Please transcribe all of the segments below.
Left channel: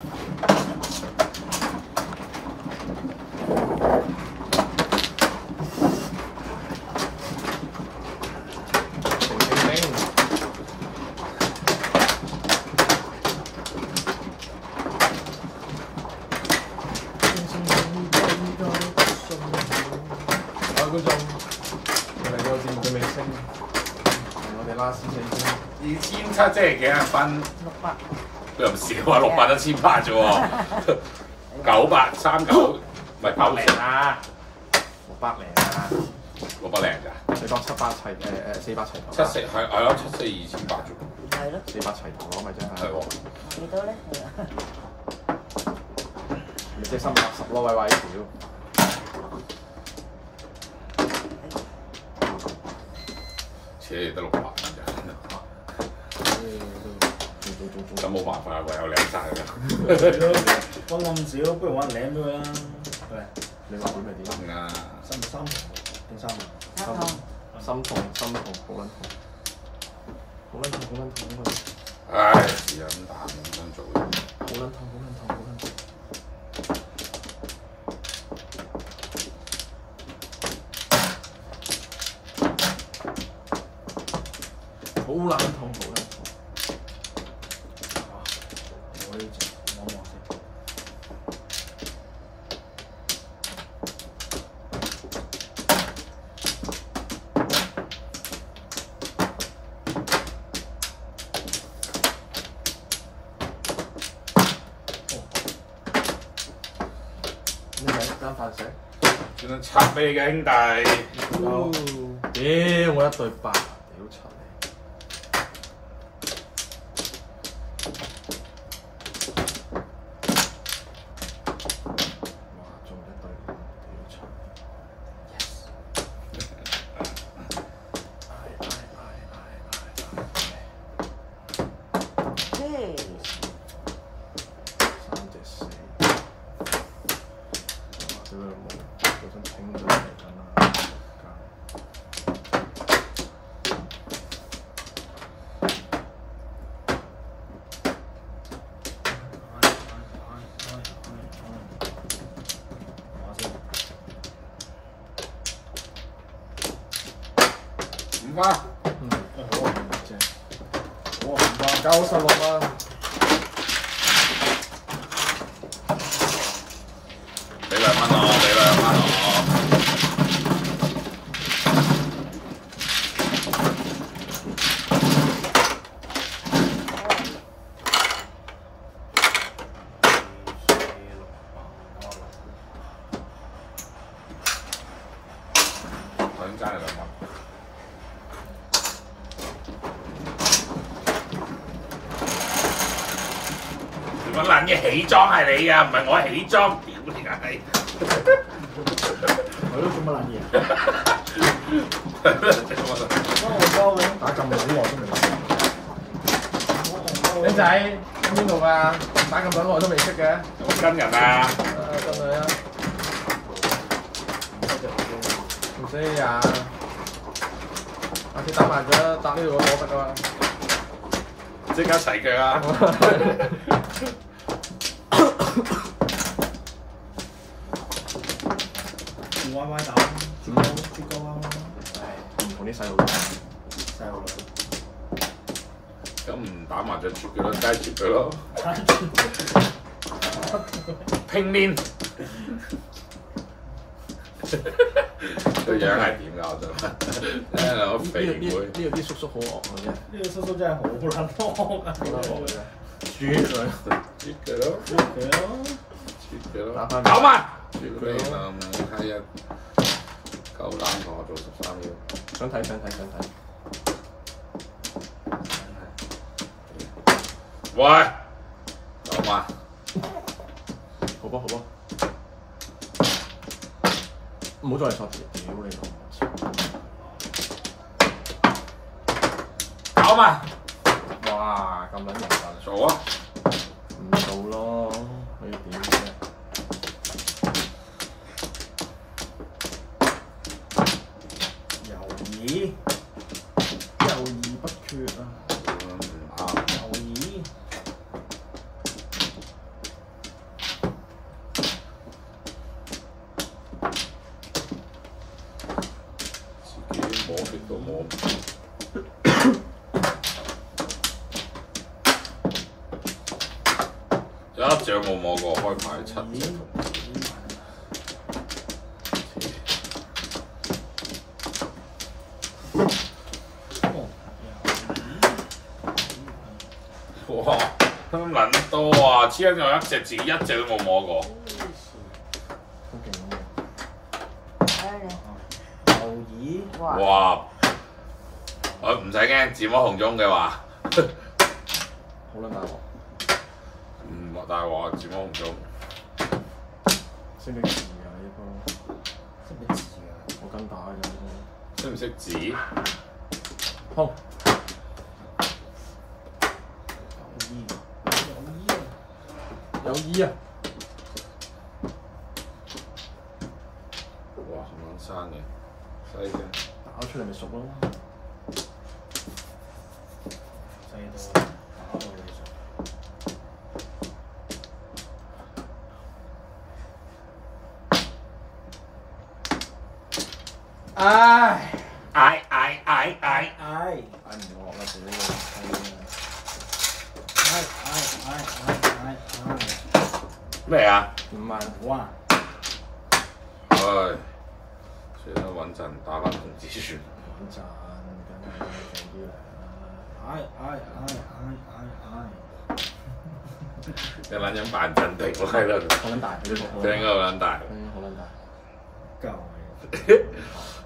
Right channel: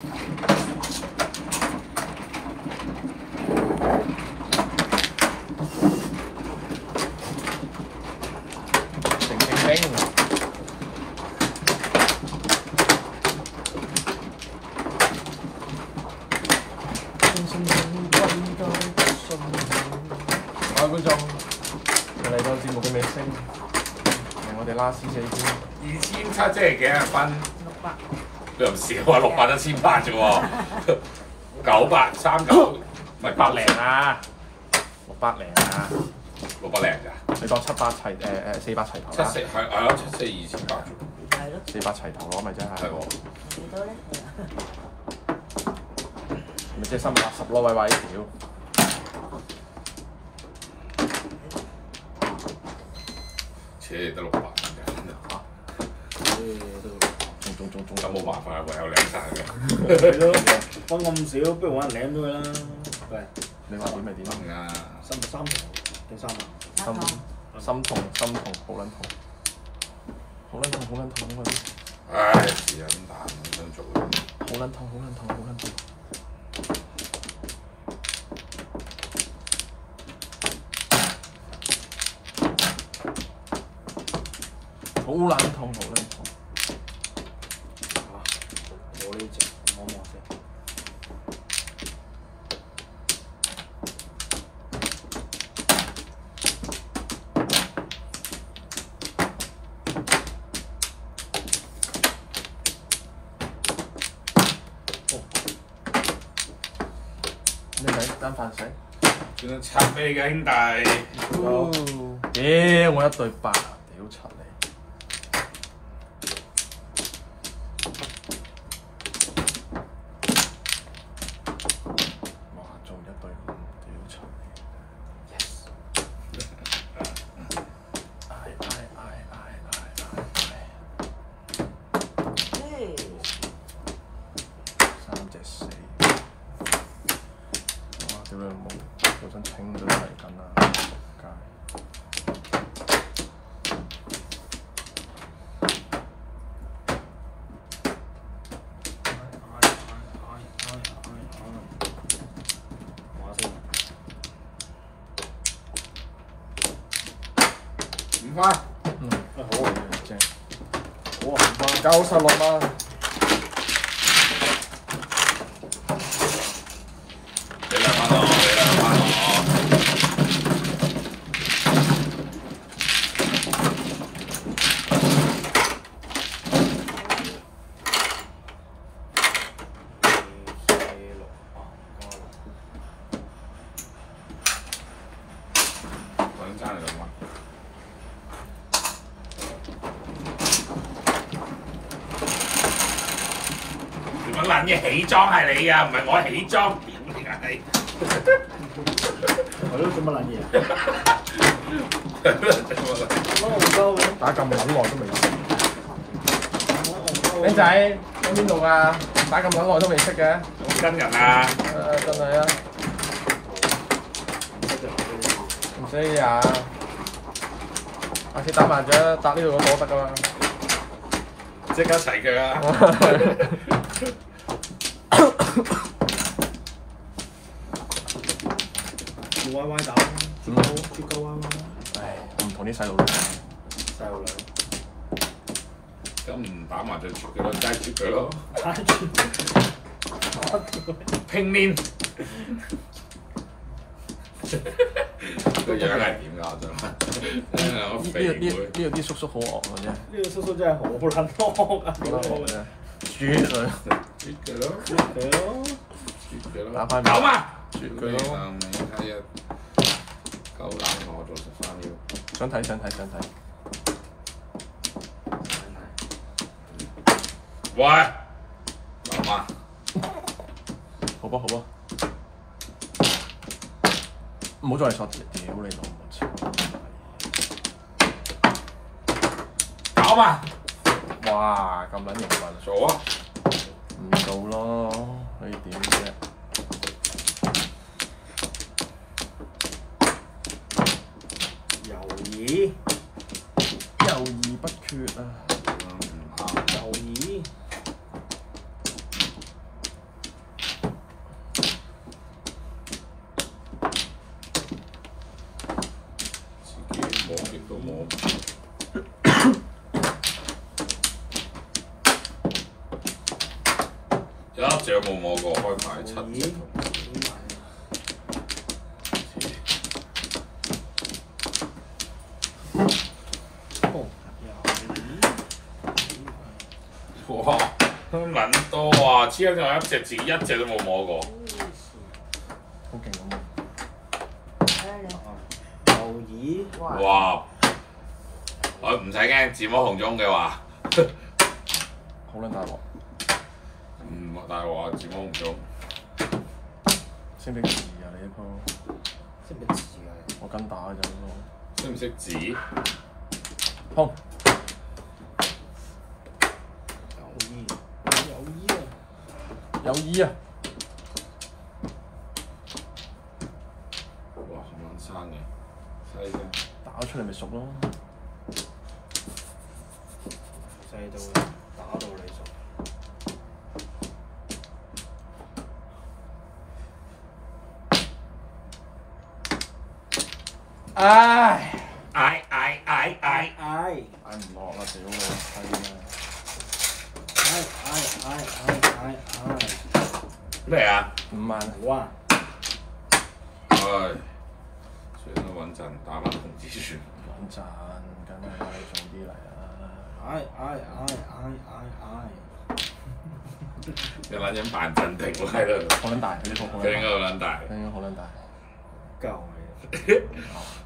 27即係幾多分？又唔少啊，600都1800啫喎，939唔係9零啊600零啊，600零咋？你當700齊400齊頭。74係咯，7428啫。係咯。400齊頭咯，咪真係。係喎。幾多咧？咪即係310咯，喂喂，屌！切得600蚊咋？咁冇辦法，唯有舐晒㗎。係咯，分咁少，不如揾人舐咗佢啦。喂，你話點咪點啊！三堂定3堂？心痛，好撚痛，好撚痛。唉，是啊，咁但係咁樣做嘅。好撚痛。好冷痛。我呢隻摸摸先。你咪間飯食？算啦，拆俾你嘅兄弟。屌，我1對8，屌柒你！5番，好正，好啊，5番96啦。俾2蚊我，俾2蚊我。想爭2蚊。乜撚嘢起裝係你啊，唔係我起裝，屌你係！係咯，做乜撚嘢啊？乜我鳩嘅，打咁撚耐都未識。僆仔喺邊度啊？打咁撚耐都未識嘅。跟人啊！真係啊！唔識啊！下次打麻雀打呢度個波得㗎嘛？即刻齊腳啊！歪歪打，絕交歪歪。唉，唔同啲細路玩。細路女。咁唔打麻雀絕佢咯，梗係絕佢咯。打絕。拼面。個樣係點㗎？我想問。兩個肥妹。呢度啲叔叔好惡嘅啫。呢個叔叔真係好撚惡啊！絕啊！絕佢咯，絕佢咯，絕佢咯。打翻9萬。絕佢咯。睇下夠膽同我做13秒。想睇。喂，9萬。好吧。唔好再錯屌你9萬。哇，咁撚麻煩，做啊！唔做咯，可以點啫？猶豫不決啊！猶豫。有一隻冇摸過，開牌7隻。哇！咁撚多啊！黐緊有一隻自己一隻都冇摸過。好勁牛耳，哇！我唔使驚，自摸紅中嘅話，好撚大鑊。唔大鑊，自摸紅中。識唔識字啊？呢個識唔識字啊？我跟打嘅。識唔識字？砰！有衣啊！哇！咁撚生嘅，犀嘅。打出嚟咪熟咯。細到打到你熟。唉！唉！嗌唔落啦，屌你！咩啊？ 5萬。哇！唉，算啦，穩陣打翻同志算。穩陣，梗係勁啲嚟啦。你揾緊扮鎮定喎喺度。好撚大，佢應該好撚大。好撚大。夠啊！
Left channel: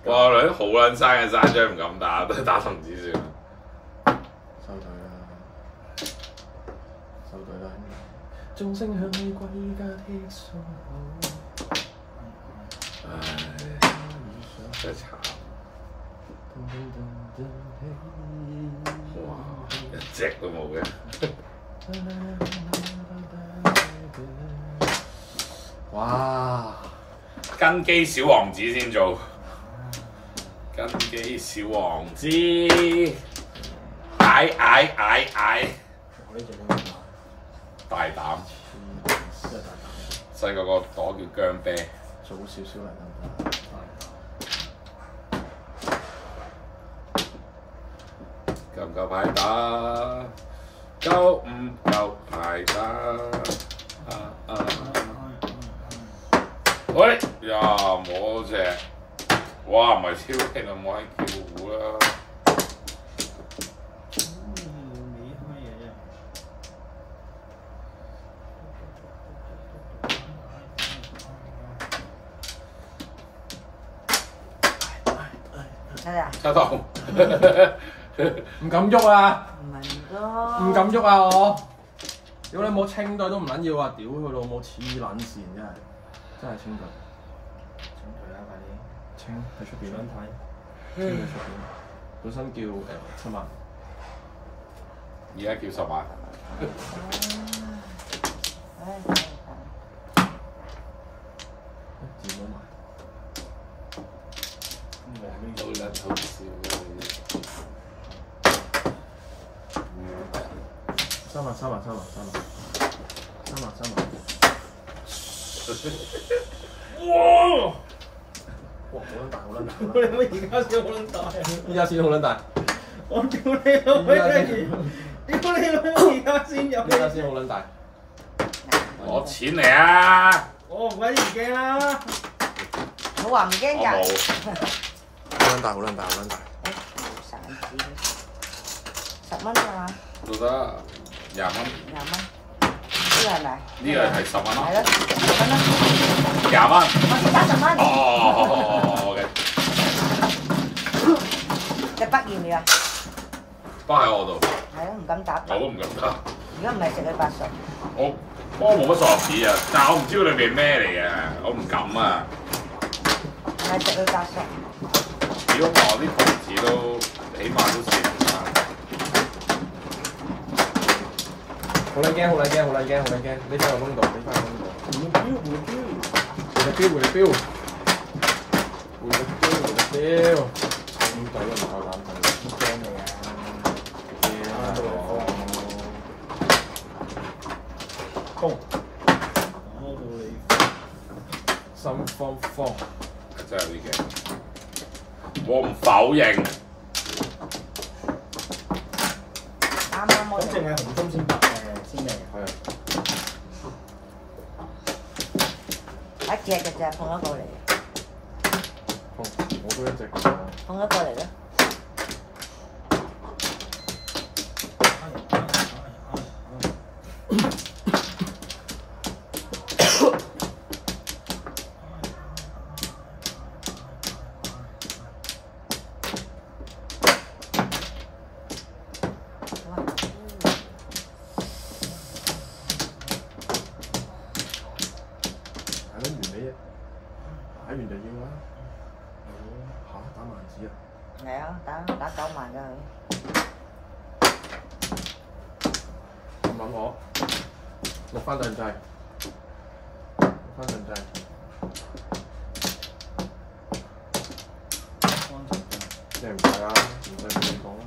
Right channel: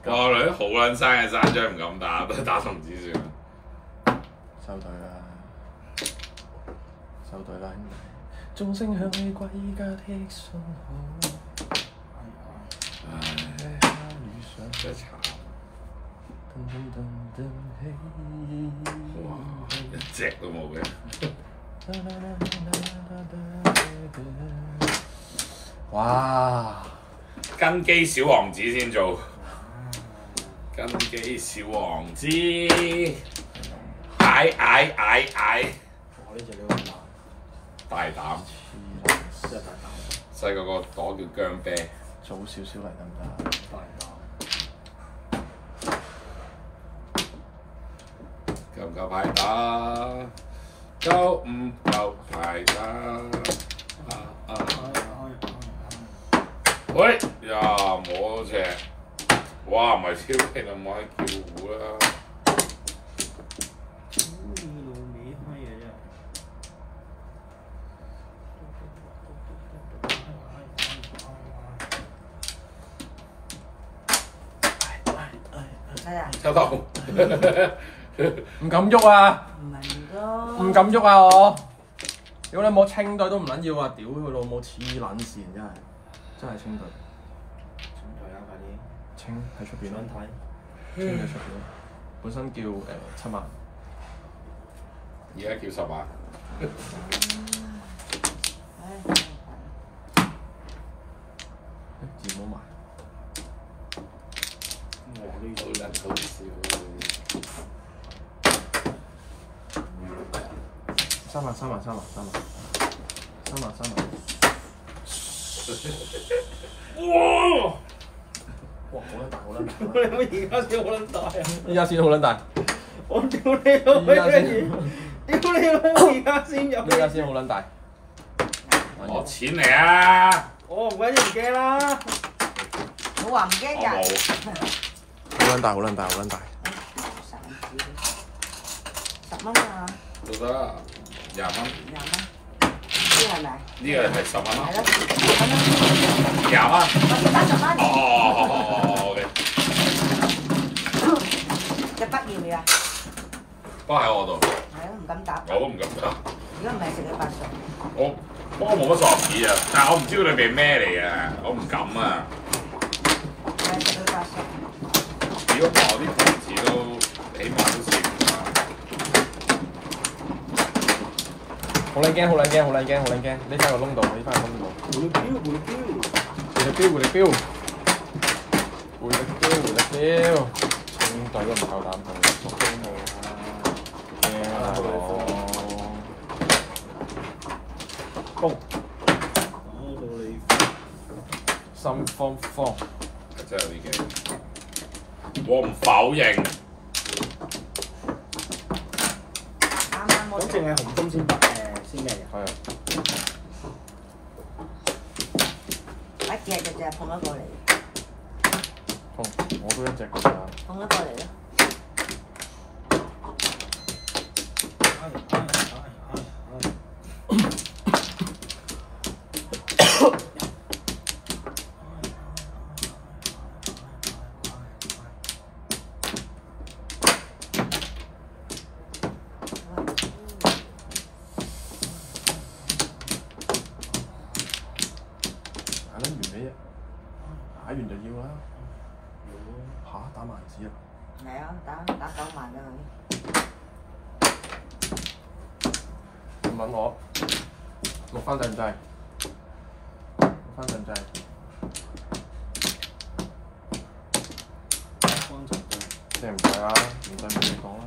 哇！女好撚生嘅山張唔敢打，都係打同志算。收隊啦！收隊啦！鐘聲響起歸家的信號。唉，真係慘。哇！一隻都冇嘅。哇！根基小王子先做。根基小王子。嗌！我呢隻你會打？大膽。真係大膽。細個個朵叫姜啤。早少少嚟得唔得？大膽。夠唔夠牌打？夠唔夠牌打？喂呀，摸隻，哇唔係超勁啊，冇喺叫糊啦。你開嘢啫。七筒。唔敢喐啊！唔唔敢喐啊我！如果你冇清隊都唔撚要啊！屌佢老母黐撚線真係清隊。請退啦，快啲！清喺出邊想啦，睇？清喺出邊。本身叫7萬，而家叫10萬。字冇埋。我呢好撚好笑。3萬。哇！哇！好撚大。你而家先好撚大啊！依家先好撚大。我屌你老味！屌你老母！而家先入依家先好撚大。攞錢嚟啊！我唔鬼唔驚啦！我話唔驚我㗎。冇。好撚大。10蚊啊！都得20蚊。呢個係咪？呢個係10蚊咯。係咯。20蚊。10蚊。哦，OK。隻筆要唔要啊？都喺我度。係咯，唔敢打。我都唔敢打。而家唔係食你8歲。我冇乜傻子啊，但係我唔知道裏邊咩嚟嘅，我唔敢啊。係食到8歲。如果我啲同事都起碼都4年啦。好撚驚！呢翻個窿度，回力回力標！清隊都唔夠膽對，驚佢啦！攻！打到你心慌。真係有啲驚。我唔否認。啱啱我咁淨係紅中先白嘅，先嚟。係。一隻就放咗過嚟，我都一隻咁啊。放咗過嚟啦。打完就要啦。嚇！打萬子啊！係啊，打9萬㗎佢。咁揾我錄翻對唔制？錄翻對唔制？即係唔制啊！唔對唔講啦，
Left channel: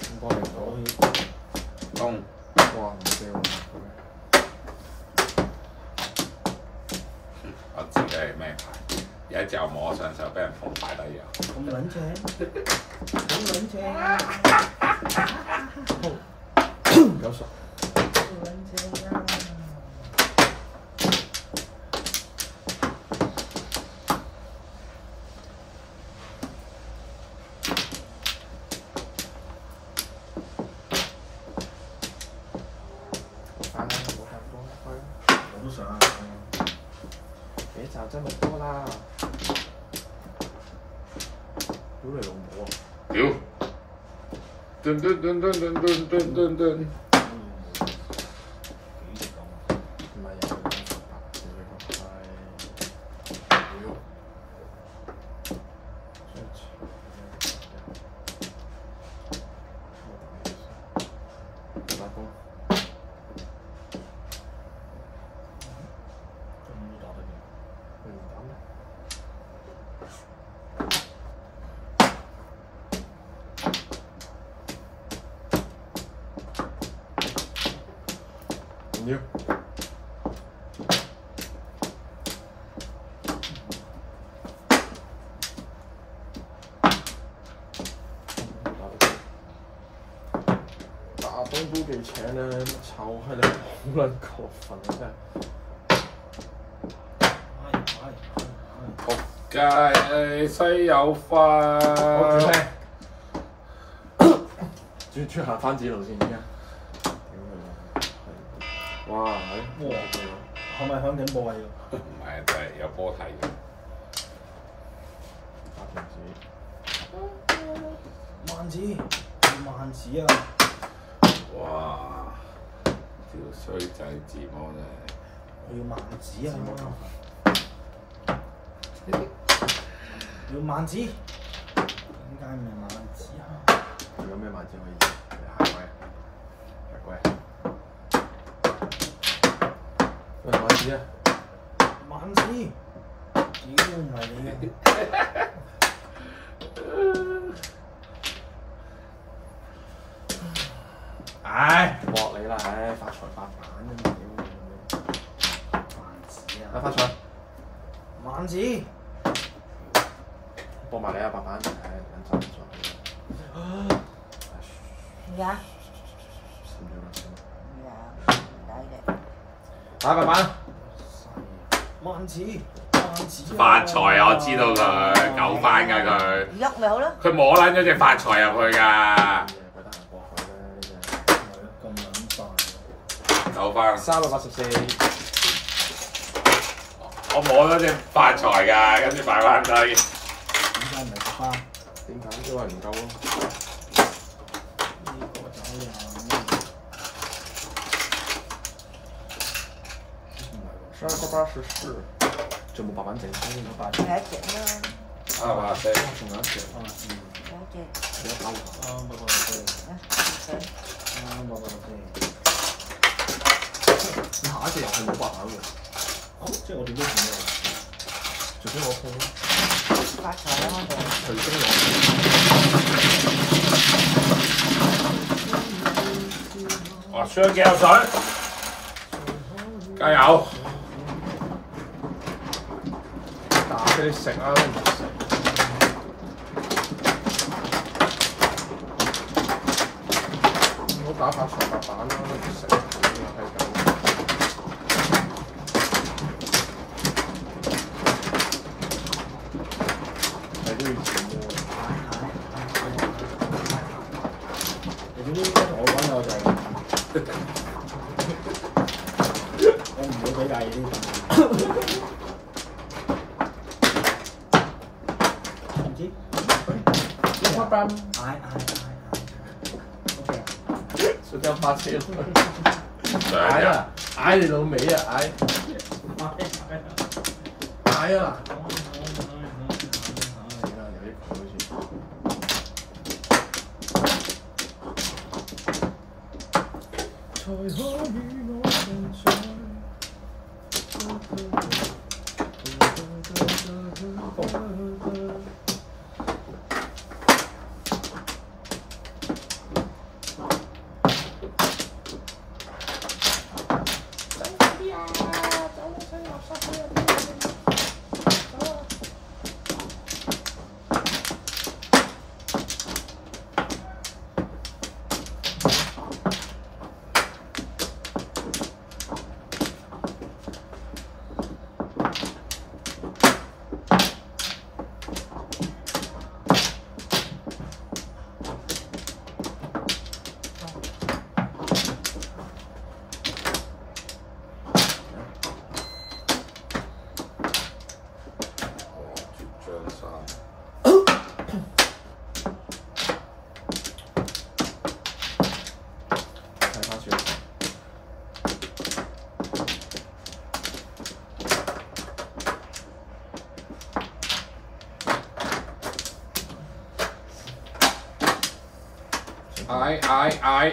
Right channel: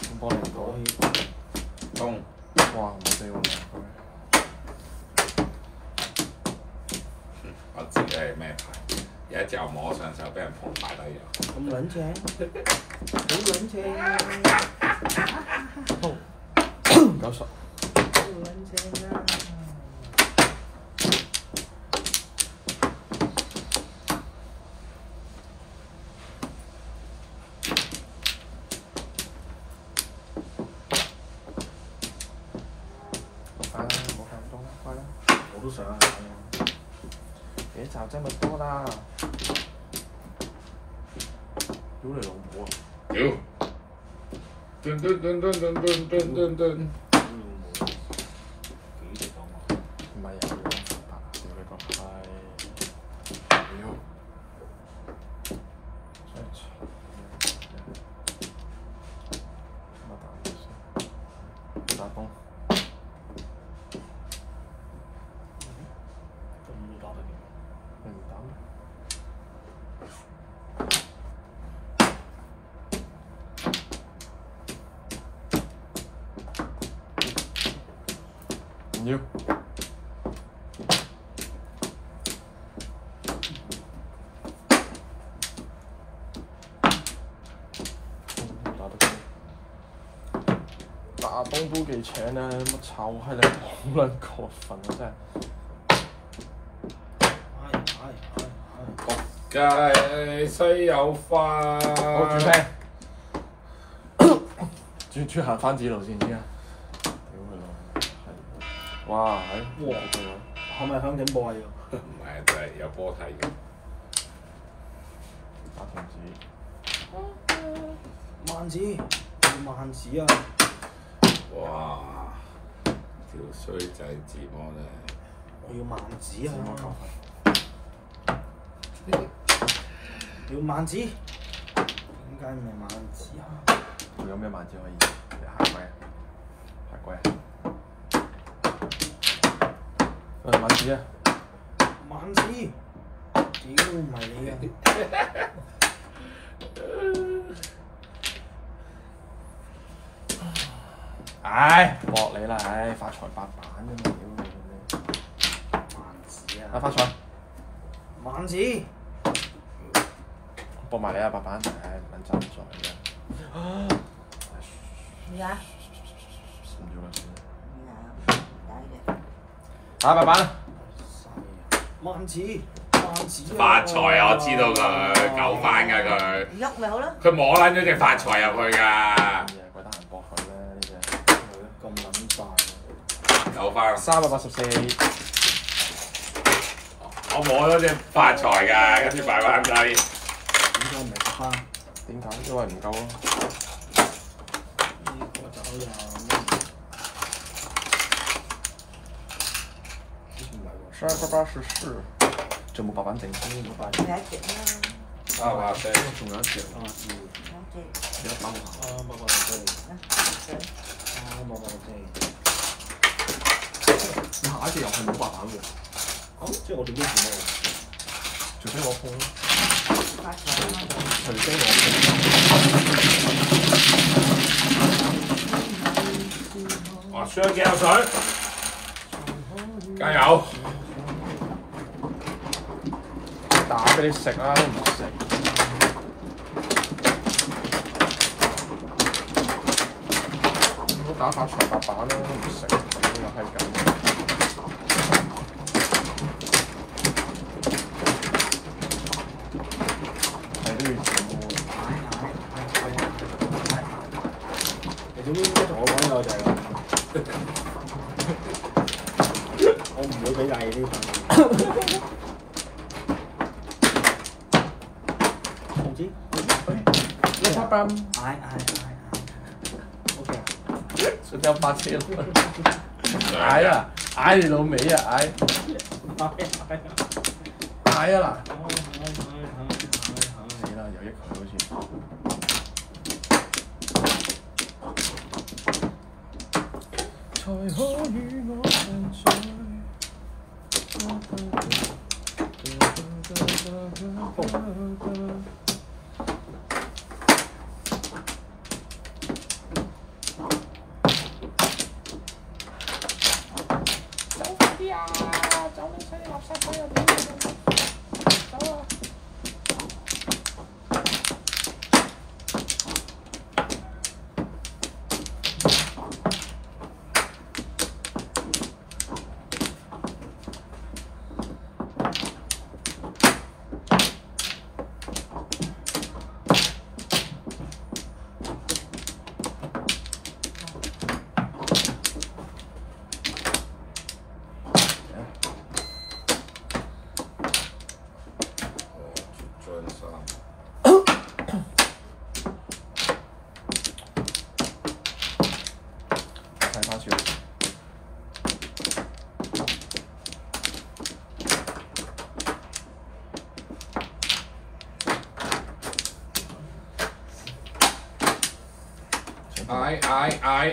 咁幫你講。中。哇！唔俾我。我知佢係咩牌，有一隻我摸上手，俾人碰牌都有。咁撚正，好撚正， 90。好撚正啊！我都想啊！別找這麼多啦！屌你老母啊！屌！噔噔噔噔噔噔噔噔噔。唔係有個屌你個閪！屌！真係我打你先，打工。唔要。打東都幾請啦，乜臭閪你好撚過分啊真係！仆街西有花。好轉聲，轉下番子路線先啊！哇！哇！係咪響警報啊？要唔係，就係有波睇嘅。打停止。萬子，萬子啊！哇！條衰仔字魔真係。我要萬子啊！我要萬子，點解唔係萬子啊？有咩萬子可以？下季啊！下季啊！喂，萬子啊！萬子，屌唔係你嘅。唉，搏你啦！唉，發財8板啫嘛，屌你！萬子啊！發財！萬子，搏埋你啊，8板！唉，撚走唔上去。咩啊？唔要啦，係啊，打8板！萬子，萬子啊！發財啊！我知道佢救翻㗎佢。喐咪好咯。佢摸撚咗隻發財入去㗎。覺得閒搏佢咧呢隻。係咯，咁撚大。救翻。384。我摸咗隻發財㗎，跟住擺翻低。點解唔係花？點解？因為唔夠咯。呢個就好似1284，仲冇8板整先嗰塊。仲有一隻啦。啊4，仲有一隻。有一隻。幾多板啊？8八4嚟。8八4。你下一隻入去冇8板嘅。哦，即係我點都算咩？除非我碰咯。發財啦！除非我碰。哇！雙幾有水，加油！打俾你食啊，都唔食。唔好打發財8板啦，都唔食。會比例呢唔知一百磅，嗌，OK 少交8千。上日嗌啊！嗌你老味啊！嗌啊嗱！有益佢好似。才可與我同在。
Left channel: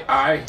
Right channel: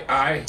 嗌！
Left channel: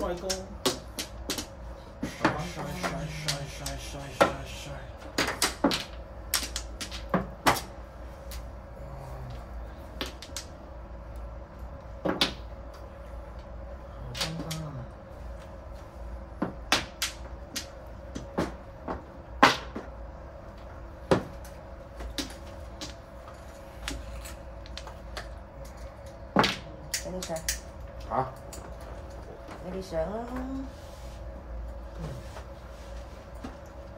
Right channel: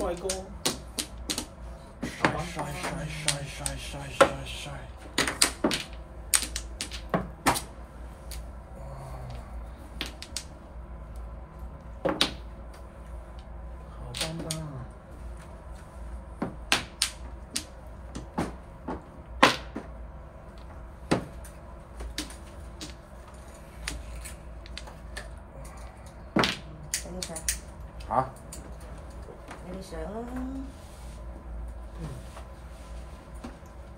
帥哥，整啲相，嚇？你啲相啦。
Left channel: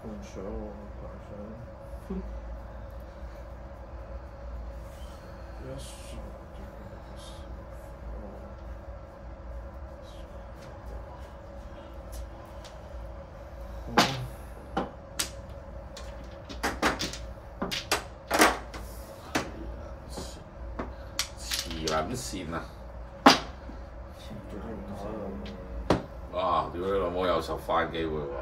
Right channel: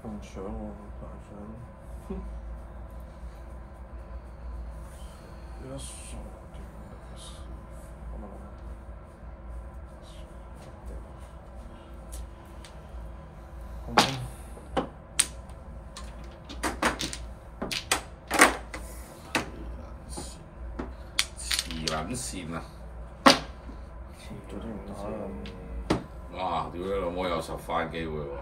唔想喎，大相。黐撚線啊！哇！屌你老母有10番機會喎！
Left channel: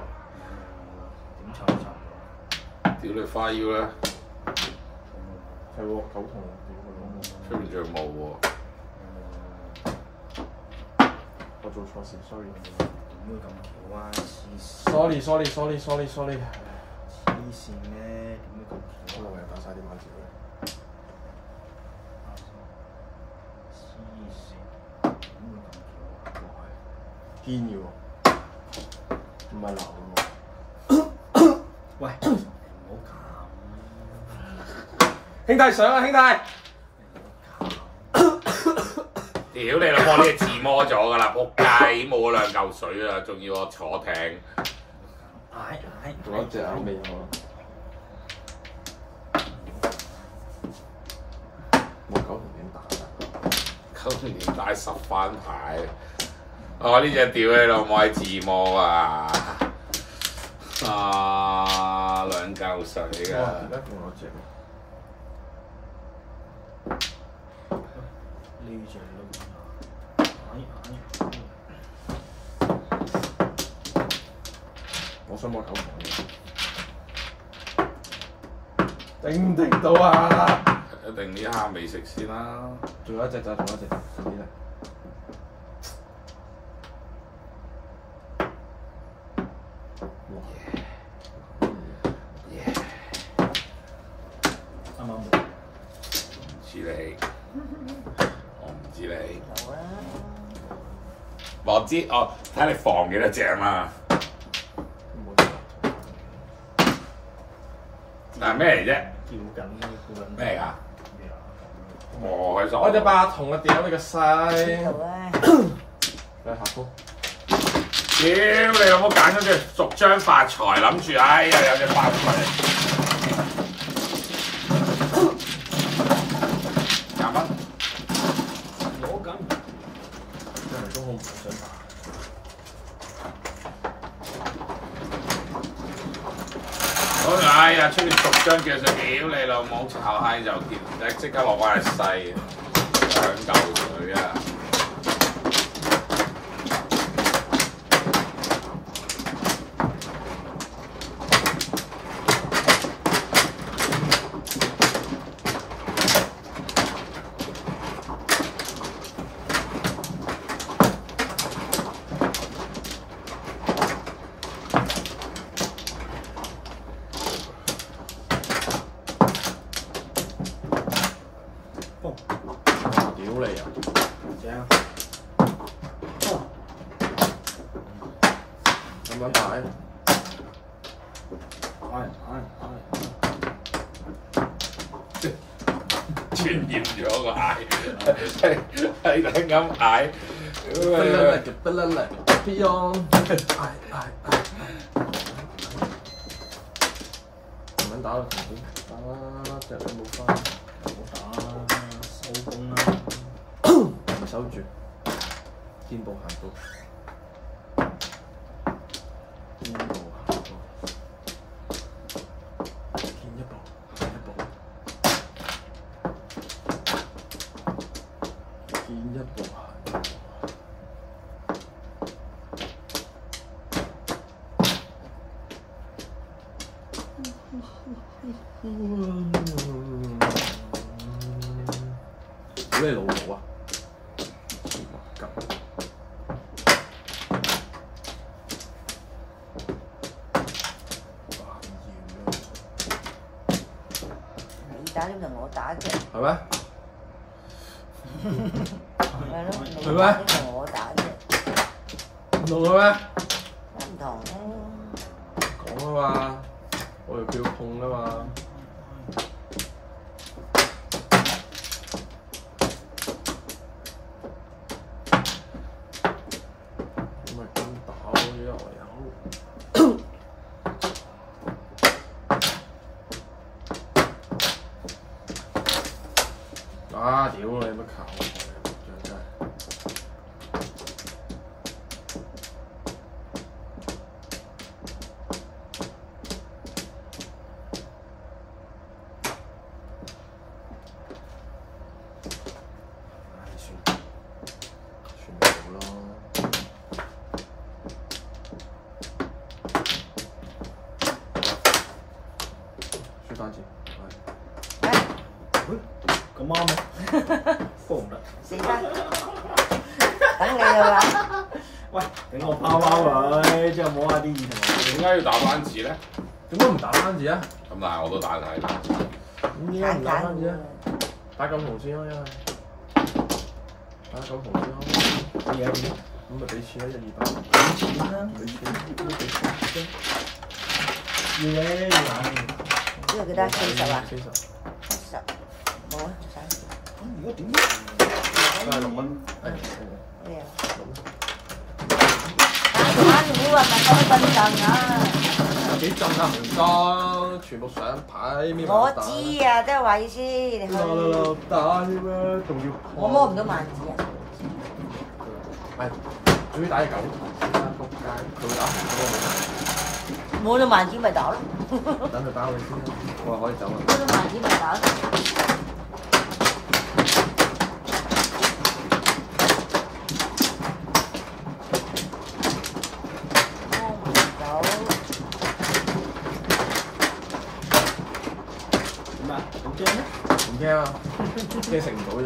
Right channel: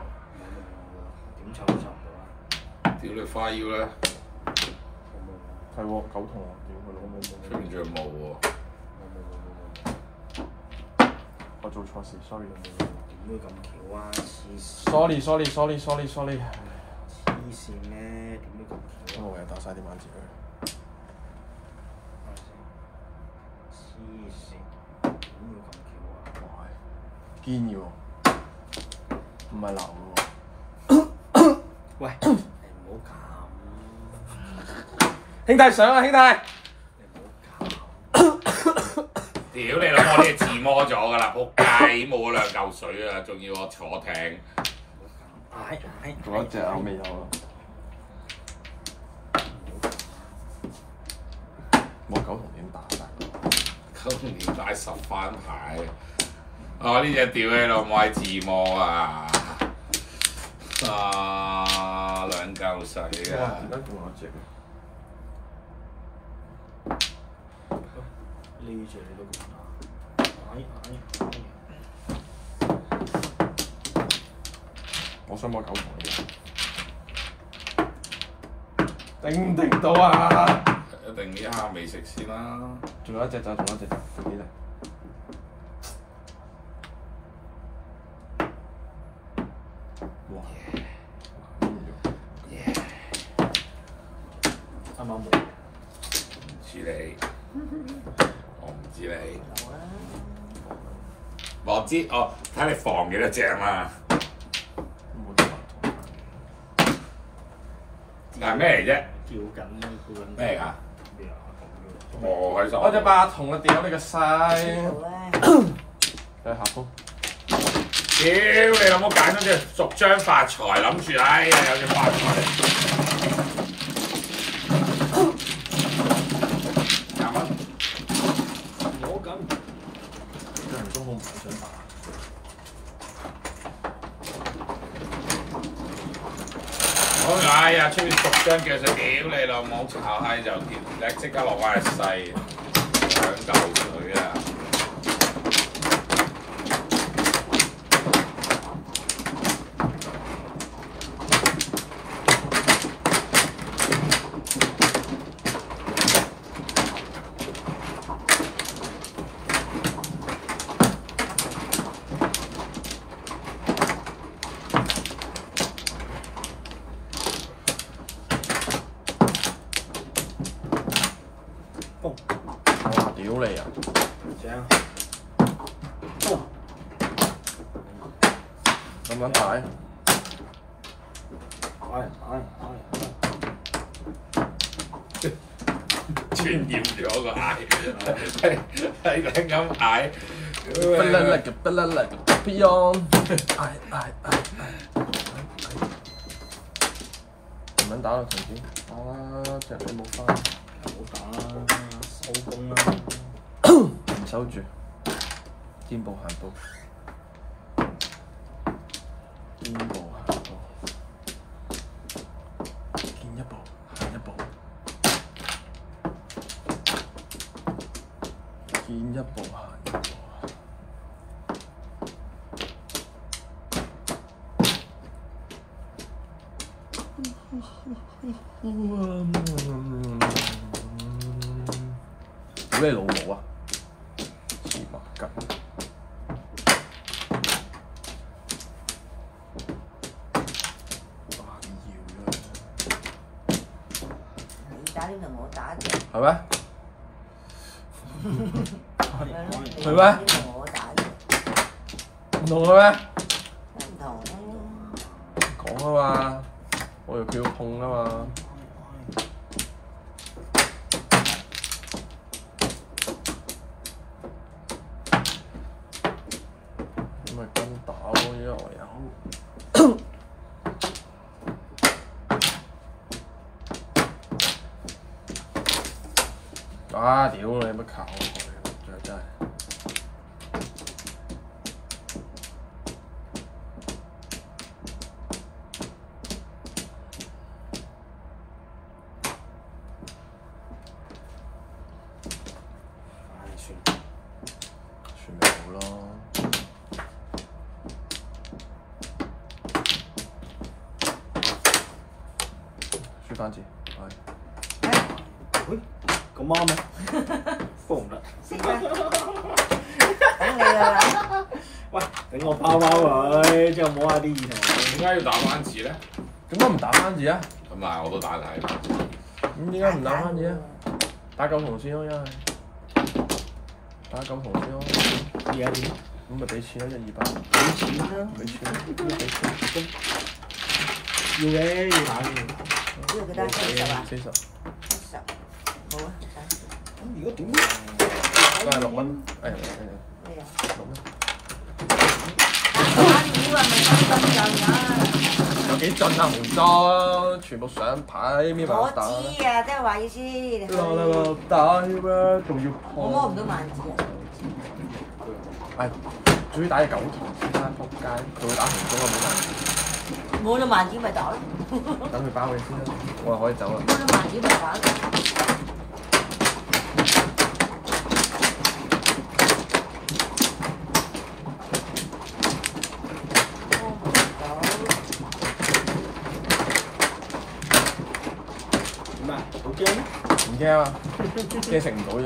點湊都湊唔到啦！屌你花腰咧，係喎，9筒喎，屌佢老母！出面仲有毛喎！我做錯事，sorry。點會咁巧啊？黐線！ sorry。黐線咩？點會咁巧啊？我又打晒啲板字佢。黐線！點會咁巧啊？堅要，唔係流喎。喂，你唔好咁，兄弟上啊，兄弟！你唔好咁。屌你老母！呢個自摸咗㗎啦，仆街冇嗰2嚿水啊，仲要我坐艇。仲有一隻喺面頭。我9筒點打9筒點打10番牌？我呢隻屌你老母係自摸啊！2嚿水哇！啊！點解仲有隻？呢隻你都唔打，我想摸9筒嘅，頂唔頂到啊？一定呢下未食先啦。仲有一隻咋，仲有一隻，快啲嚟！哇！啱啱冇。知你，我唔知你。我知哦，睇你放幾多隻嘛。冇錯。但係咩嚟啫？叫緊叫緊咩嚟㗎？咩啊？我開心。我隻八筒啊！屌你個知閪！道啊，俾下風。屌你老母揀咗隻逐張發財，諗住哎呀有隻發財。啱啊！攞緊。因為都好唔想打。我哎呀出面逐張叫上，屌你老母炒閪就見，即刻落翻係細，兩嚿水啊！屌你啊！正。咁樣解？傳染咗個嗌，係咁嗌。得啦啦嘅，得啦啦嘅，Beyond。唔撚打到同點？啊！隻你冇翻，唔好打，收工啦。唔收住，肩部行步，肩部行步，見一步行一步，見一步行一步。屌你老母啊！黐孖筋。你打呢個我打嘅，係咩？係咯，你係咩打呢個我打嘅，唔同嘅咩？唔同。講啊嘛，我又叫佢痛啊嘛。咁咪跟打咯，因為我有。啊！屌你乜靠我真係。算咪好咯。輸單字，喂，咁啱咩？幫唔得。等你啦，喂，等我拋佢，之後摸下啲意頭。點解要打單字咧？點解唔打單字啊？咁但係我都打曬單字。咁點解唔打單字啊？打九紅先咯，因為打九紅先咯。嘢啊點啊？咁咪俾錢啦，100、200。俾錢啦，俾錢，要嘅要打嘅。呢個幾多40啊40。 ？40，好啊，如果點？都係6蚊。咩啊？六我話咪咁笨陣啊！有幾震啊？唔裝，全部上牌，搣我埋打。知啊，即係話意思，你去打添咩？仲要我摸唔到萬字啊！係，主打係9頭先啦，仆街，仲要啱唔摸到萬字咪打咯，到，等佢包你先啦，我話可以走啦。摸到萬字咪打咯。點啊？好驚咩？唔驚啊！驚食唔到啫。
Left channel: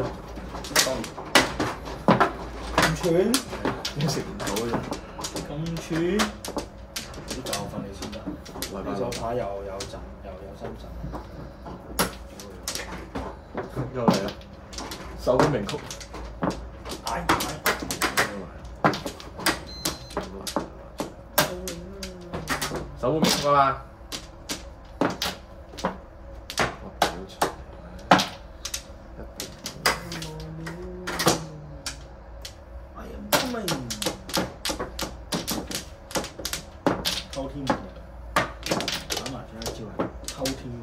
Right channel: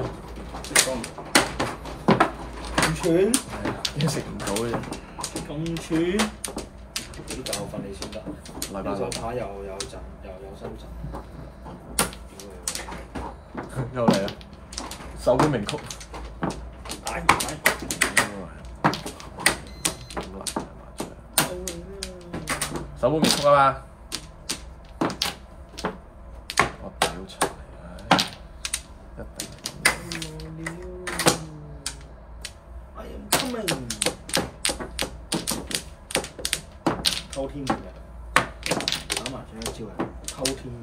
當咁串，驚食唔到啫。咁串，啲教訓你先得。呢手牌又有陣，又有收陣。又嚟啦！手本名曲。手本名曲啊嘛！我屌柒！I am coming。偷天換日啊！打麻雀一招係偷天換日。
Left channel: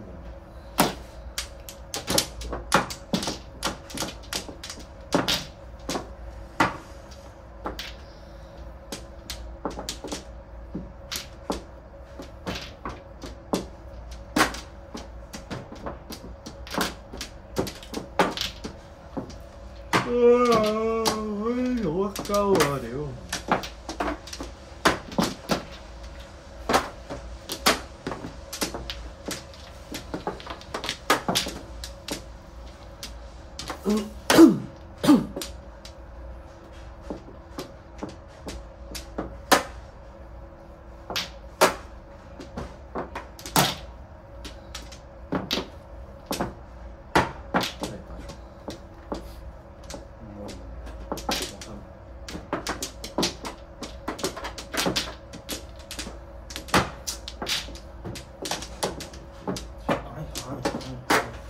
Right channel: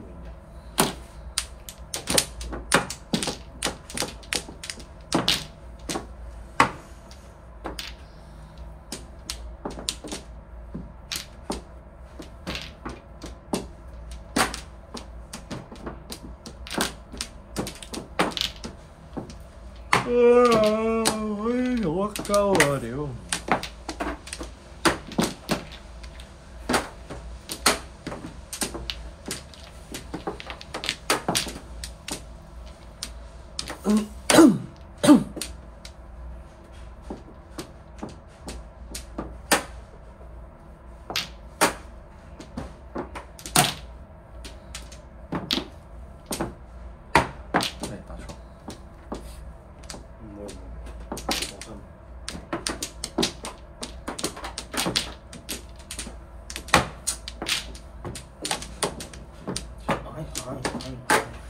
我鳩啊屌！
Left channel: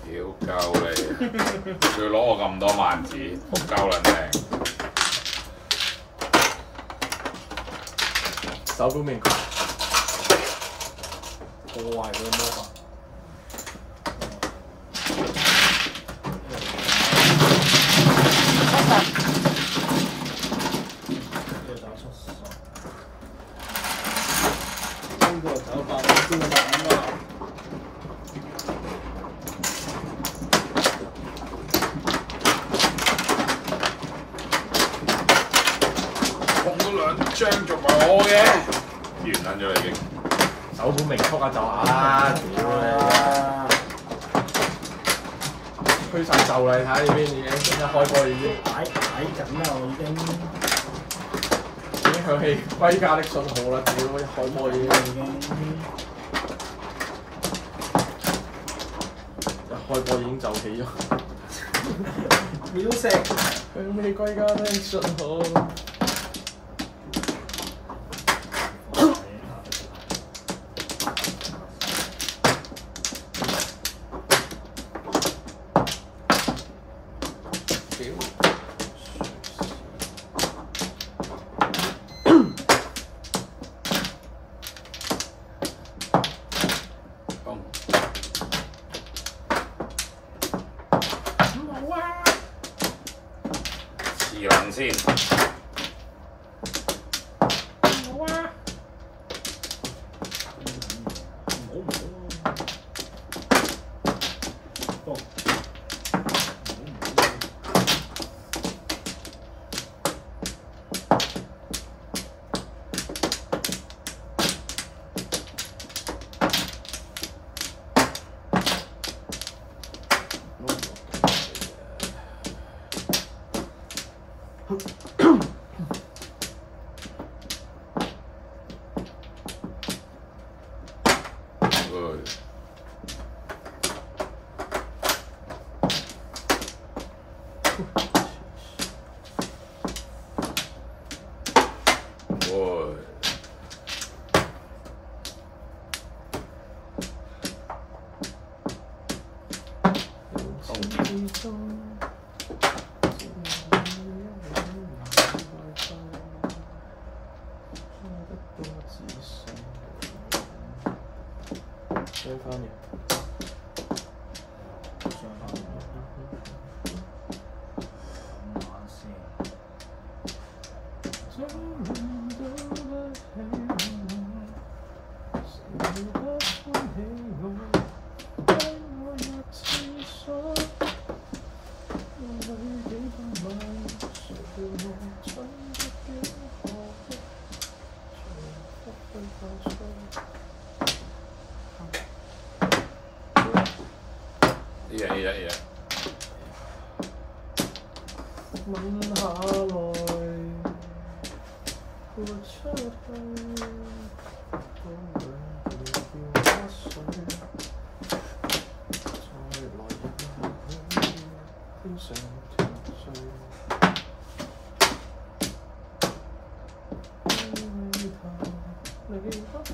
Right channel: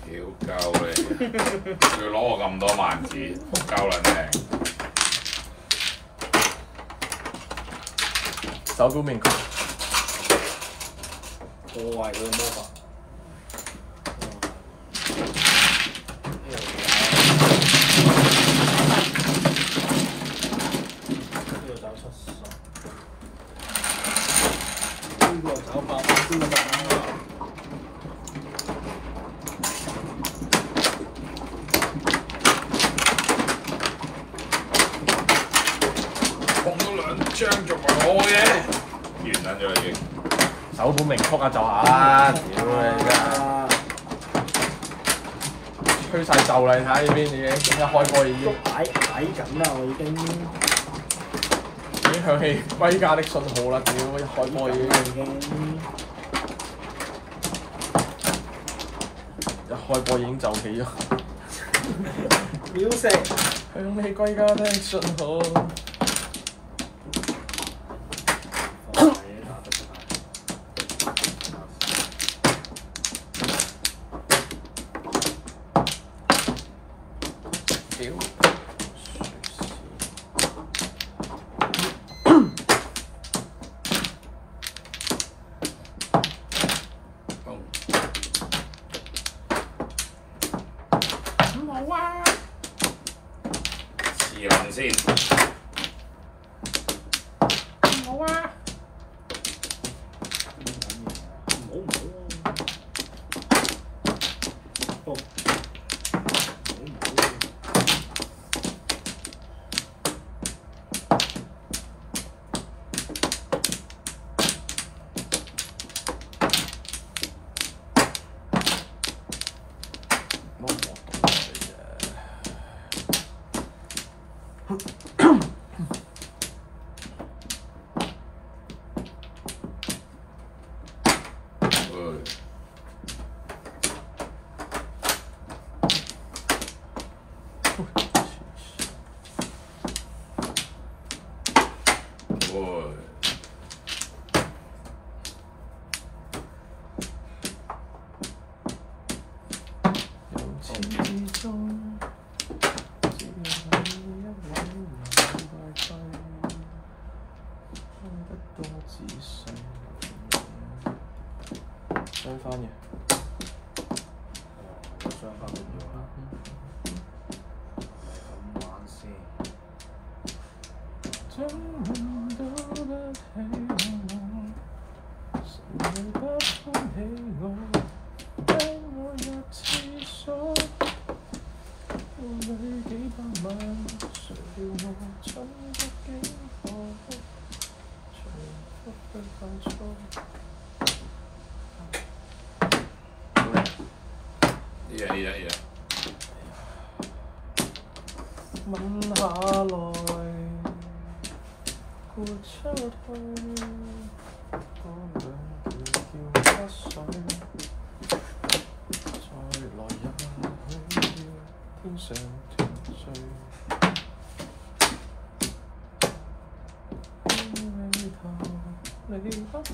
屌鳩你！佢攞我咁多萬字，仆鳩撚定。手本名曲。破壞佢嘅魔法。呢個找出手，呢個找八，呢個8啦。碰到兩張仲係我嘅，完撚咗啦已經。手本名曲啊就啊！屌你！吹晒袖啦！你睇下呢邊已經即刻開波已經擺緊啦，我已經響起歸家的信號啦！屌開波已經一開波已經就起咗。秒食響起歸家的信號。試撚先。冇啊！唔好啊！下來，豁出去，多兩條叫不水，再來日天上團聚。你不去。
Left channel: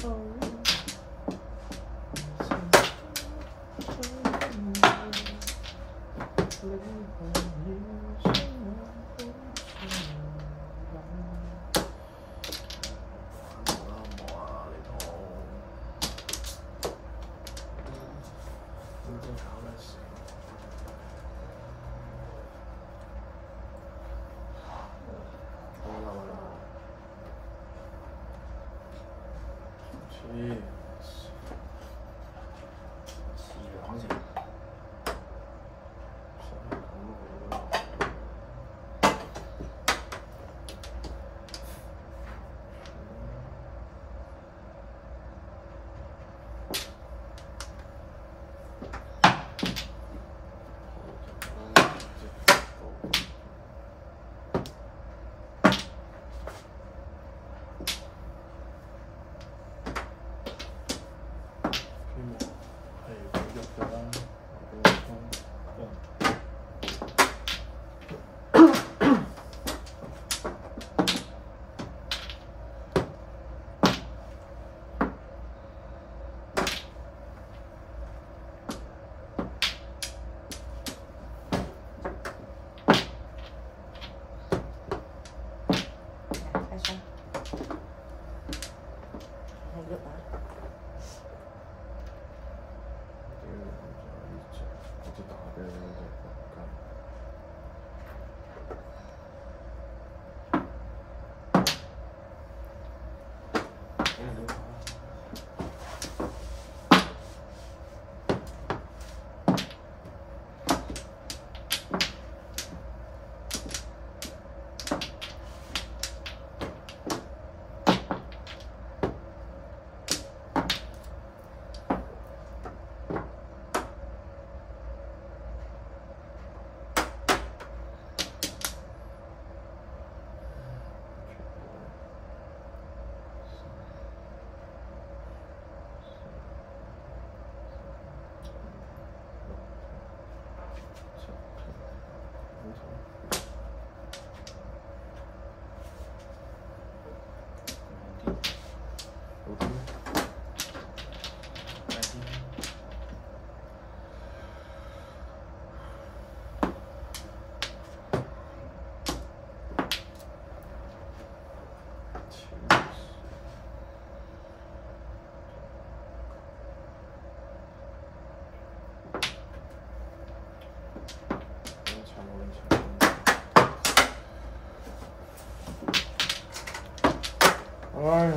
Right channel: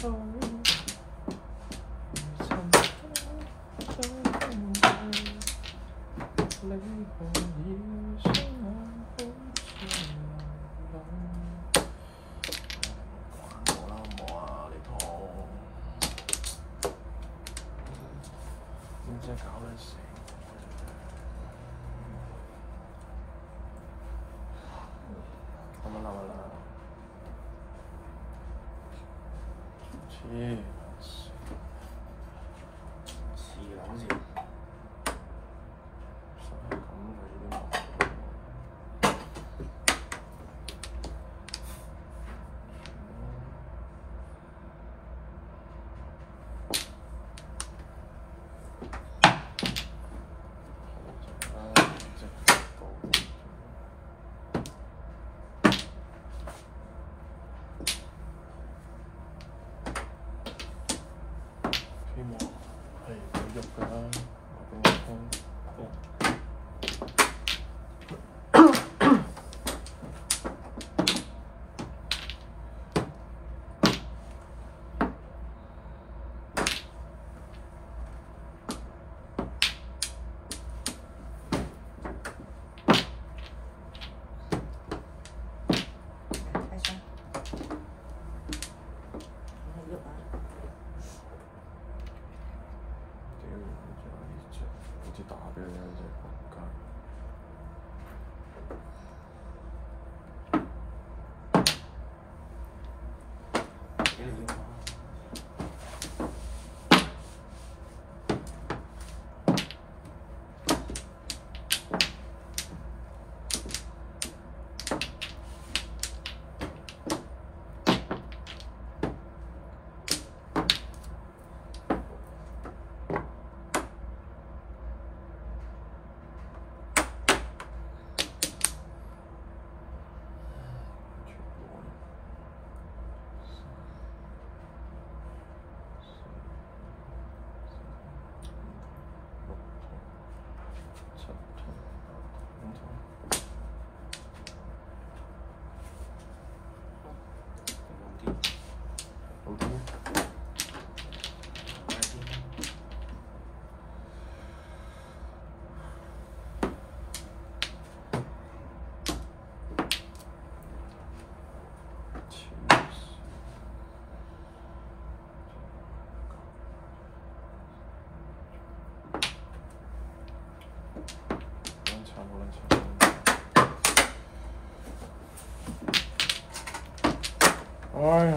哎呀，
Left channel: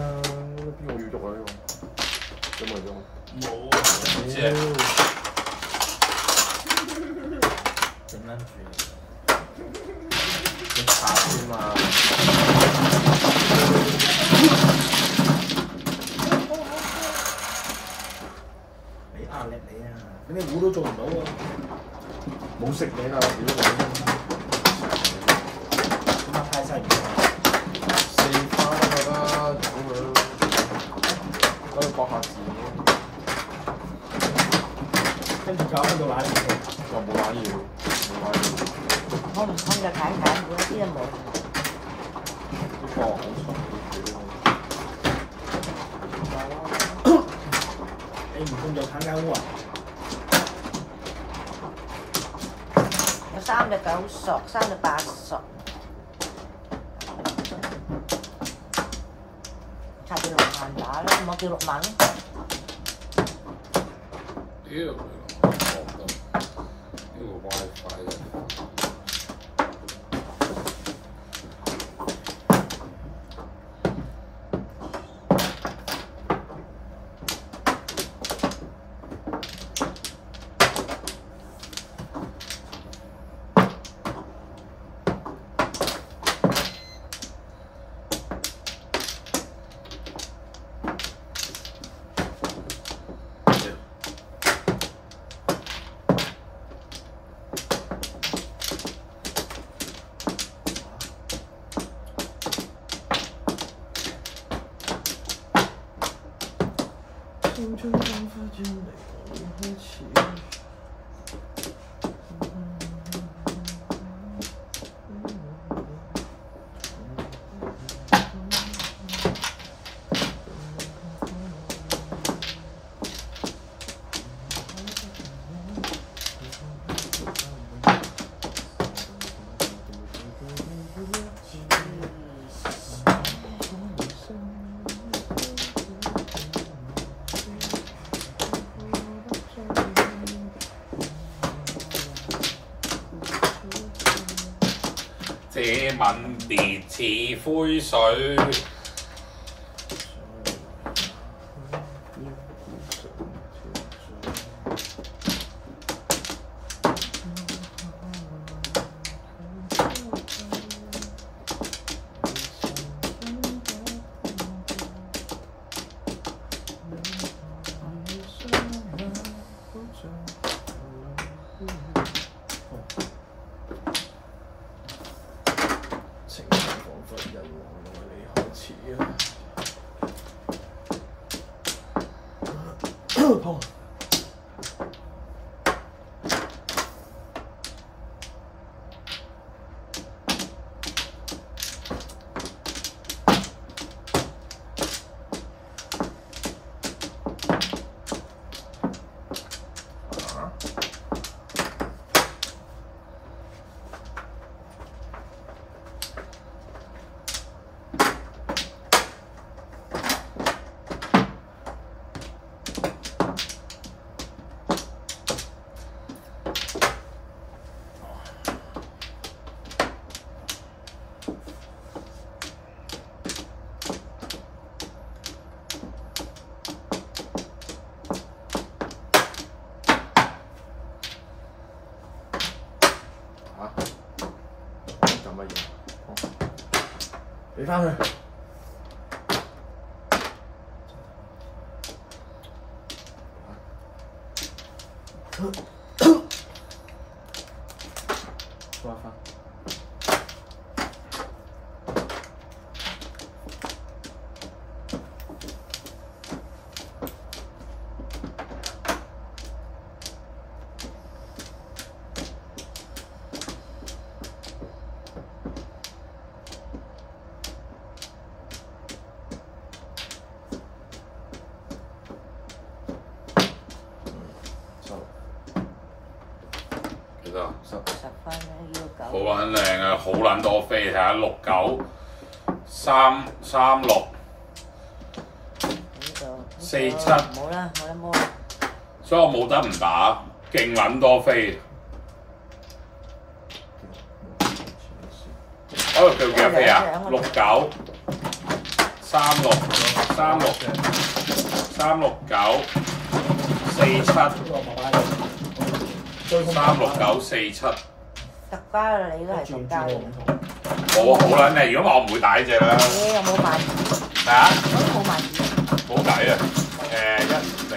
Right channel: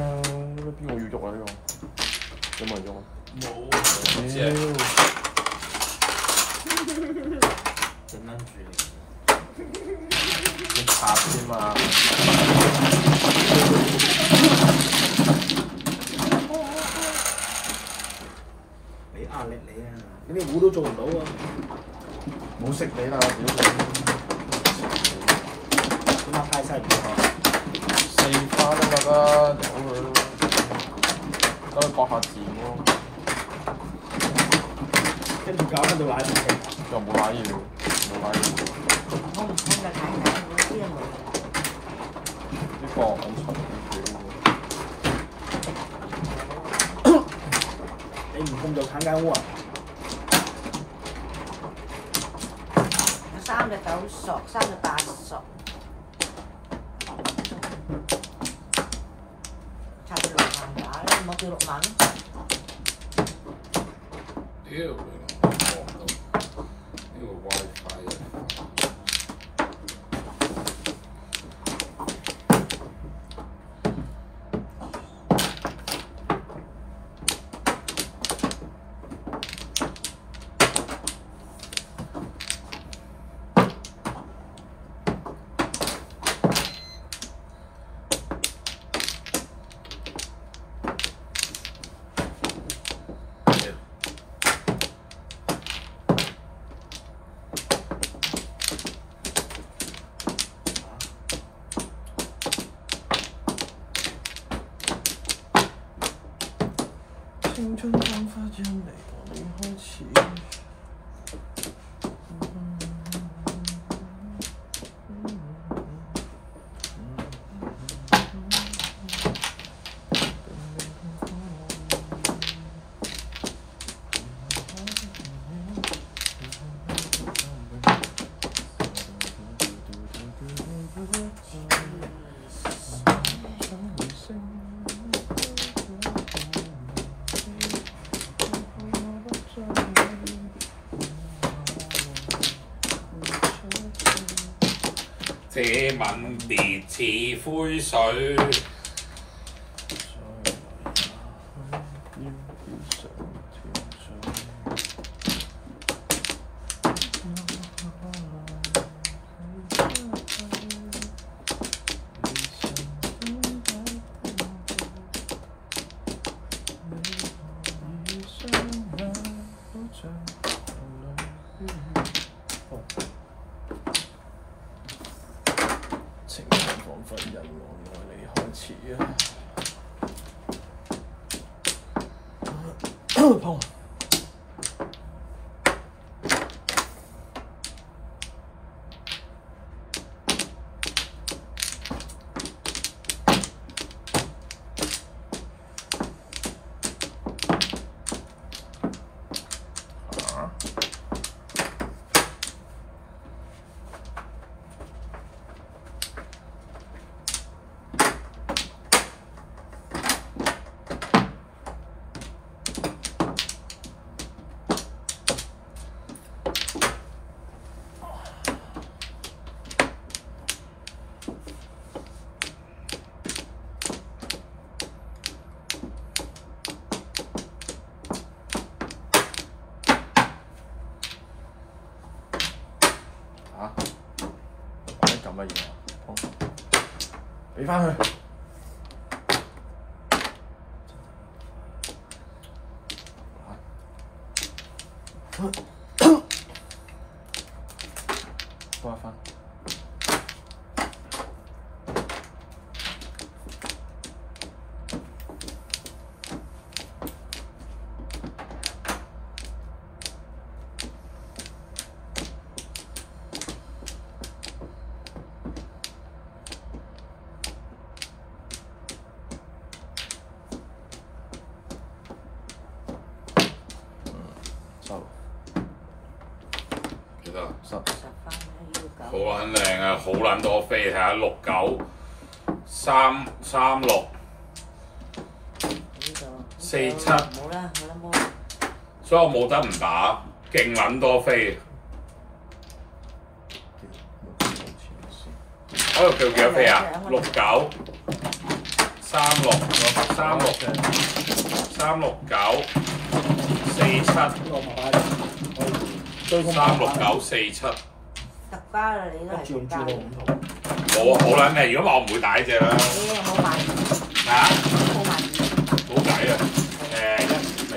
邊個預喐啊？呢個有冇用？冇啊，唔知啊。整撚住你，要拍啫嘛。俾壓力你啊！你咩糊都做唔到喎。冇食你啦，屌咁啊太細條啊！四花都得啦，搞佢，可以博下字咯。跟住搞翻到奶唔食，就冇奶要，冇奶要。我唔睇就睇睇，嗰啲冇。呢個好重你唔控就鏟間屋啊！我3隻9熟，3隻8熟。插住落飯打啦，冇叫6萬咯。屌你老母，呢個 WiFi 啊！青春彷彿要離同你開始。這吻別似灰水，情感彷彿因我你開始碰。俾翻佢。攞翻。幾多10分好撚靚啊！好撚多飛，睇下69、336、47，冇啦，冇啦。所以我冇得唔打，勁撚多飛。嗰度叫幾多飛啊？69、36、369、47、369、47。特花啊！你都係特花嘅。冇好撚靚，如果我唔會打呢隻啦。你有冇買？咩啊？冇底啊！1004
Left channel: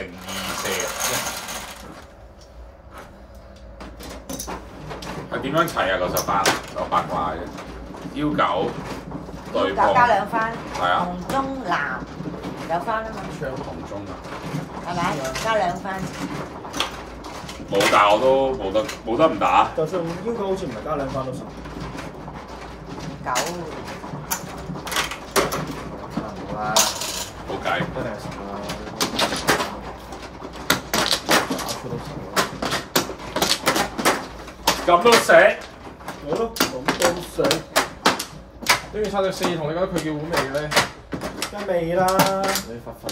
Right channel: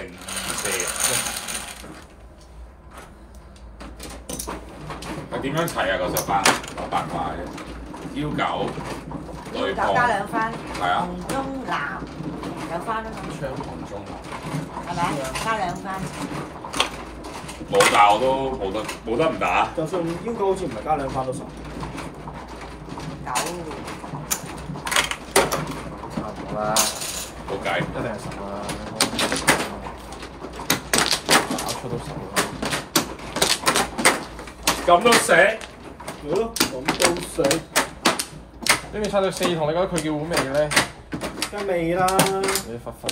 係點樣砌啊？個10番就八卦嘅，腰九對碰加兩番，係啊，紅中藍有番啊嘛，雙紅中係咪？加兩番。冇，但係我都冇得唔打。就算腰九好似唔係加兩番都10。9。差唔多啦，冇計，一定係10個啦。打出都10個。咁都食？好咯，咁都食。呢件猜到4同你覺得佢叫碗味嘅咧？梗味啦，你忽忽地，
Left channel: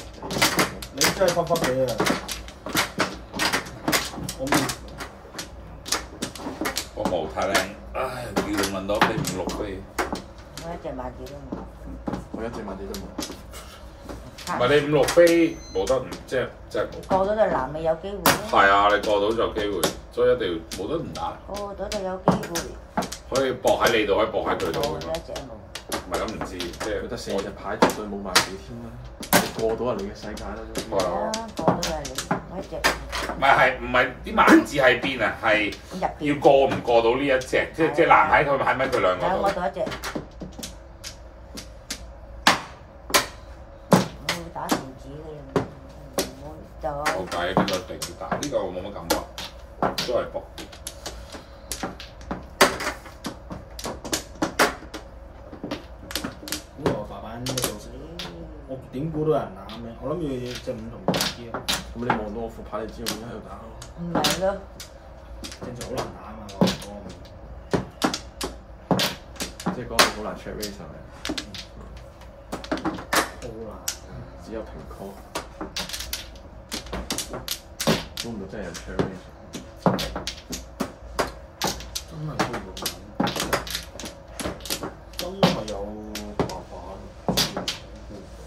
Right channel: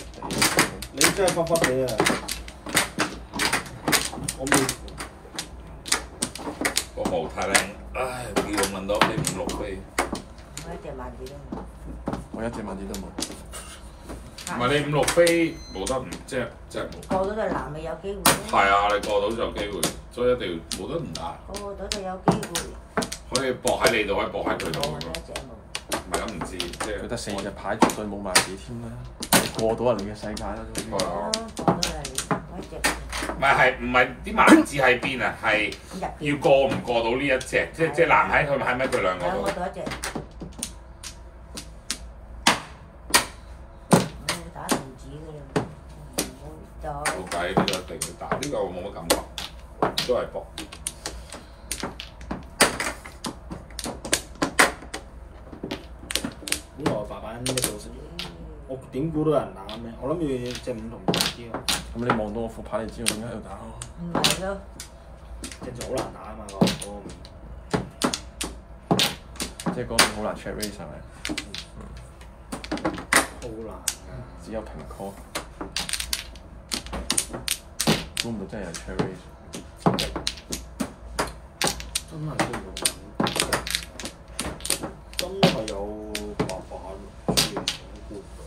你真係忽忽地啊！我未。個毛太靚，唉，要問多飛5、6飛。我一隻萬幾都冇。我一隻問題都冇。唔係你5、6飛冇得唔即係冇。過到隻藍你有機會。係啊，你過到就有機會，所以一定要冇得唔打。過到就有機會。可以搏喺你度，可以搏喺佢度冇咁咯。一隻冇。唔係咁唔知，即係佢得4隻牌，絕對冇萬幾天啦，過到人哋嘅世界啦。係啊，過到係一隻。唔係啲萬字喺邊啊？係要過唔過到呢一隻，即係難喺佢喺咪佢兩個度。我到一隻。你打電子嘅都係薄啲。本來白板呢度我點估到人打咩？我諗住隻五同啲咯。咁你望到我副牌，你知我點解喺度打？唔係咯，正常好難打啊嘛，嗰個面。即係嗰個好難 check raise 上嚟。好難啊！只有平 call。估唔到真係有 check raise。真係估唔到難，真係有白板，雖然估唔到。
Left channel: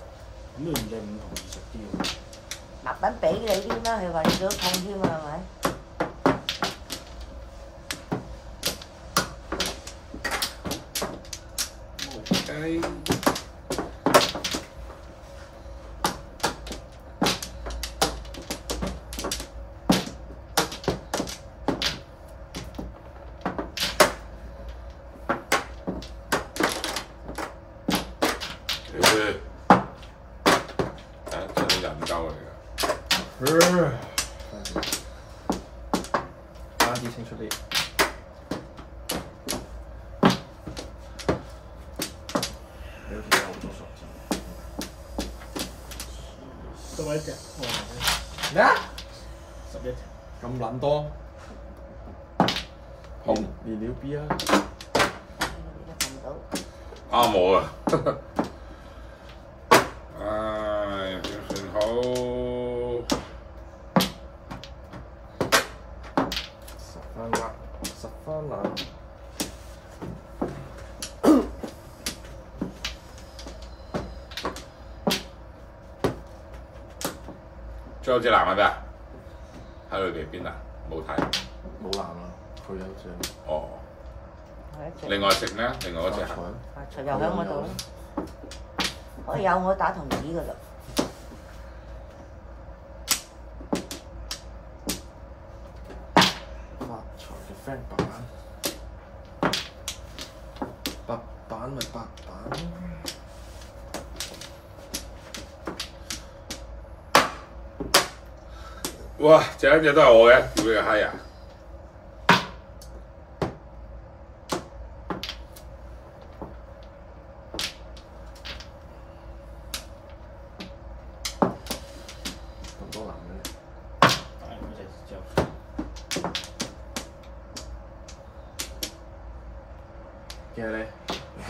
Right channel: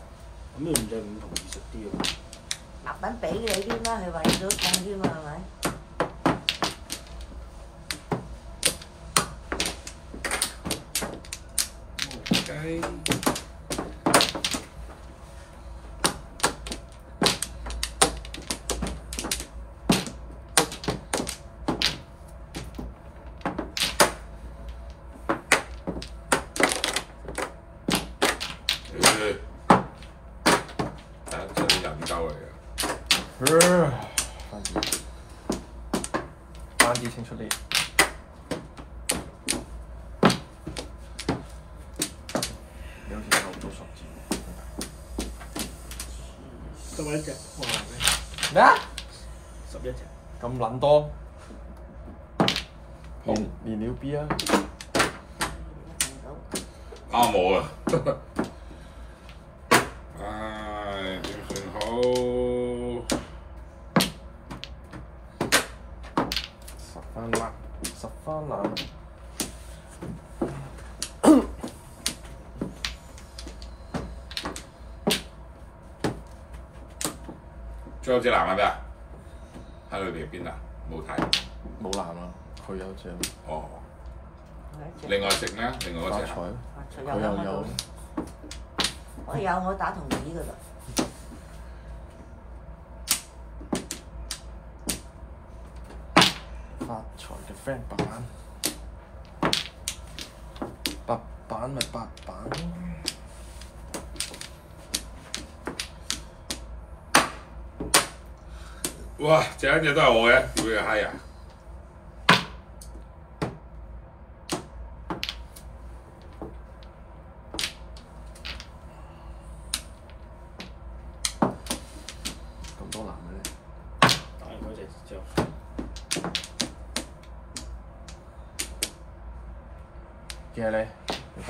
咁你唔隻五同易食啲喎？白品俾你添啦，佢話你都放添啊，係咪？雞真係人鳩嚟㗎。翻啲清出啲。你好似有好多數字。11隻，哇！咩啊11隻。咁撚多？連了 B 啊！啱我啊！唉，點算好？10番啦，10番啦。最後隻藍係咩啊？喺裏邊邊啊？冇睇。冇藍啊，佢有隻。哦。另外食咩啊？另外嗰隻啊？又喺我度。我有我打童子㗎啦。發財嘅 friend 白板，白板咪白板咯。哇！隻都係我嘅，屌你個閪啊！咁多藍嘅咧？打完嗰隻之後，幾係你？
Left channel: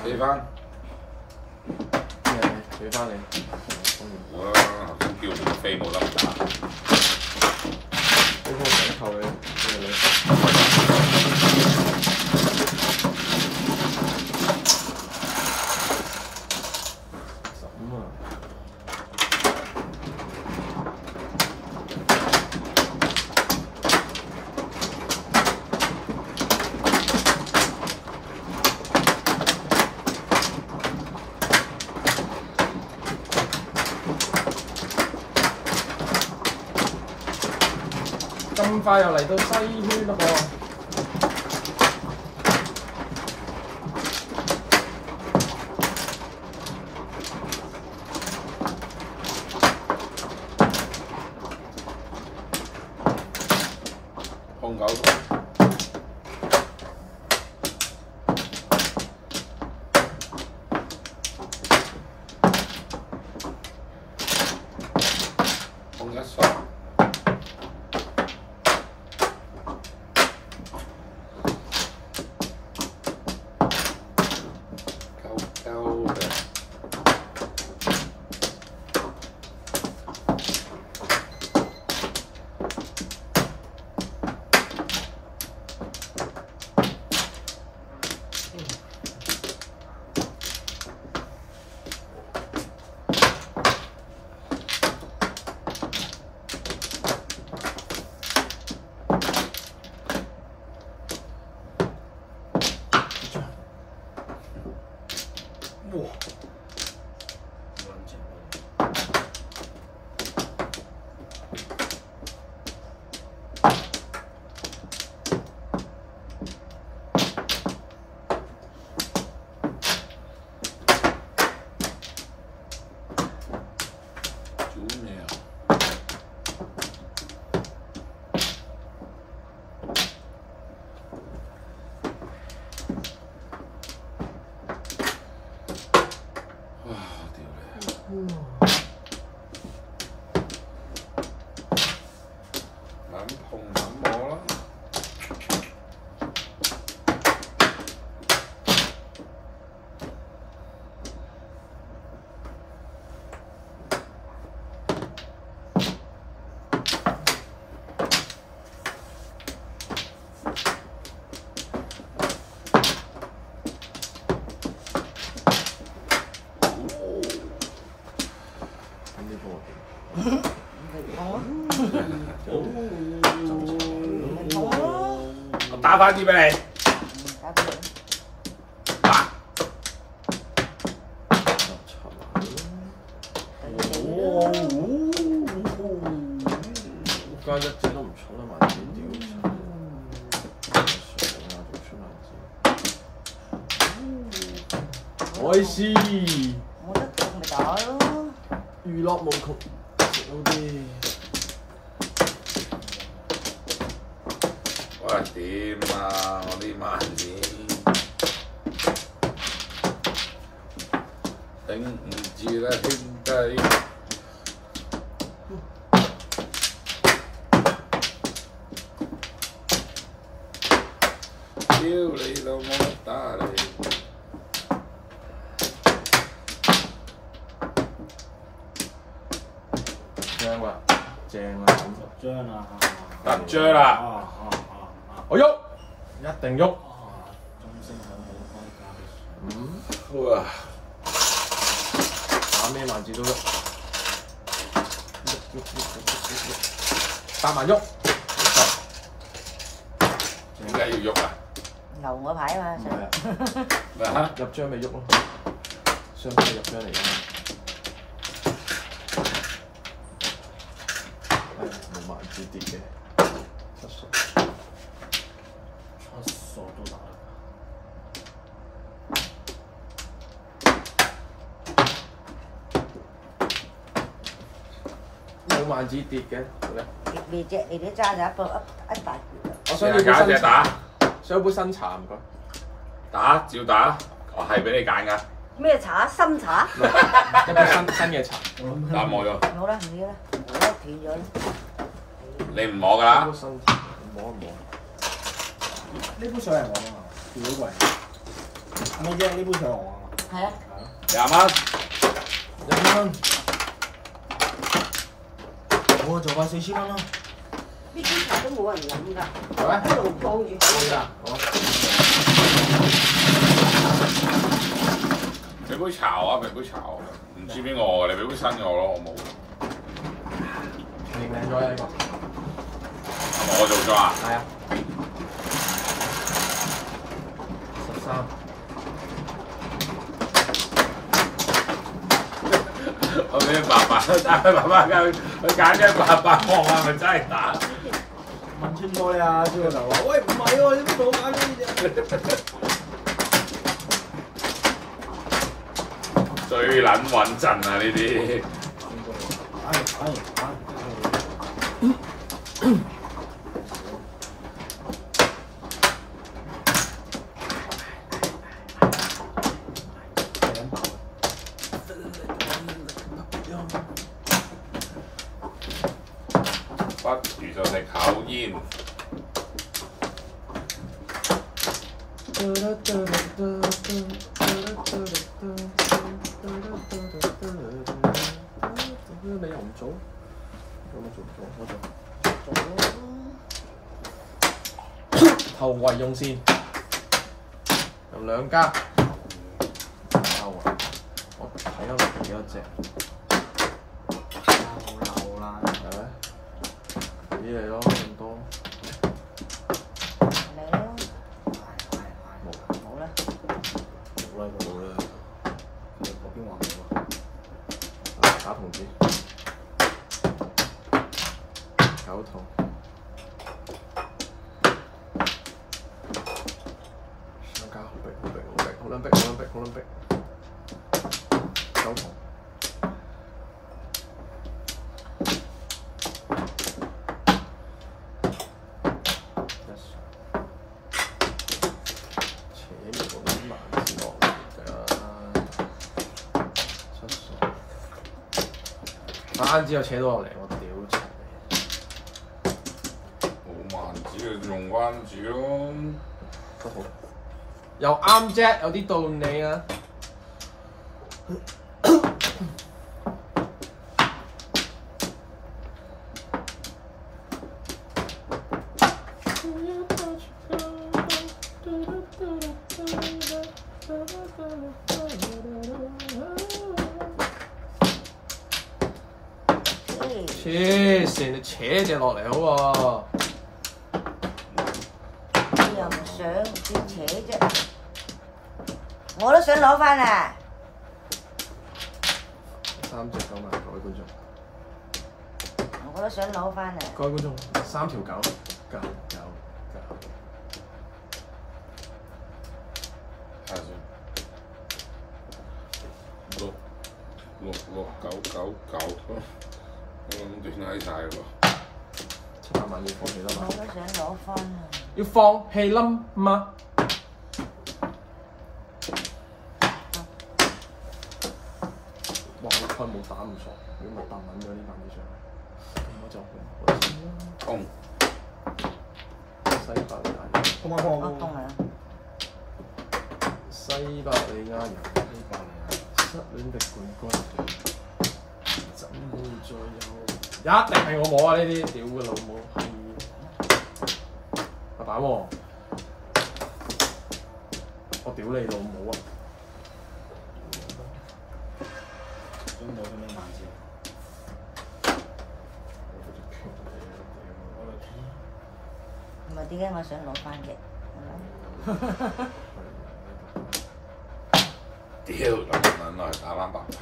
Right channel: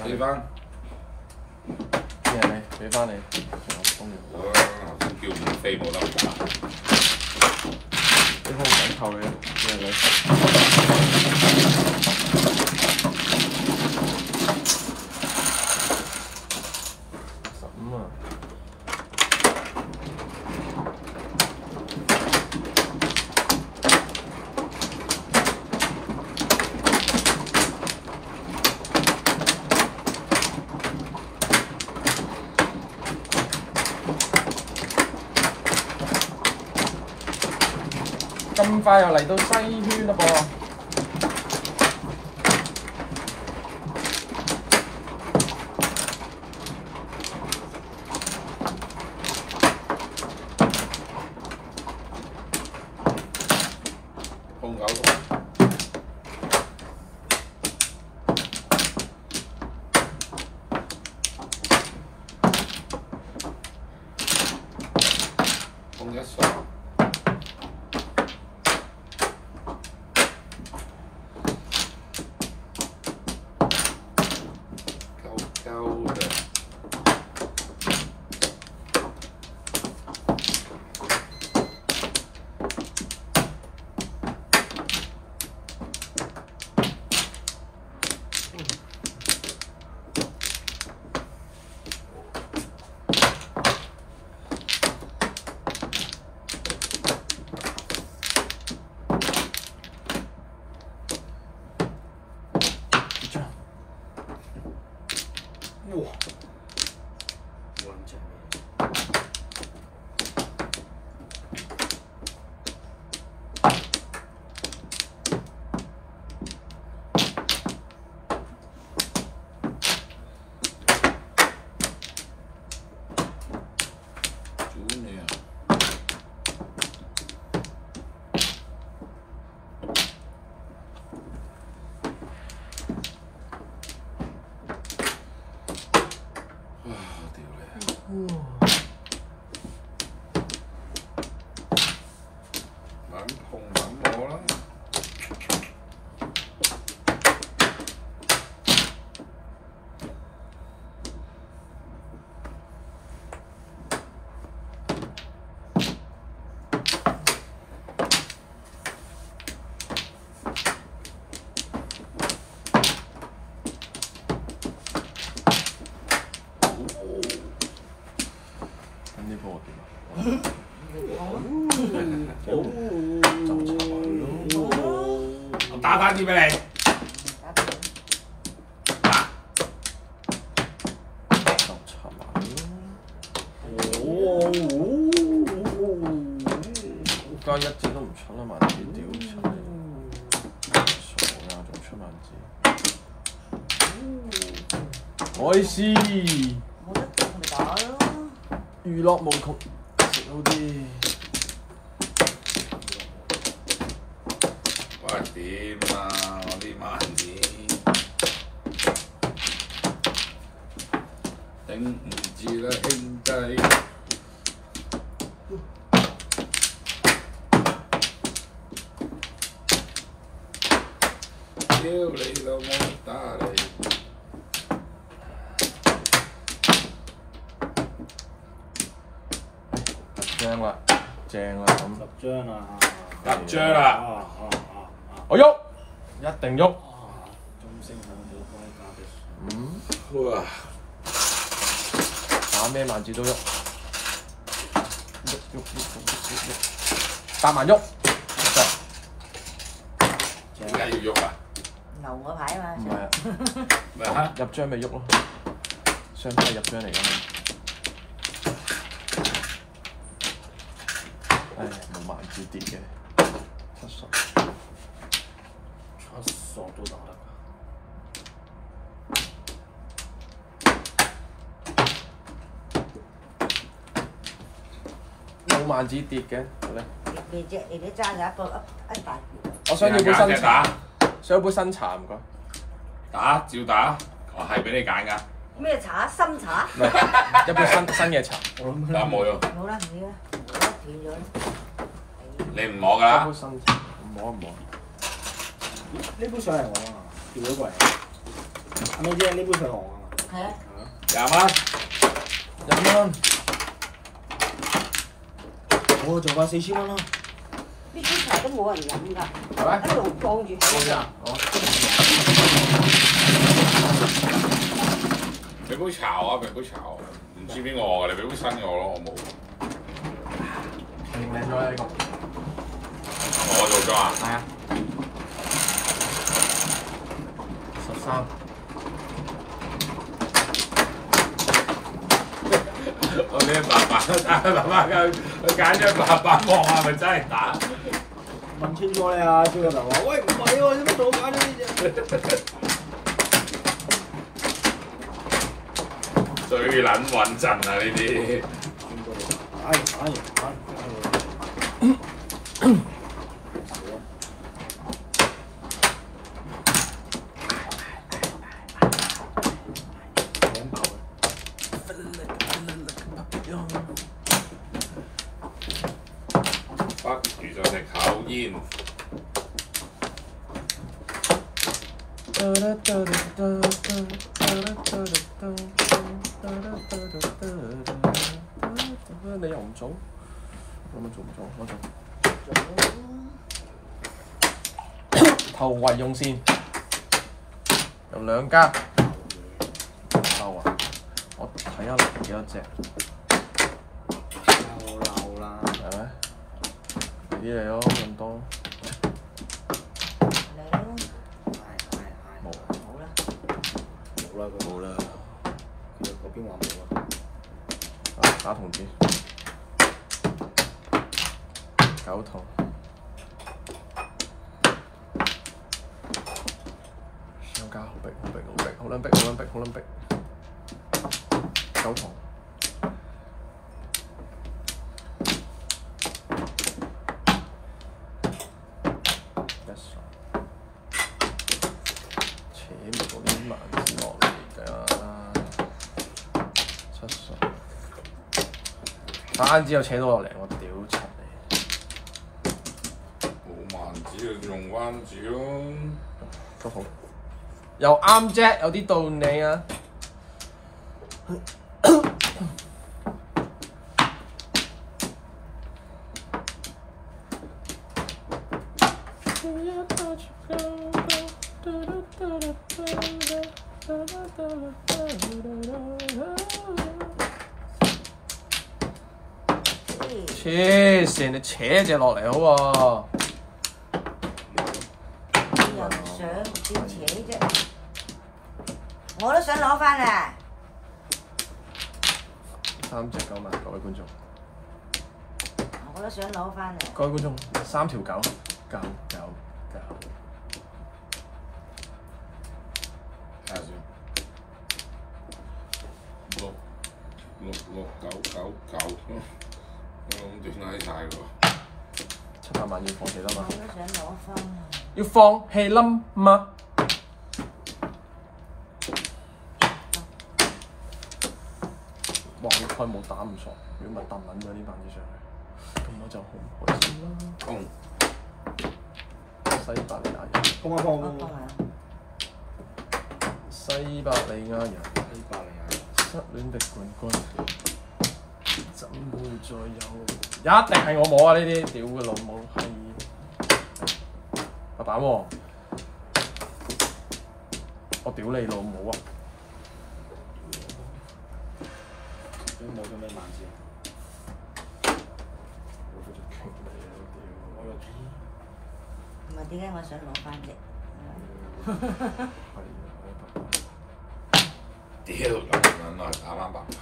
俾翻。幾係你？俾翻你。好啦，頭先叫唔飛冇得打。都好緊扣嘅，咩嘅？15啊！咁快又嚟到西圈啦噃！控九控一雙。哇！兩隻。做咩啊？我打翻啲俾你。加一支都唔出啦，萬字屌出！海獅，娛樂無窮，食好啲。喂，點啊？我啲萬字頂唔住啦，兄弟！屌你老母打你！正啦，正啦，10張啊10張啦！我喐，一定喐。中星很好，可以加啲。哇！打咩萬字都喐，8萬喐。點解要喐啊？牛嗰牌嘛。唔係啊，咩嚇？入張咪喐咯，雙牌入張嚟㗎嘛。冇萬字跌嘅，7索7索都打得㗎。冇萬字跌嘅，你啲揸咗一大我想要杯新茶，打，想要杯新茶唔該。打照打，我係俾你揀㗎。咩茶？深茶？一杯新嘅茶。打冇咗，好啦，唔要啦，我斷咗。你唔摸㗎啦一杯。新茶，摸一摸。呢杯水係我㗎嘛？調咗過嚟。阿妹姐，呢杯水係我㗎嘛？係啊。 20蚊， 1蚊。我就話4000蚊啦。呢啲茶都冇人飲㗎，係咪？一路放住佢。俾杯茶啊！俾杯茶我，唔知邊個我㗎？你俾杯新嘅我咯，我冇。認領咗啦呢個。我做咗啊？係啊。13。我俾爸爸打佢爸爸佢揀咗800望係咪真係打？問清楚你啊，朱教授話：喂，唔係喎，點解做揀咗呢隻？最撚穩陣啊！呢啲。不如就食口煙。你又唔做？我唔做，我做。頭圍用線，有2家。漏啊！我睇下落幾多隻。漏啦，係咩？俾你咯，咁多。冇啦。佢嗰邊話冇啊。打筒子，9筒，上家好逼，好撚逼，9筒，單之後扯到落嚟，我屌柒你！冇萬字就用關字咯。都好，又啱啫，有啲道理啊！黐線，你扯隻落嚟好喎。又唔想點扯啫？我都想攞翻啊3隻9萬，各位觀眾。我都想攞翻啊！各位觀眾，3條9，9。睇下先。69999，我諗斷閪晒喎。700萬要放幾多萬？我都想攞翻啊！要放棄啦嘛！哇！我開冇打唔熟，如果冇抌撚咗呢班嘢上去，咁我就好先啦。空。西伯利亞，空啊空啊！西伯利亞人，西伯利亞人，失戀的冠軍，怎會再有？一定係我冇啊！呢啲屌嘅老母閪！阿爸喎，我屌你老母啊！都冇咁樣難字。我嗰隻強嚟啊！屌，我又唔係點解我想攞翻啫？屌，諗來打翻白牌。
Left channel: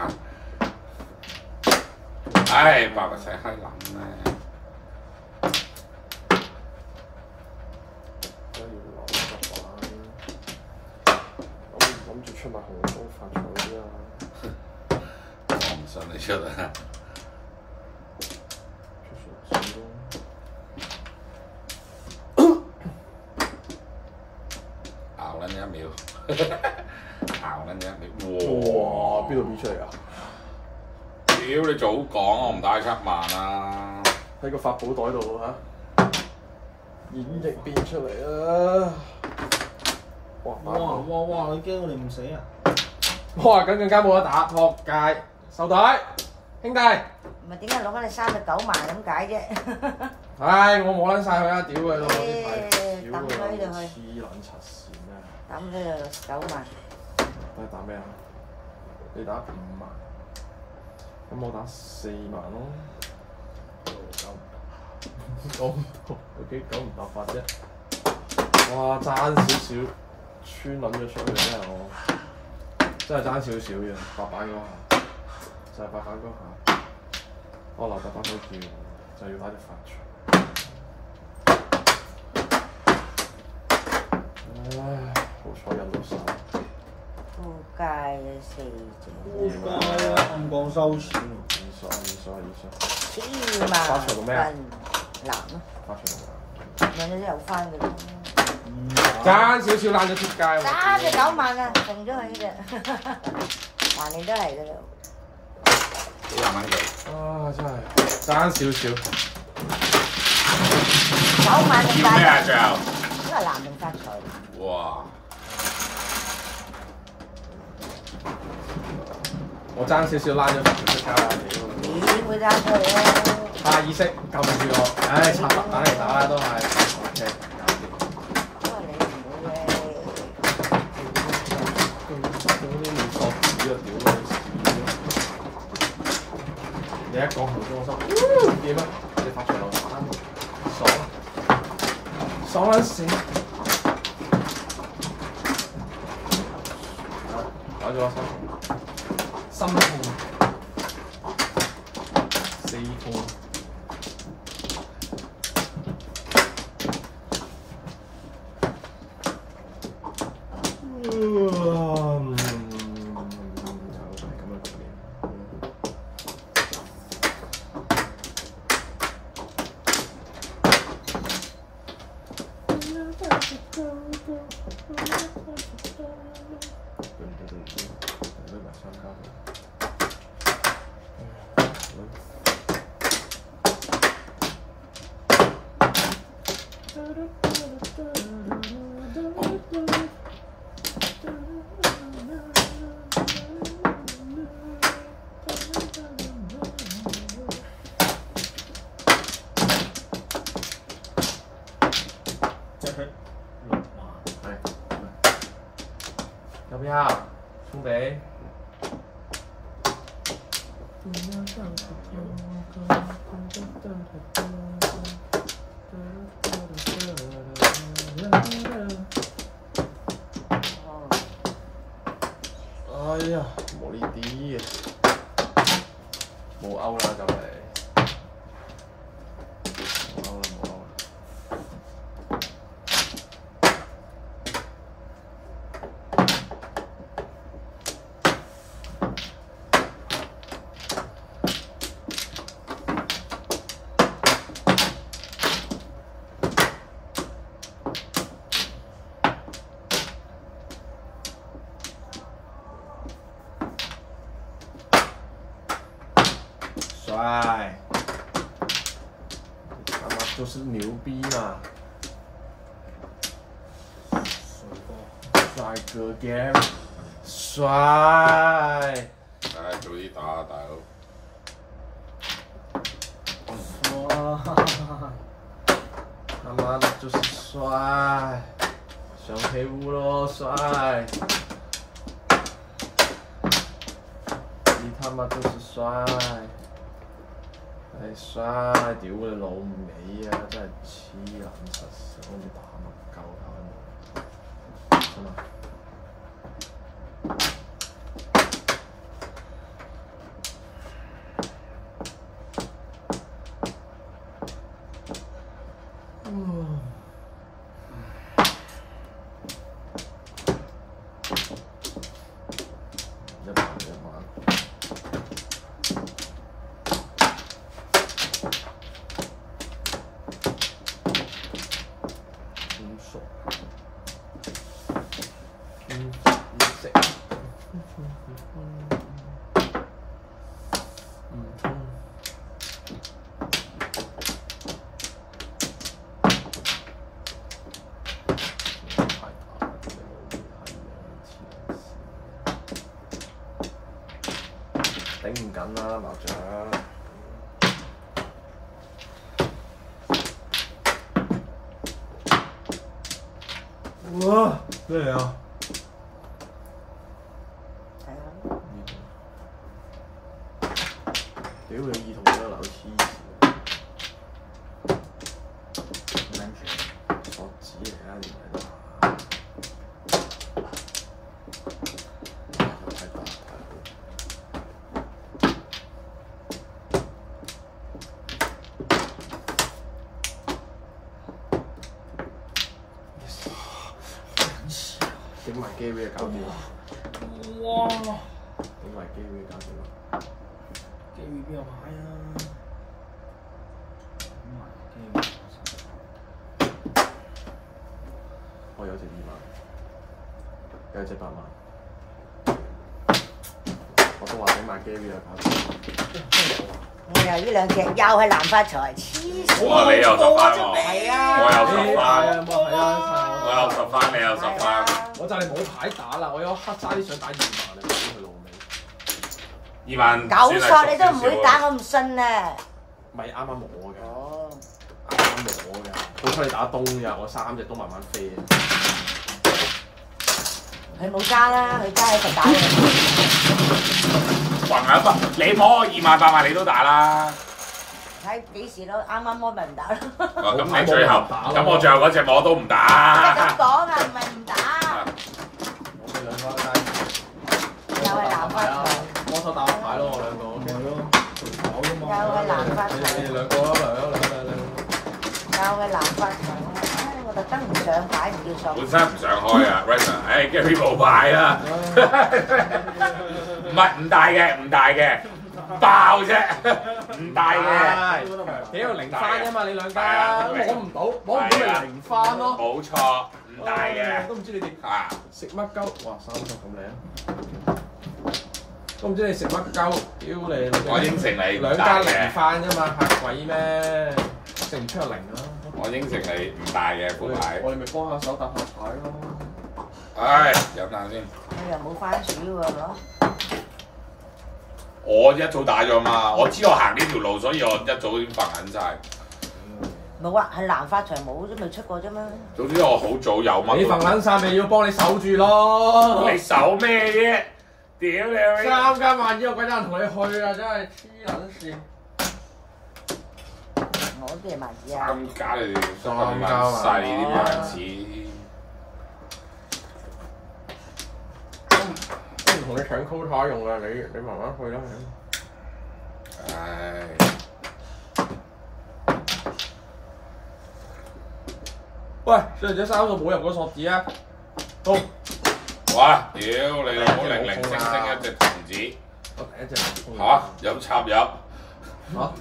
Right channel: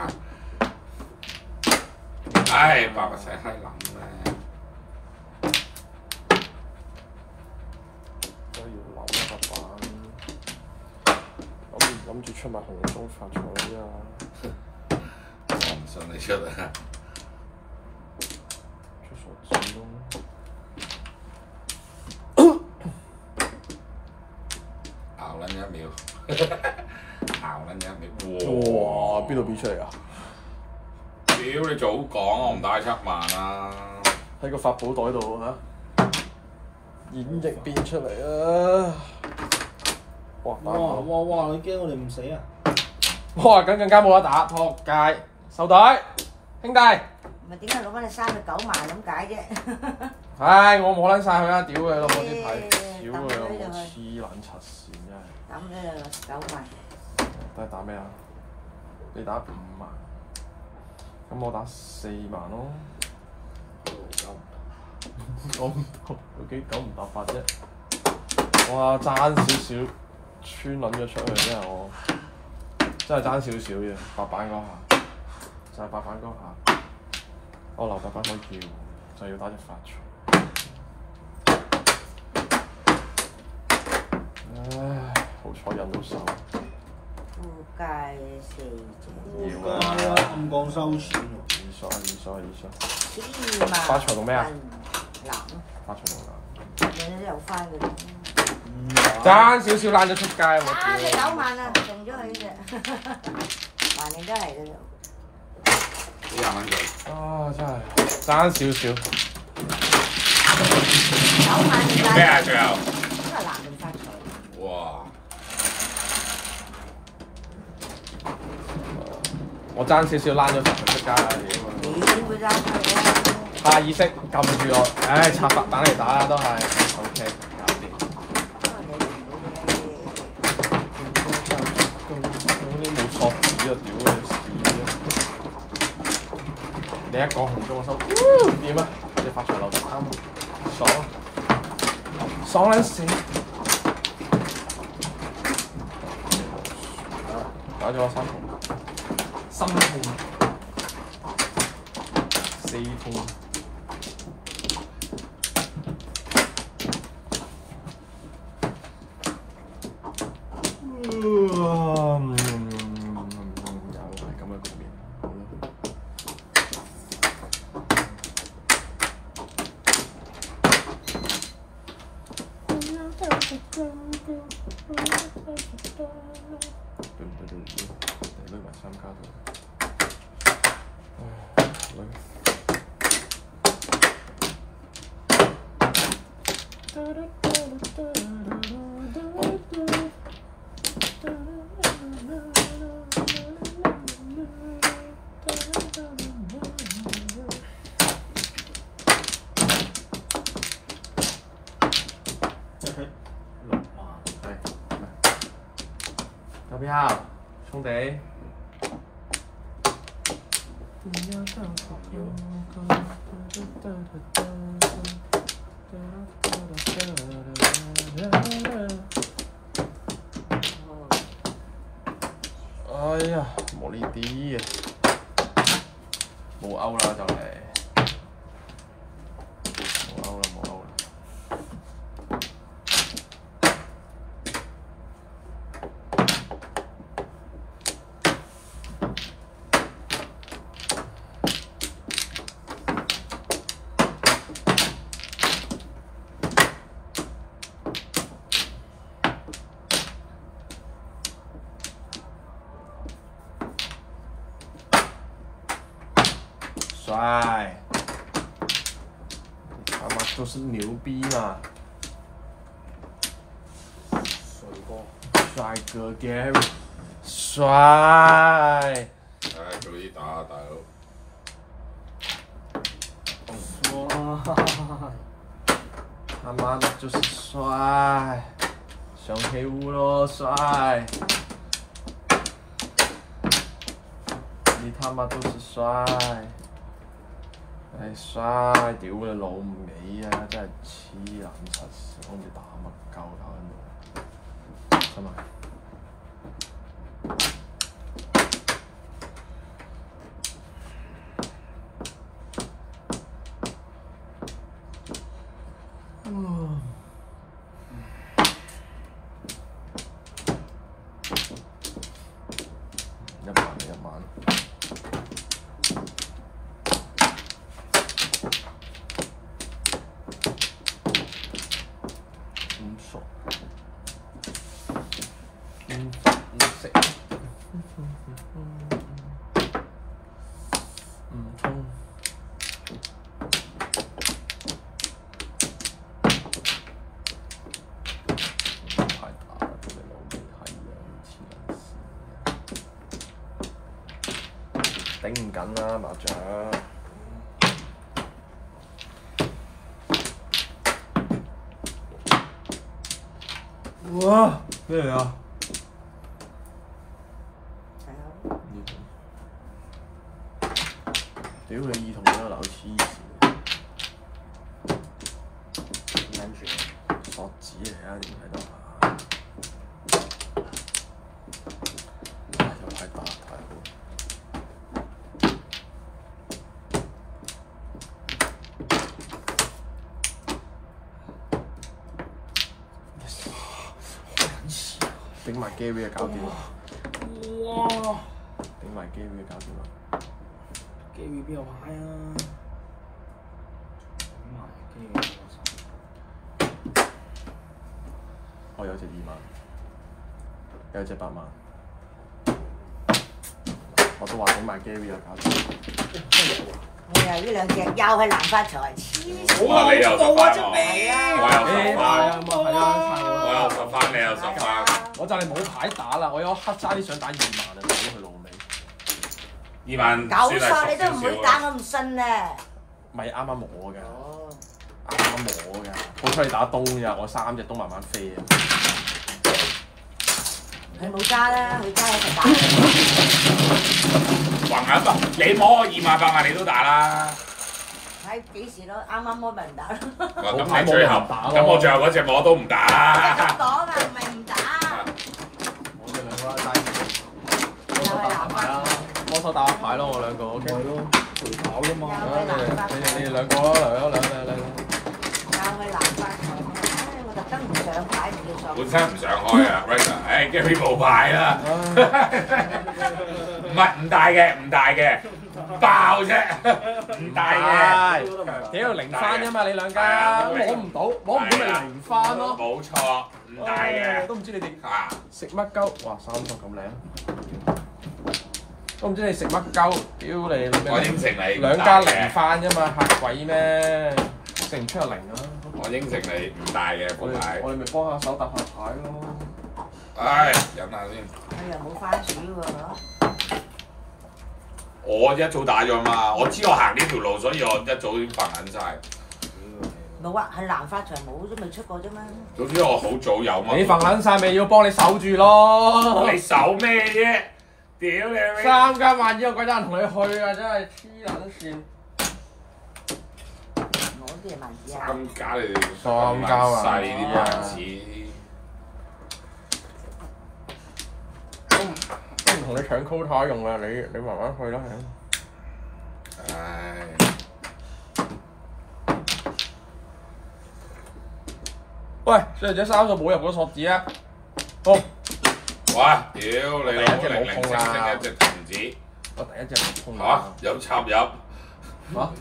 唉，白個細閪諗咩？我要留一版，我諗住出埋紅中發財啊！我唔信你出啊！出傻子咯！熬撚一秒，熬撚一秒，哇！邊度變出嚟㗎？屌你早講，我唔帶7萬啊！喺個法寶袋度嚇，演繹變出嚟啊！哇！哇！你驚我哋唔死啊？哇！咁更加冇得打，撲街！收袋，兄弟！唔係點解攞翻你39萬咁解啫？唉，我冇撚晒佢啦！屌佢老母啲牌，屌佢老母抌佢黐撚柒線真係！抌佢就9萬。你打咩啊？你打5萬，咁我打4萬咯。9唔到，有幾9唔搭8啫？哇！爭少少，穿撚咗出去真係我，真係爭少少嘅白板嗰下，就係白板嗰下。我留白板嗰叫，就要打隻發財。唉，好彩人都手。附界嘅4隻。附界啊！暗降收錢喎。千萬。發財做咩啊？男咯。發財做咩？揾咗有翻嘅。爭少少爛咗出街喎！爭隻9萬啊！送咗佢呢隻，橫掂都嚟嘅啦。幾廿蚊嘅。啊！真係爭少少。 9萬定咩啊？最後。都係男定發財。哇！我爭少少躝咗出街啦！點會爭佢咧？下意識撳住我，唉，插白等嚟打啦，都係 OK，搞掂。都冇索紙啊！屌你一講紅中我收，點啊？你發財咯，爽啊！爽撚死！搞咗我心痛。 4痛。有票，兄弟。哎呀，冇呢啲嘅，冇歐啦就嚟，冇歐啦冇歐啦。帅，你他媽就是牛逼嘛！帥哥 Gary， 帥！唉，早啲打啊，大佬！他媽的就是帥，上黑屋咯，帥！你他媽就是帥！係帥，屌你老味啊！真係黐撚實，好似打乜鳩咁，係咪？頂唔緊啦麻雀。哇！咩嚟啊？屌你兒童都流黐線，跟住索紙嚟啊！唔係啦。頂埋機會搞掂。哇！頂埋機會搞掂。機會邊有牌啊？頂埋機會冇晒。我有隻2萬，有隻8萬。我都話頂埋機會啊，搞掂。你又呢兩隻又係南發財，黐線！哇！你又10番喎，係啊，我有10番，係啊，我有10番，你有10番。我就係冇牌打啦，我有黑沙啲想打2萬啊，屌佢老味！ 2萬九索你都唔會打，我唔信啊！咪啱啱我㗎，哦，啱啱我㗎，好彩你打東㗎，我3隻都慢慢飛啊！佢冇揸啦，佢揸一齊打。橫下筆，你摸我2萬8萬你都打啦。睇幾時咯？啱啱摸咪唔打咯。咁你最後，咁我最後嗰隻我都唔打。咁講啊，唔係唔打。我哋兩個低，又係南發財，摩手打牌咯，我兩個 OK 咯，跑啫嘛。又係南發財，你哋兩個咯，兩隻。又係南發財。我特登唔上牌叫上。本身唔想開啊 ，Raymond， 唉 ，Gary 冇牌啦。唔大嘅，爆啫，唔大嘅。屌0番啫嘛，你兩家摸唔到，摸唔到咪0番咯。冇錯，唔大嘅。都唔知你哋啊，食乜鳩？哇，3級咁靚，都唔知你食乜鳩？屌你！我應承你唔兩大嘅家0番啫嘛，嚇鬼咩？食唔出就0啊！我應承你唔大嘅副牌。我哋咪幫下手搭下牌咯。唉，飲下先。你又冇番薯喎，攞。我一早打咗嘛，我知我行呢條路，所以我一早已經瞓緊晒。冇啊，係南發財冇都未出過啫嘛。總之我好早有乜。你瞓緊晒咪要幫你守住咯。你守咩啫？屌你老味3間萬二，有鬼得人同你去啊！真係黐撚線。我啲係萬二啊！ 3家你哋咁撚細啲萬子，都唔同你搶 quota 用嘅，你慢慢去啦。唉。喂，小姐3個冇入嗰索子啊！好，哇！屌你老母零零星星一隻童子我第一隻冇衝嚇，有插入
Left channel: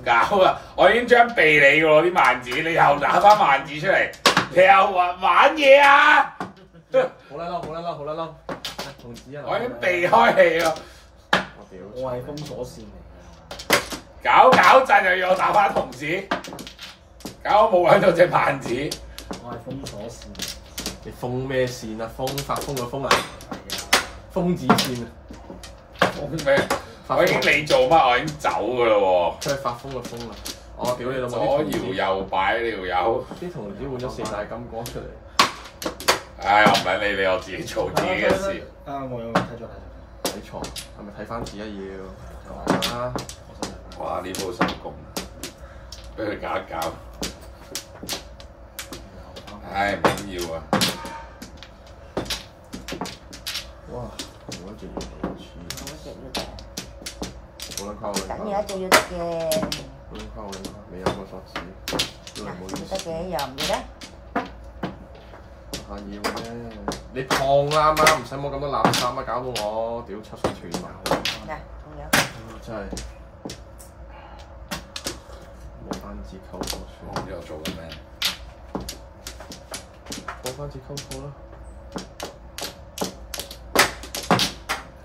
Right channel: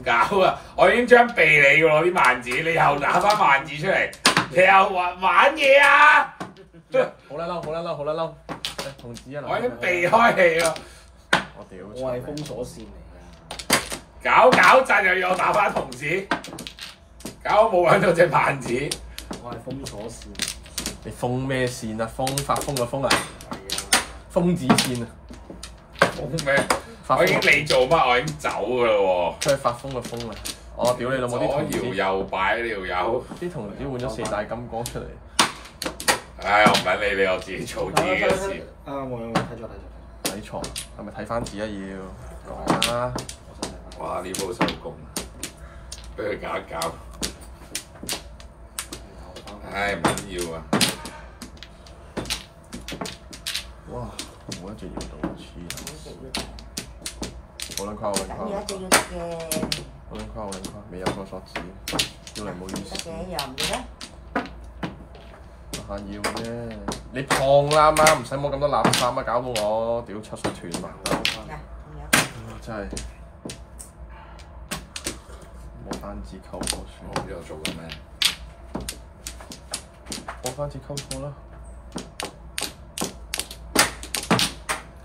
搞啊！我已經將避你喎啲萬子，你又打翻萬子出嚟，你又玩嘢啊！好啦嬲，好啦嬲，好啦嬲，童子啊！我已經避開你咯，我屌！我係封鎖線嚟搞陣又要我打翻童子，搞我冇揾到隻萬子。㗎，我係封鎖線。你封咩線啊？發瘋個瘋啊！瘋子線啊！瘋咩？我已經未做乜，我已經走㗎啦喎。佢係發瘋個瘋啊！我屌你老母！左搖右擺呢條友。啲童子換咗4大金剛出嚟。唉，我唔撚理你，我自己做自己嘅事。啊，我有睇咗。睇錯係咪睇翻字啊要？啊！我真係睇。哇！呢鋪手工，俾佢搞一搞。唉，唔緊要啊！哇！我一隻要2次。好撚溝等有一隻要得嘅，好撚溝，未有個索子，真係唔好意思。得嘅又唔記得。下要啫，你放啦媽，唔使摸咁多垃圾啊！搞到我屌出水斷埋。嗱，咁樣。真係冇單字溝好我唔知我做緊咩。冇單字溝錯啦！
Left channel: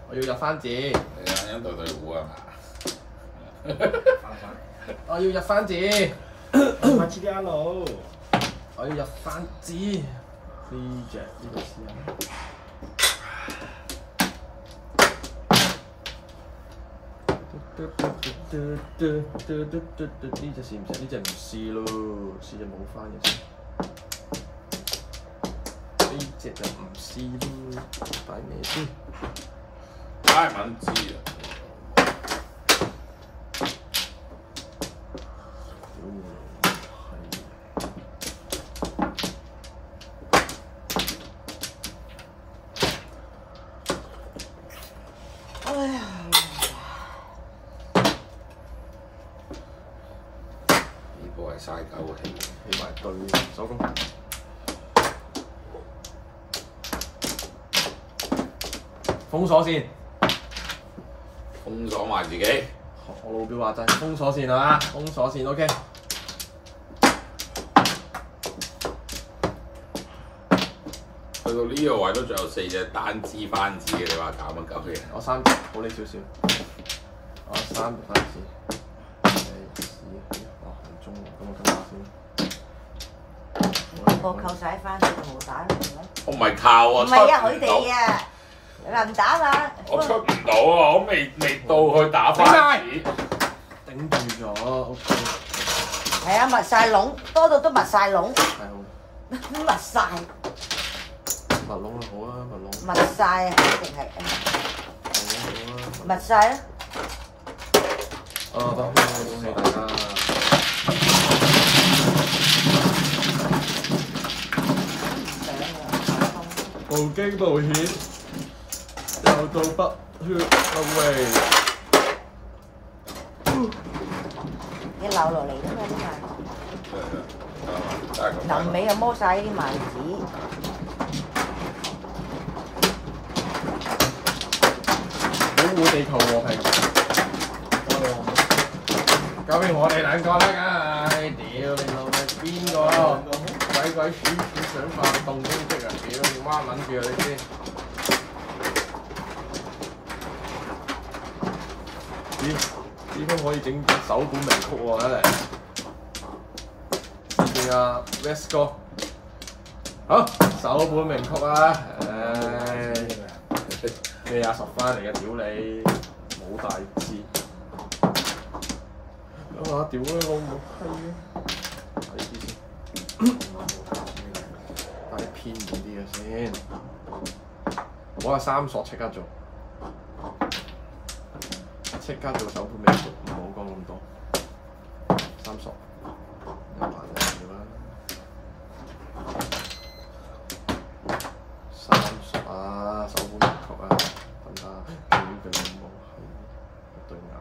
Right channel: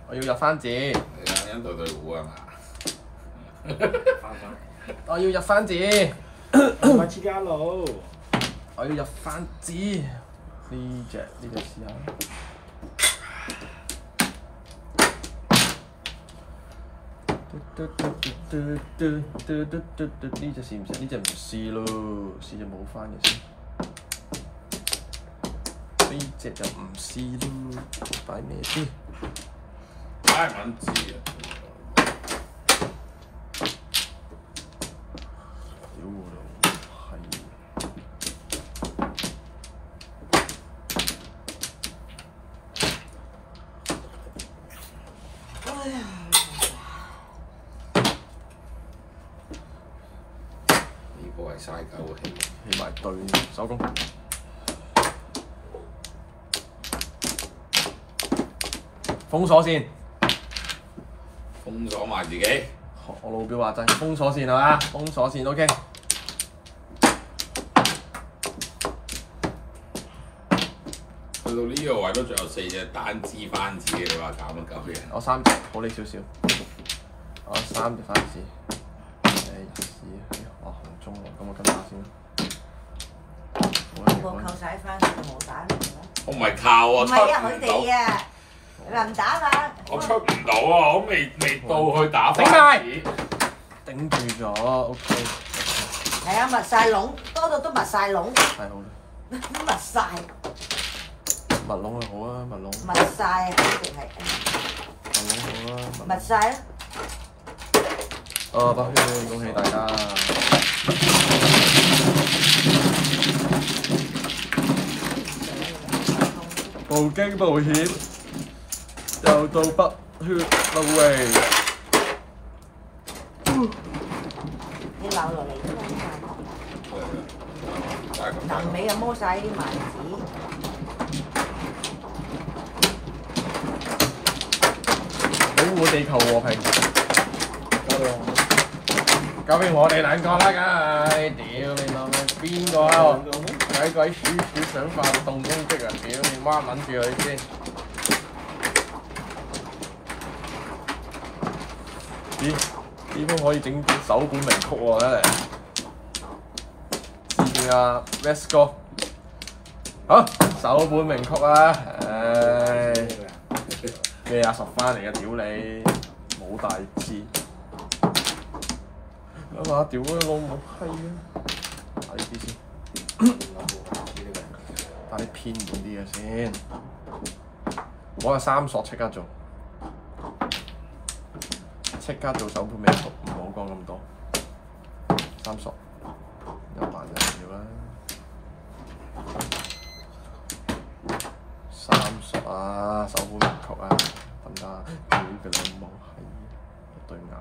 我要入番字，你啱啱對對糊啊嘛？我要入番字，唔係 GTR 佬，我要入番字。呢隻試下。呢隻試唔試？呢隻唔試咯，試隻冇番嘅先。呢隻就唔試咯，擺咩先？唉，唔撚知啊！呢波係嘥狗氣，起埋對手工。封鎖線，封鎖埋自己。我老表話齋封鎖線係嘛？封鎖線 OK。去到呢個位都仲有4隻單支番子嘅，你話搞乜鳩嘢？我3隻，好你少少。我3隻番子。我行中喎，咁我跟下先。我扣晒翻，佢就冇打啦。我唔係靠啊，唔係啊，佢哋啊，你話唔打啦。我出唔到啊，我未到去打番子。頂住咗 OK。係啊，密晒籠，多到都密晒籠。太好啦。密晒。密籠好啊，密籠。密晒，肯定係。好啊。密晒啦。得，恭喜大家。無驚無險，又到不血不歸。一扭落嚟都得㗎。臨尾就摸晒啲萬子。保護地球和平。交俾我哋兩個啦，梗係。屌你老味，邊個啊？鬼鬼鼠鼠想發動攻擊啊！屌你媽撚住佢先。咦？點解可以整首本名曲喎？真係。試下 Let's go。好，首本名曲啊！唉。咩啊？10番嚟嘅，屌你！冇大志。咁啊！屌你老母閪啊！睇啲先，打啲偏遠啲嘅先。我係3索即刻做。即刻做手盤尾曲，唔好講咁多。30，一萬條啦。30啊，手盤尾曲啊，得唔得？屌佢老母係一對眼。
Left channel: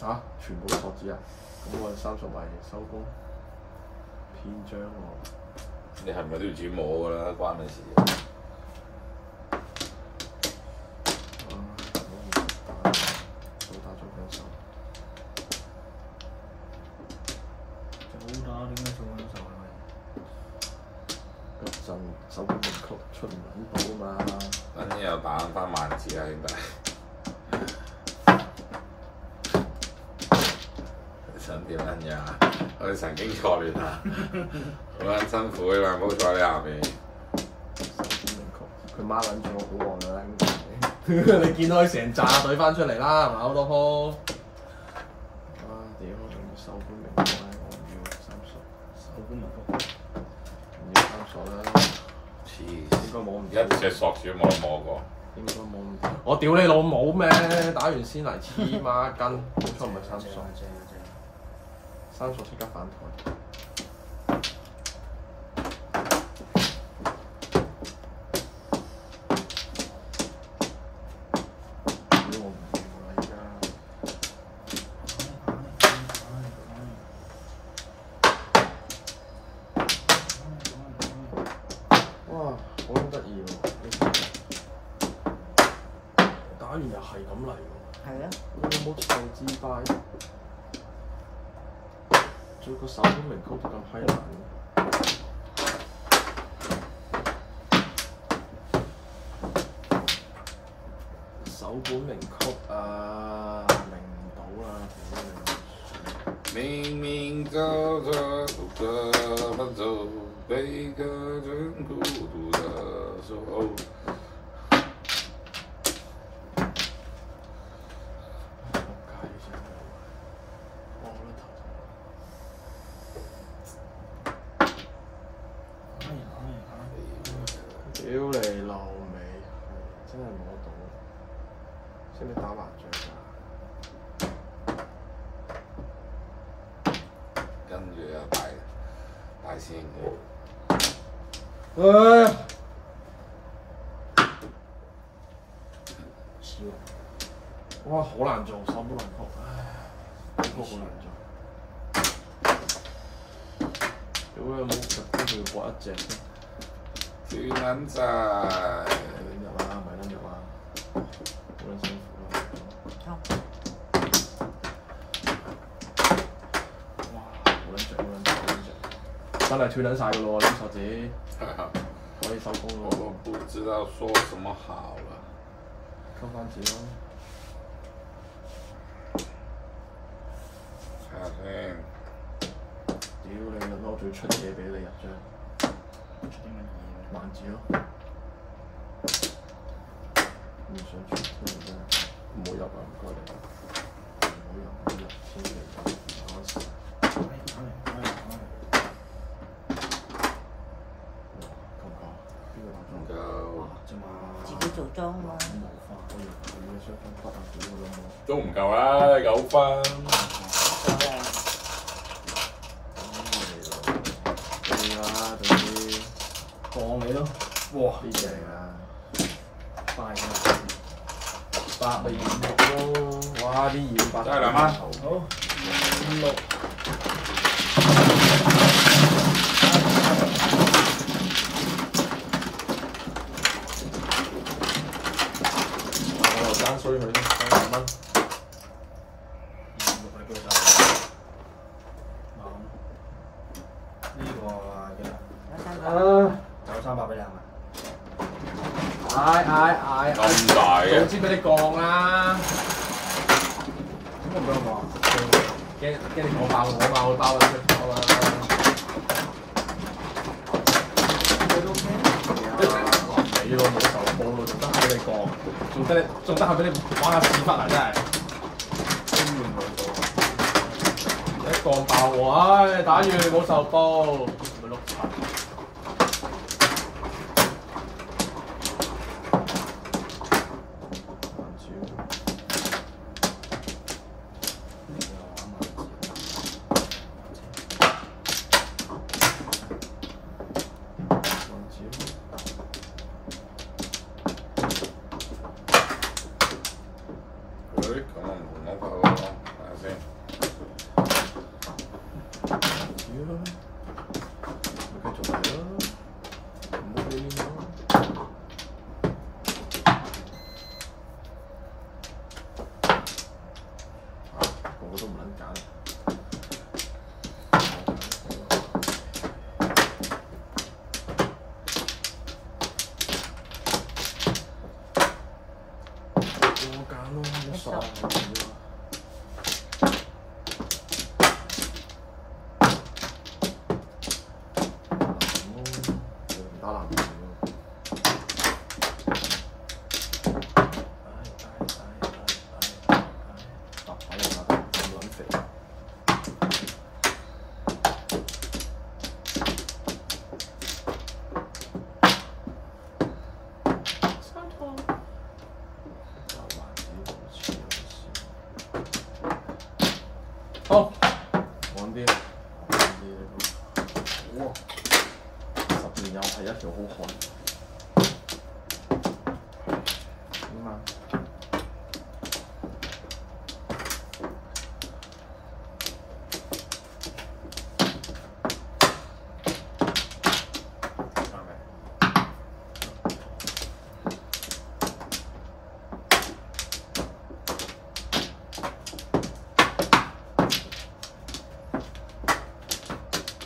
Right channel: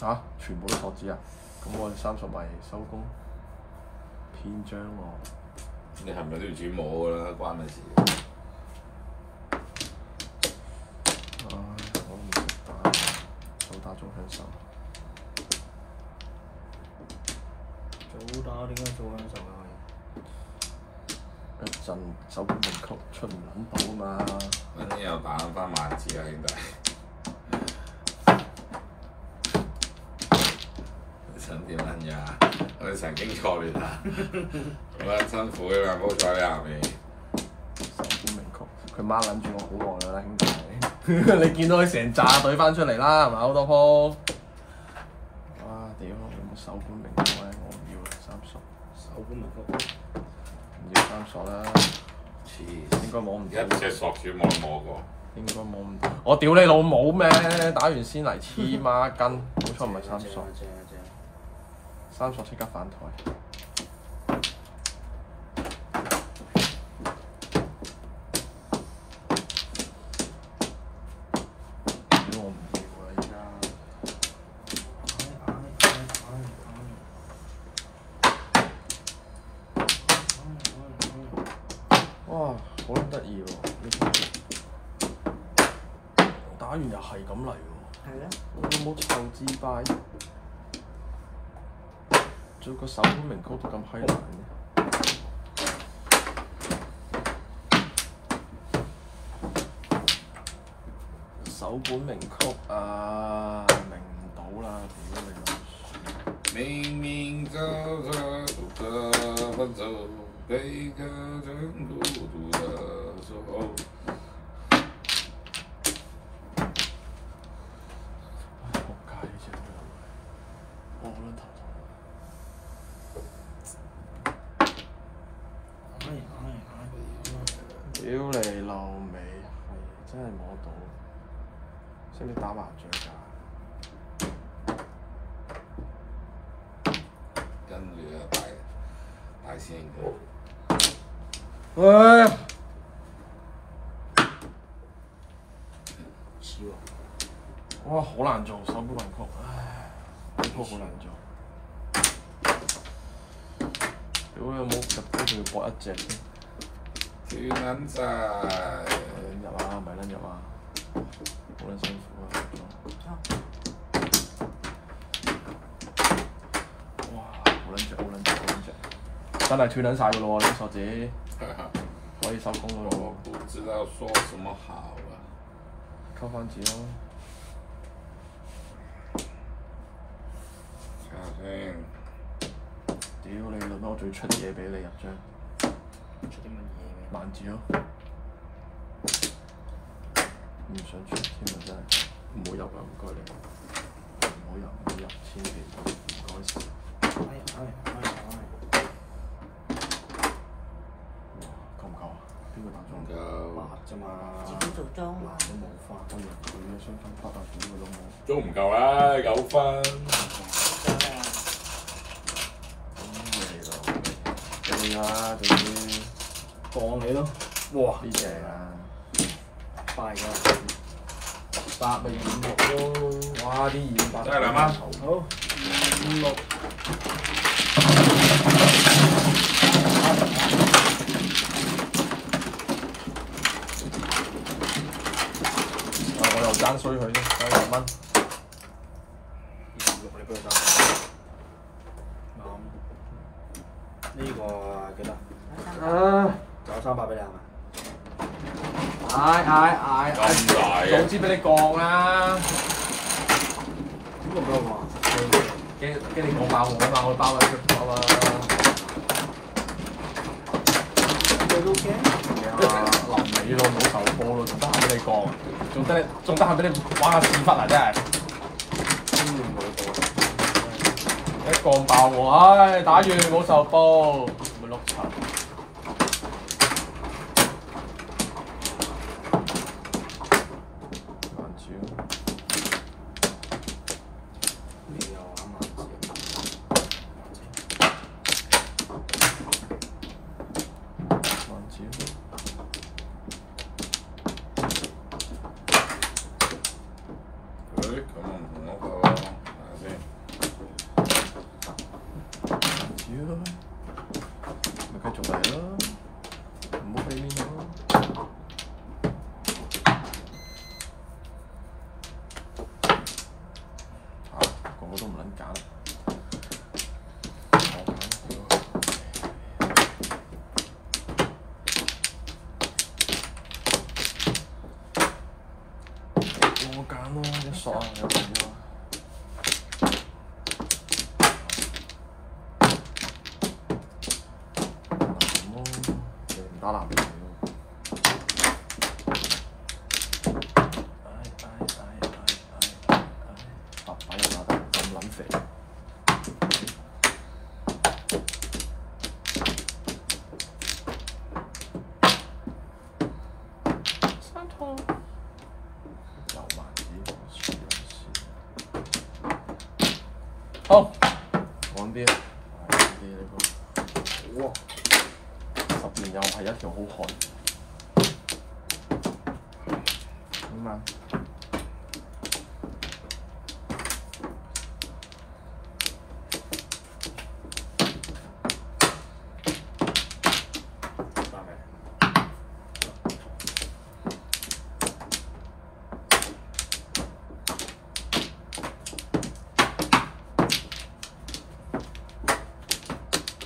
嚇！全部鎖子啊！咁我30咪收工，偏張喎。你係咪都要自己摸㗎啦？關你事。早打點解早分手啊？一陣手盤尾曲出唔撚到啊嘛！等陣又打翻萬字啊，兄弟！你想點撚樣啊？我哋神經錯亂啊！好撚辛苦㗎嘛，唔好坐喺下面。手盤尾曲，佢孖撚住我好旺㗎啦，兄弟！你見到佢成扎隊翻出嚟啦，係咪好多鋪？哇！屌，手盤尾曲咧，我要30。手盤尾曲。唔要30啦。黐應該冇唔到。一隻索少冇摸過。應該冇唔到。我屌你老母咩？打完先嚟黐孖筋，好彩唔係30即刻反台。屌我唔要啦而家。哇！好撚得意喎！打完又係咁嚟喎。係啊。有冇長自敗？做個手盤尾曲都咁閪難。手盤尾曲啊，明唔到啦，明明走着怎么走，背个真孤独的手。屌你老味，真係摸到，識唔識打麻雀㗎？跟住又大師兄唉，少啊！哇，好難做手盤尾曲，唉，好難做。屌你冇，跟住搏一隻添。斷撚晒，2日啊，唔係2日啊，好撚辛苦啊！哇，好撚著，真係斷撚晒㗎咯喎！呢啲索子可以收工㗎我咯不知道說什麼好了。溝翻紙咯。睇下先。屌你老母，我仲要出嘢俾你入張。出啲乜嘢？萬字咯，唔想出添啊真係，唔好入啊唔該你，唔好入，千祈唔該晒。哇，夠唔夠啊？邊個打中？夠啫嘛。自己做裝喎。冇花，今日屌你雙分拍啊！屌佢老母！都唔夠啊，9分。係啊，總之當你咯。哇！呢隻啊，快㗎8咪26咯，哇！啲200真係2蚊。好，56。我又爭衰佢先，2蚊。26你俾佢打。啱。呢個幾多？9300俾你係咪？嗌！咁大嘅早知俾你降啦，咁唔俾我講。驚你講爆我啊嘛，我包啦，包啦。你都 OK？臨尾咯，冇受波咯，仲得閒俾你降，仲得閒俾你玩下屎忽啊！真係，都要唔會到。一降爆我，唉，打完冇受波，咪碌柒。出啊！唔打籃球白牌又打得咁撚肥。好，玩啲，哇！10年又係一條好漢。咁啊，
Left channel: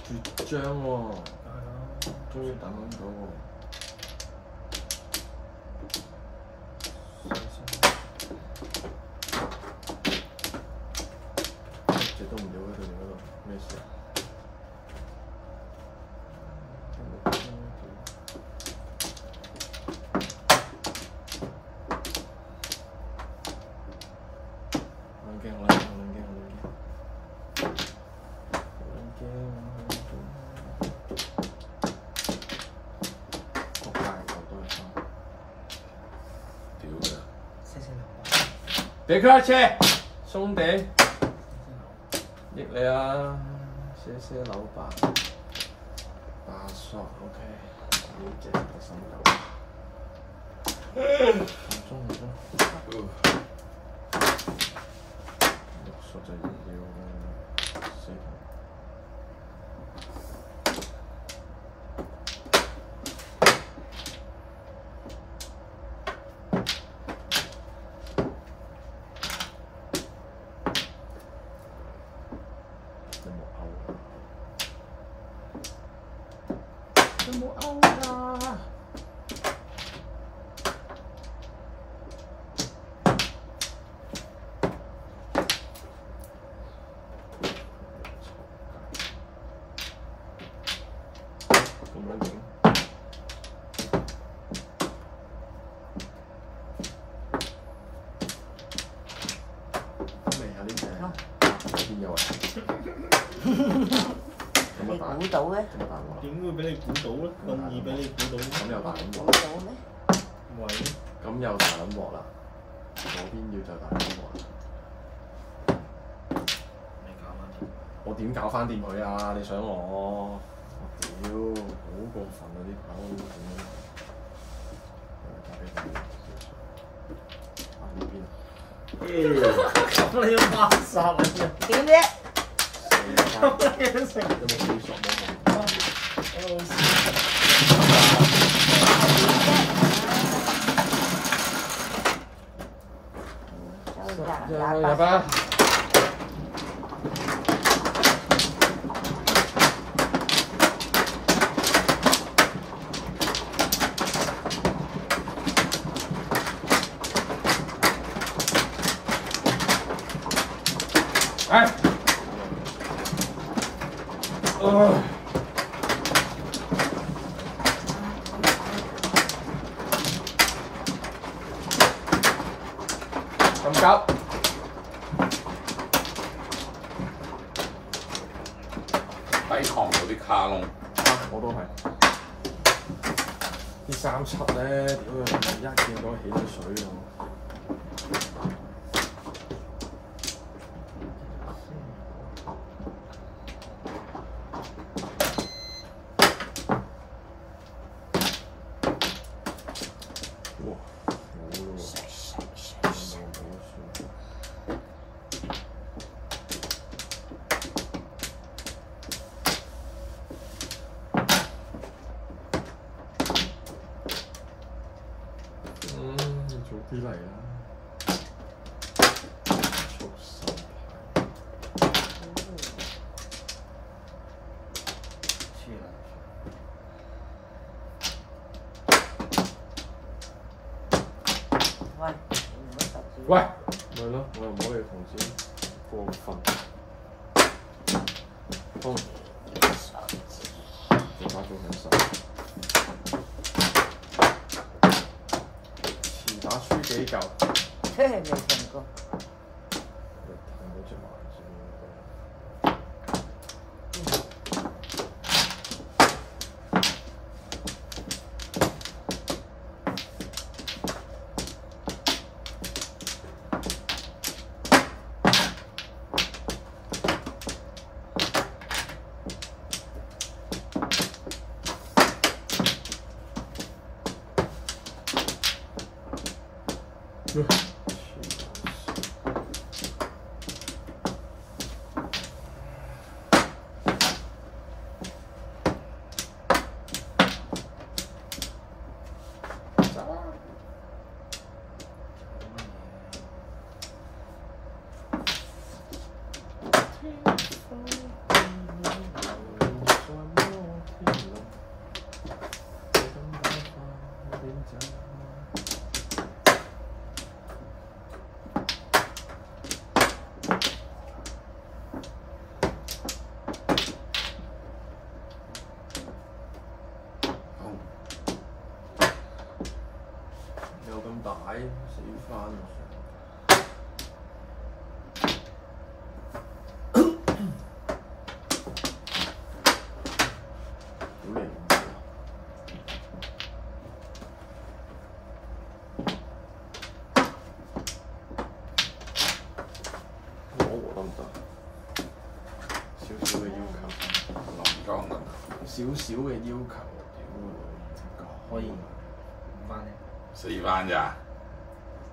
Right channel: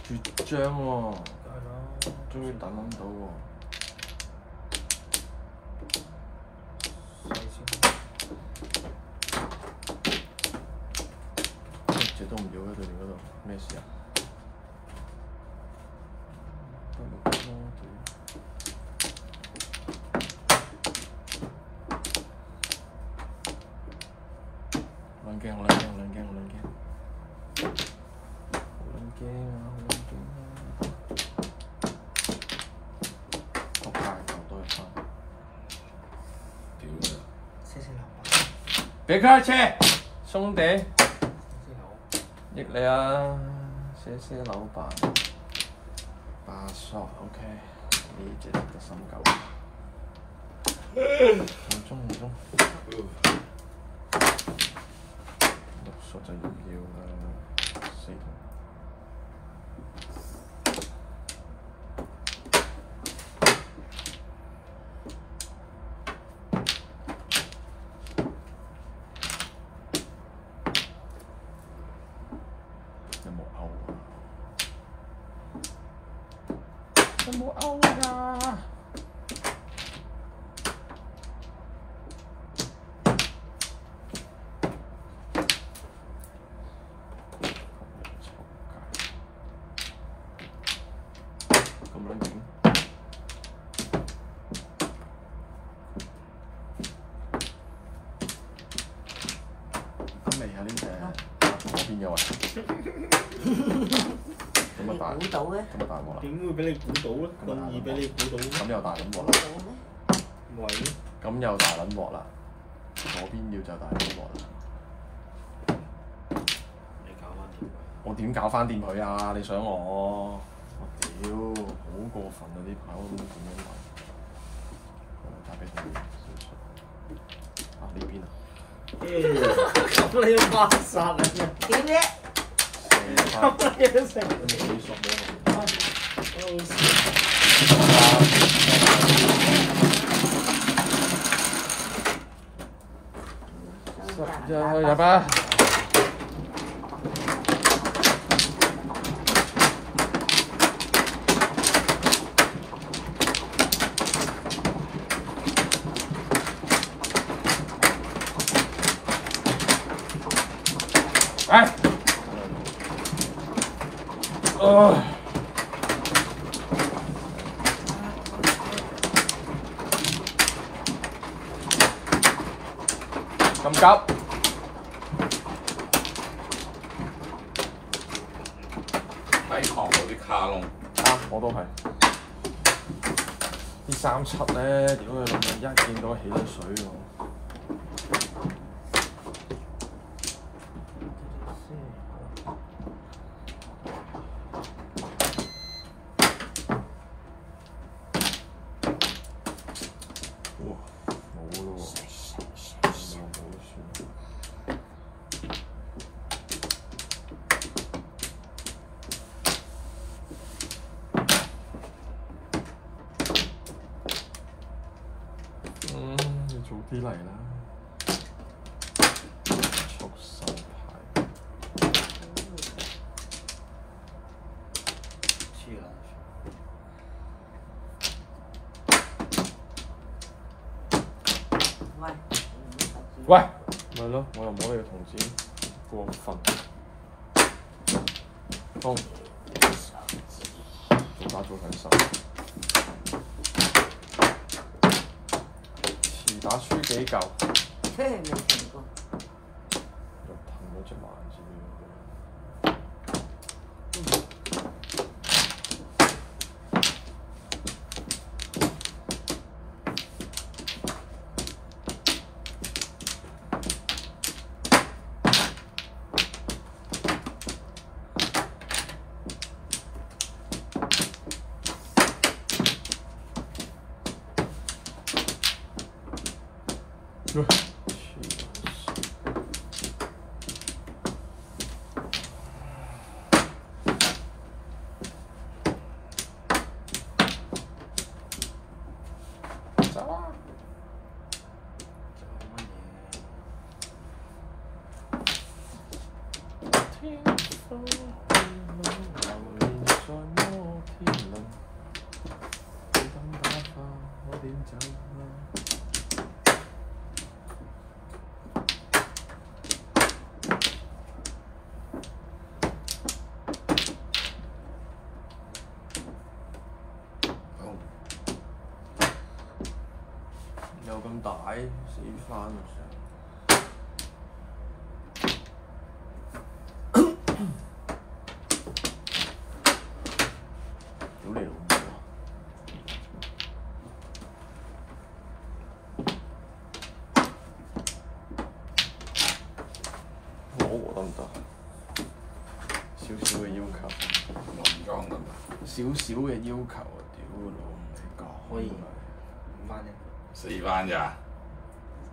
絕張喎，終於等到喎。一直都唔了喺對面嗰度，咩事啊？冷鏡，好冷鏡，冷鏡，好冷鏡，好冷鏡，好冷鏡。仆街，球都係分。屌㗎！別客氣，兄弟。益你啊，謝老闆。8索 OK，呢隻得心9。唔中。6索就要啦，4筒。有冇勾啊？咁樣影，味啊呢隻，邊有啊？咁啊大，你估到嘅？咁大鑊啦！點會俾你估到咧？咁易俾你估到？咁又大撚鑊估啦！到咩？喂，咁又大撚鑊啦！左邊要就大撚鑊啦！你搞翻掂。我點搞翻掂佢啊？你想我？我屌，好過分啊！啲跑點樣搞？打俾佢啊呢邊啊！咁你要發殺啊！點啫？咁你要成有冇水索冇？入吧。哎。咁急？抵抗到啲卡窿。我都係。啲37咧，屌佢老味，一見到起咗水喎。哇，冇咯喎，冇算。早啲嚟啦！速手牌。黐撚喂，喂，咪咯，我又摸你個銅錢，過分。好，做把做緊手。前打輸幾嚿？真係未停過。冇隻萬字有咁大，死翻啊！好離譜啊！冇喎得唔得？少少嘅要求，林裝得唔得？少少嘅要求啊！屌個老唔識講，可以5番咧， 4番咋？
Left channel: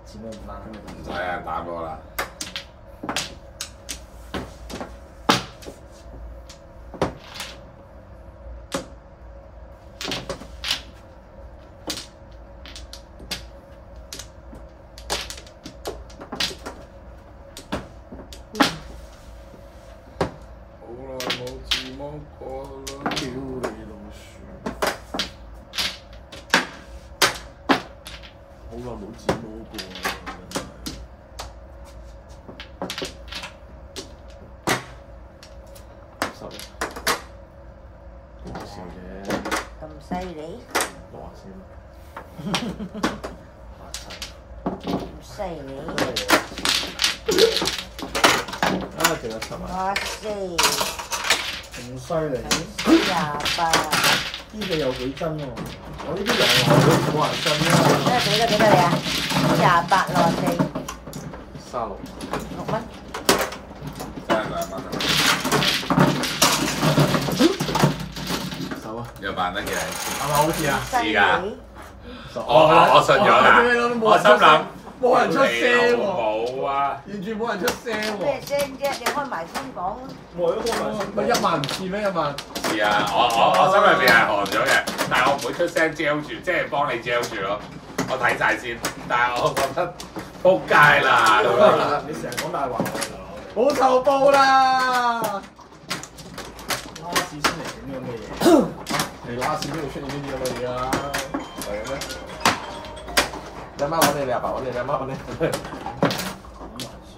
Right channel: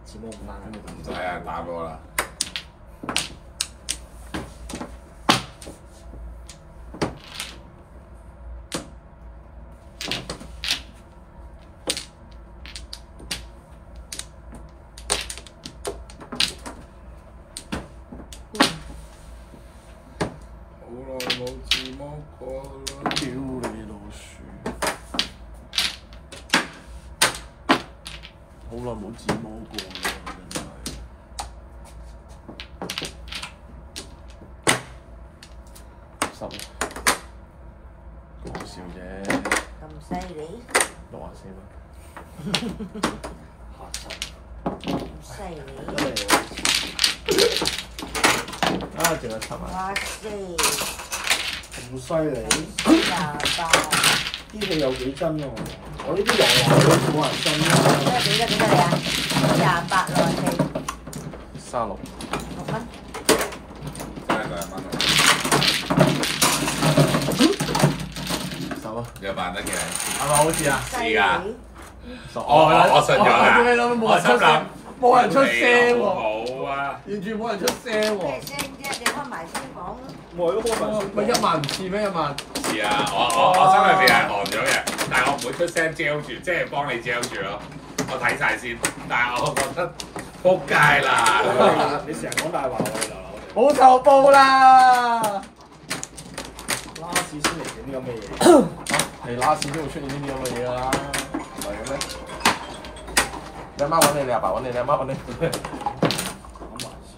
自摸5番啦。唔使啊，打過啦。好耐冇自摸過啦。屌你老鼠！好耐冇自摸過啦，真係。濕講笑啫，咁犀利， 64啦，嚇親！咁犀利，啊，仲有7萬。哇塞，咁犀利， 28，呢個有幾真喎？我呢啲有啊，冇人信啦。幾多嚟啊？28啦，係36。 6蚊。真係2蚊。手啊！有辦得嘅。係咪好似啊？犀利，我信咗啦。我心諗冇人出聲喎，冇啊！完全冇人出聲咩喎。聲啫？你開埋先講咯。我都開埋先。咪1萬唔似咩1萬？是啊，我心裏邊係寒咗嘅，但係我唔會出聲焦住，即係幫你焦住咯。我睇晒先，但係我覺得撲街啦咁樣。你成日講大話，我哋流流。冇仇報啦！拉屎先嚟整啲咁嘅嘢。你拉屎邊度出現呢啲咁嘅嘢啊？係咩？你阿媽揾你，你阿爸揾你，你阿媽揾你。講埋先。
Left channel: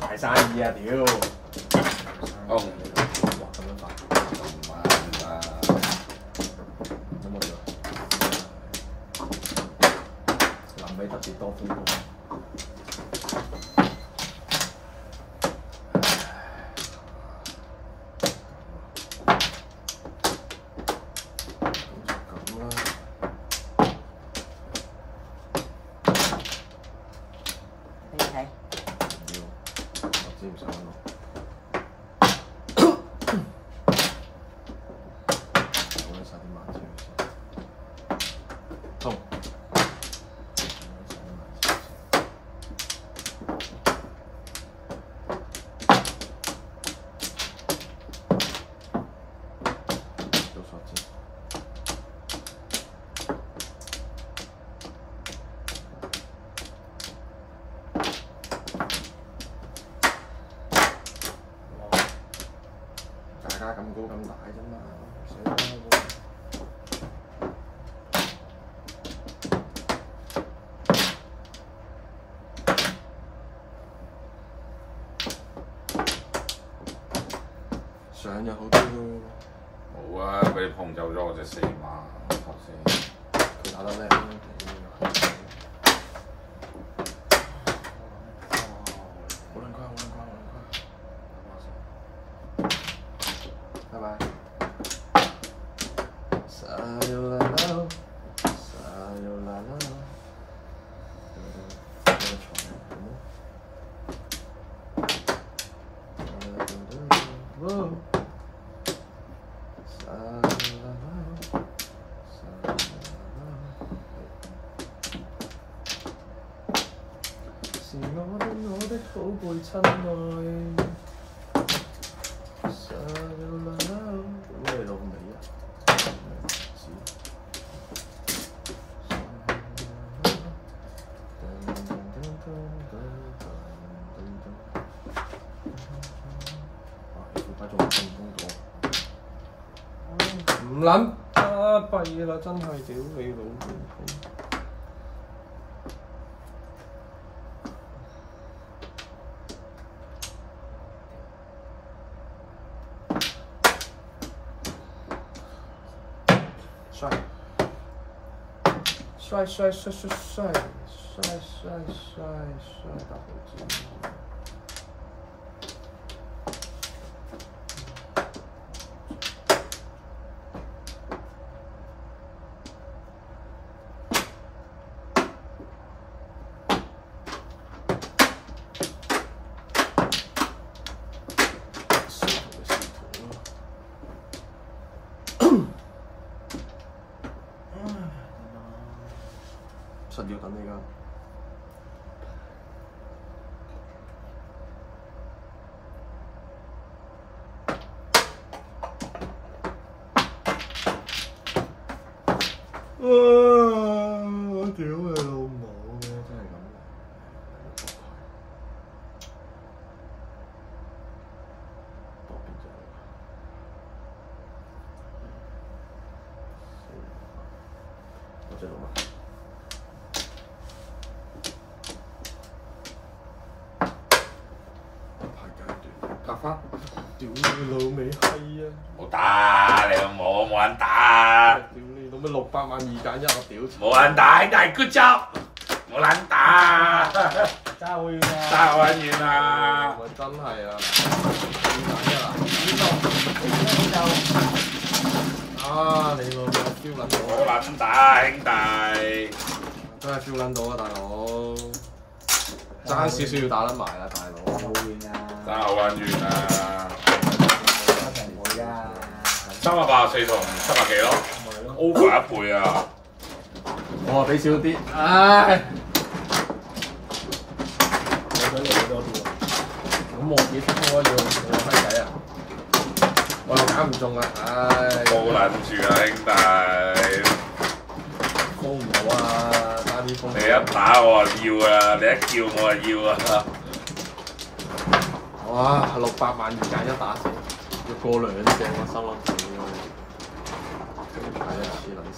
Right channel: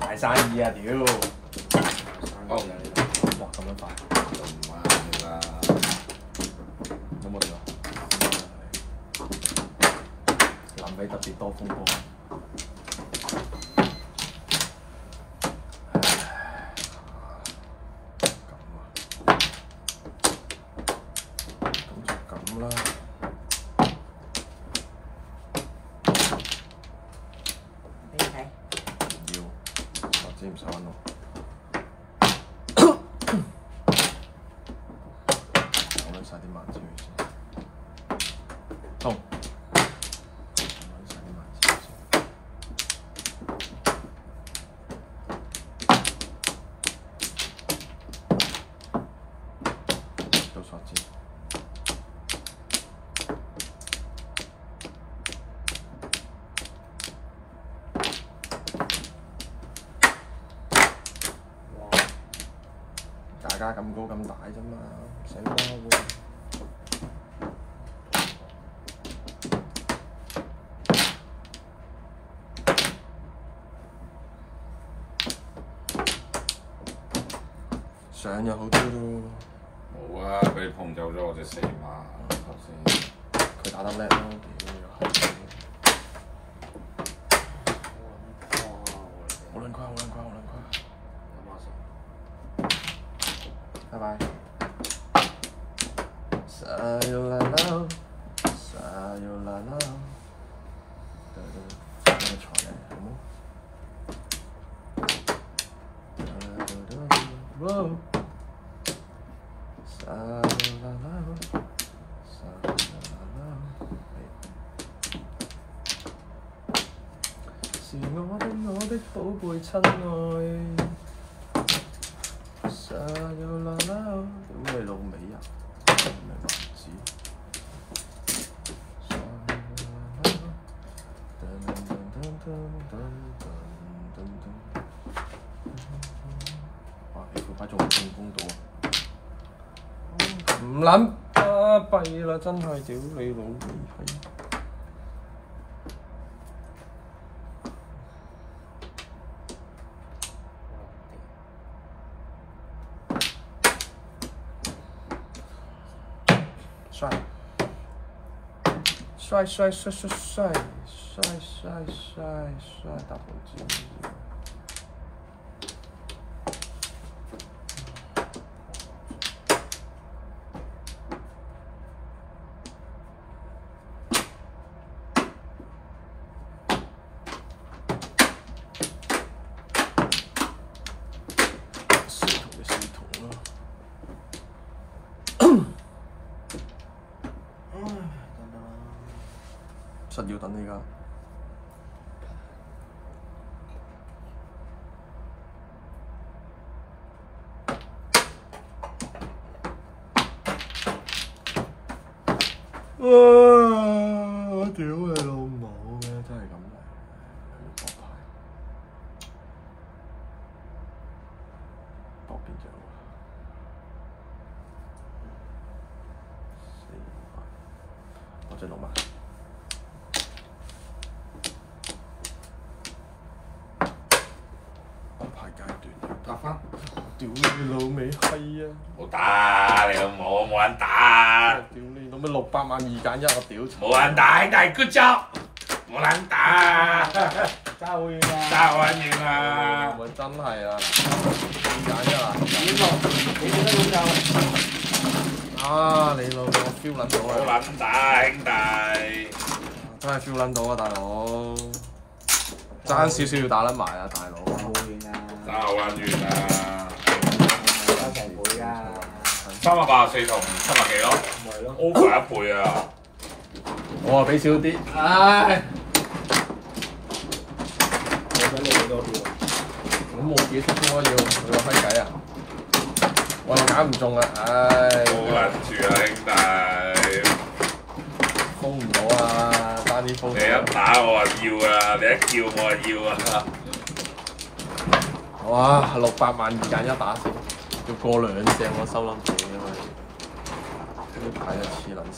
大生意啊！屌！好，哇咁樣快，唔啱啦。有冇點啊？臨尾特別多風波。俾你睇。我知唔使揾咯。講緊晒啲萬字先。好。講緊晒啲萬字先。咗我隻4碼頭先。佢打得叻咯。好撚乖，拜拜。Sayonara，是我的寶貝親愛。咁你老味啊？唔撚巴閉啦！真係屌你老味閪！帥大寶子！實要等你㗎。哇！屌你老母！真係咁多邊隻？我隻老麥。拍翻，屌你老味閪啊！冇打你老母，冇人打。屌你老味600萬2揀1，我屌！冇人打，兄弟 good job，冇撚打，爭好遠啊！爭好撚遠啊！真係啊！啊！你老母 feel 撚到冇撚打，兄弟。真係 feel 撚到啊，大佬！爭少少要打撚埋啊，大佬！好遠啊！爭好撚遠啊！一定會啊！384同700幾咯咪咯，over 1倍啊！我俾少啲，唉！我想你多啲喎。咁我自己出開要閪計啊！我又揀唔中啊，唉！冇撚住啊，兄弟！封唔到啊，差啲封。你一打我就要啊，你一叫我就要啊！哇！600萬2揀1打成，要過2隻我收撚住啊！呢排一次撚線。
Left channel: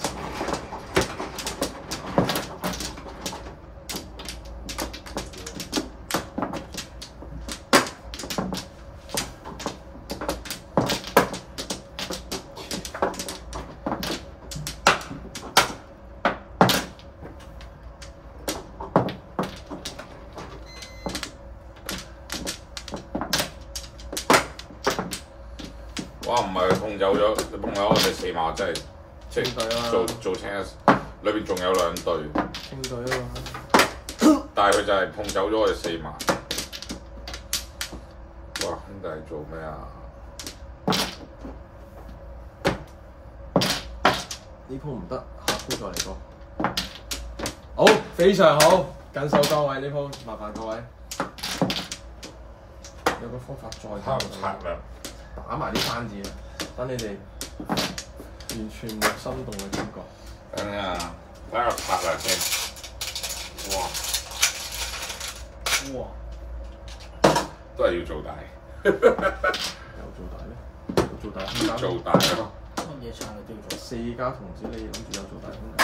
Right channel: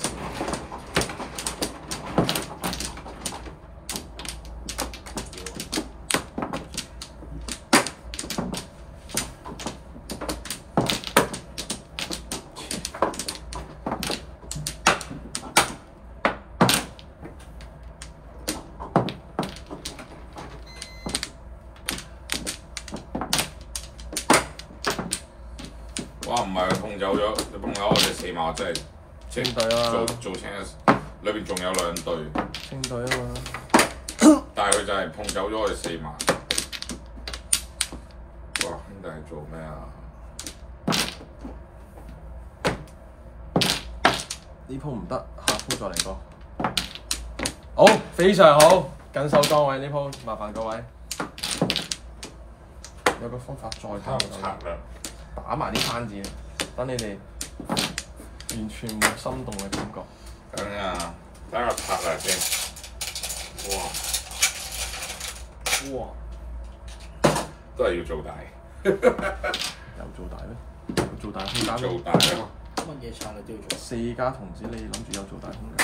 哇！唔係碰走咗，你碰走我哋4碼真係即係做清一，裏邊仲有2隊。清隊啊嘛！但係佢就係碰走咗我哋4碼。哇！兄弟做咩啊？呢鋪唔得，下鋪再嚟過。好，非常好，緊守崗位呢鋪，麻煩各位。有個方法再太殘啦！打埋啲單字，等你哋完全冇心動嘅感覺。等啊，等我拍下先。哇！哇！都係要做大。有做大咧？做大空間。做大咯！乜嘢策略都要做。4家童子，你諗住有做大空間？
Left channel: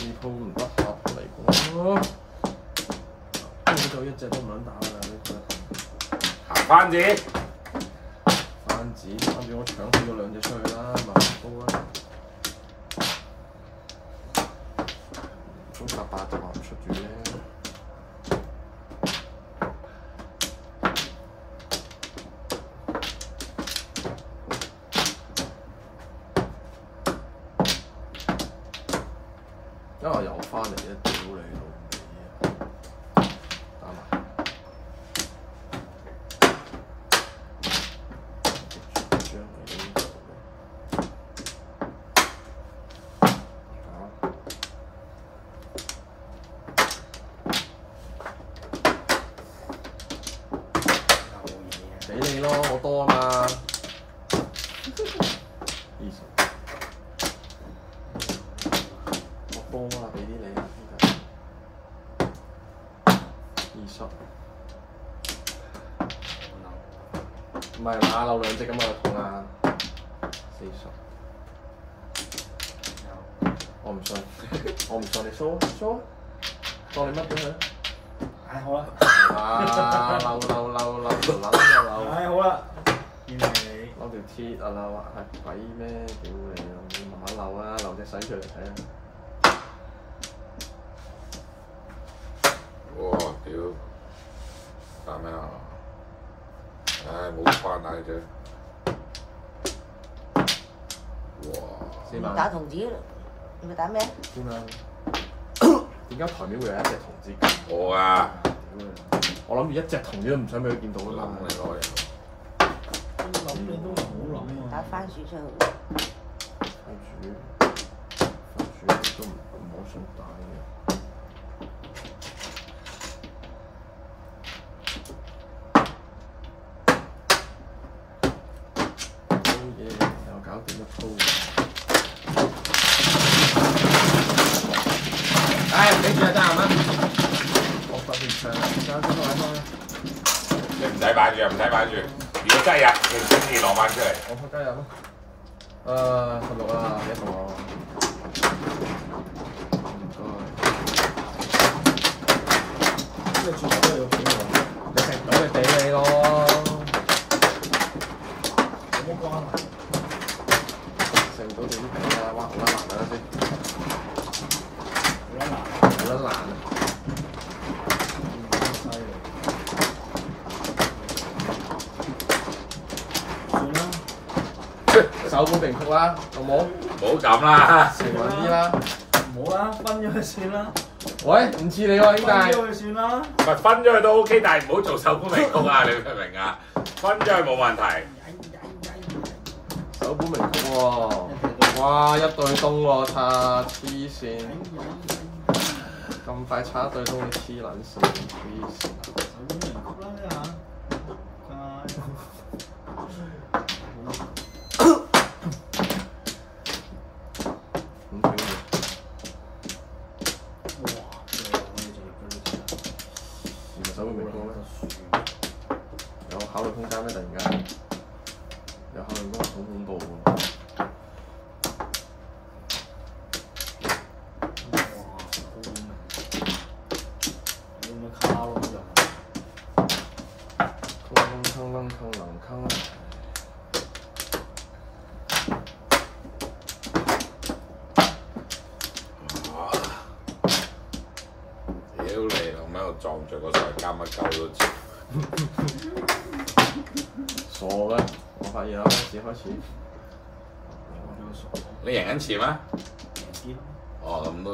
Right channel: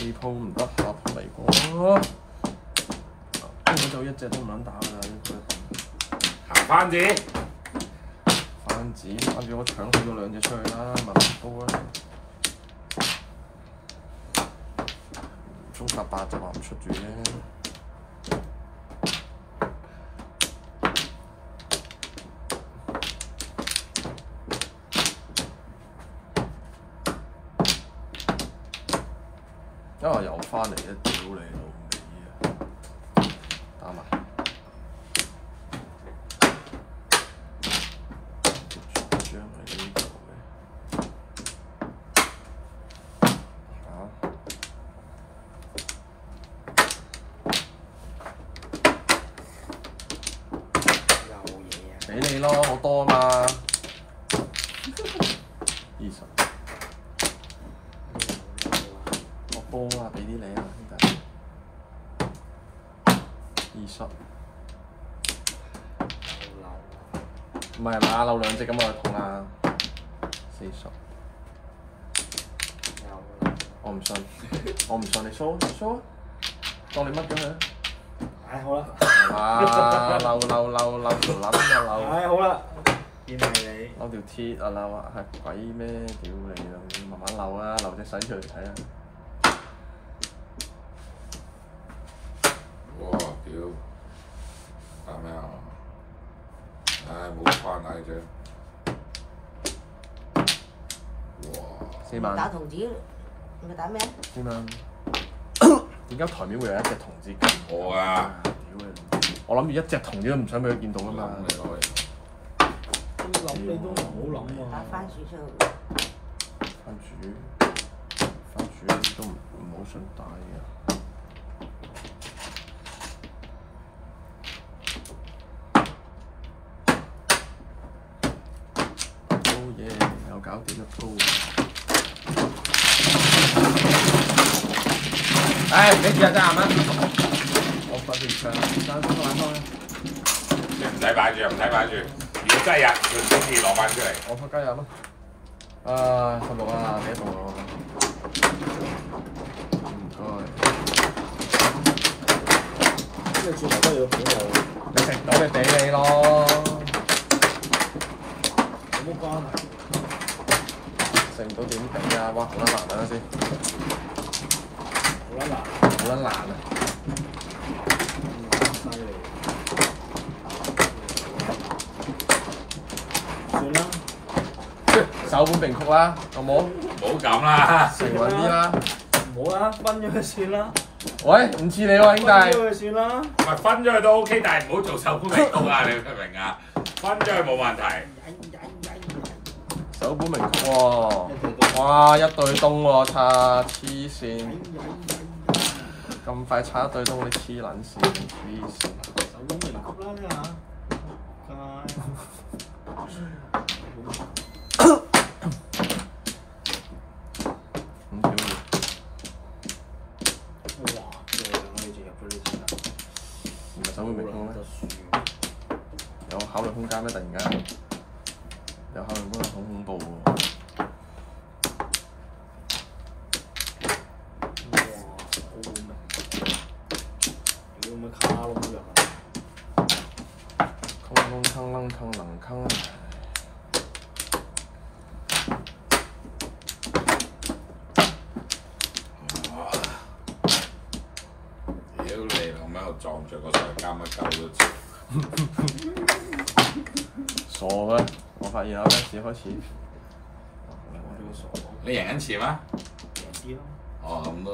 呢鋪唔得，下鋪嚟過。根本就一隻都唔撚打㗎啦，呢鋪。行翻字，子，跟住我搶起咗兩隻出去啦，咪高啦。中8就話唔出住啫。因為又翻嚟一屌你老味啊！打埋。俾你咯，我多啊嘛。20，我多啊，俾啲你啊，兄弟。20。唔係打漏兩隻咁就痛啦。40。我唔信，我唔信你蘇，當你乜咁樣？唉，好啦。漏，唉，好啦，見係你。攞條鐵啊漏啊，係鬼咩？屌你啊！你慢慢漏啊，漏隻洗出嚟睇下。哇！屌，打咩啊？唉，冇翻嚟啫。哇4萬。打童子，唔係打咩？4萬。點解台面會有一隻童子劍？我啊！我諗住一隻童子都唔想俾佢見到㗎嘛。諗你攞嘢。諗你都唔好諗打啊！番薯出。番薯都唔好想打嘅。好嘢，又搞掂一鋪。唉，你試下爭啱啊！我發現場爭先攞翻。你唔使擺住，唔使擺住。如果真係入，就先至攞翻出嚟。我開加入咯。啊，16啊，幾多啊？咁你轉頭都你要俾我，你食到你俾你咯。有冇關係？食唔到點俾啊？哇，好難等陣先。好啦，好得難啊！犀利。算啦，首本名曲啦，好冇？唔好咁啦。成穩啲啦。唔好啦，分咗佢算啦，喂，唔似你喎，兄弟。分咗佢算啦。唔係分咗佢都 OK，但係唔好做首本名曲啊！你明唔明啊？分咗佢冇問題。首本名曲喎。哇，一對東喎，擦黐線。咁快插一對東，你黐撚線，黐線。首本名曲啦，呢下。咁屌哇！我哋就入咗呢題啦。唔係首本名曲咩？得樹。有考慮空間咩？突然間有考慮空間，好恐怖喎！哇！好明。屌乜卡窿入啊？坑。屌你老味，我撞著個上監乜鳩都知。傻啦！我發現啦，開始。我呢個傻。你贏緊錢咩？贏啲咯。哦，咁都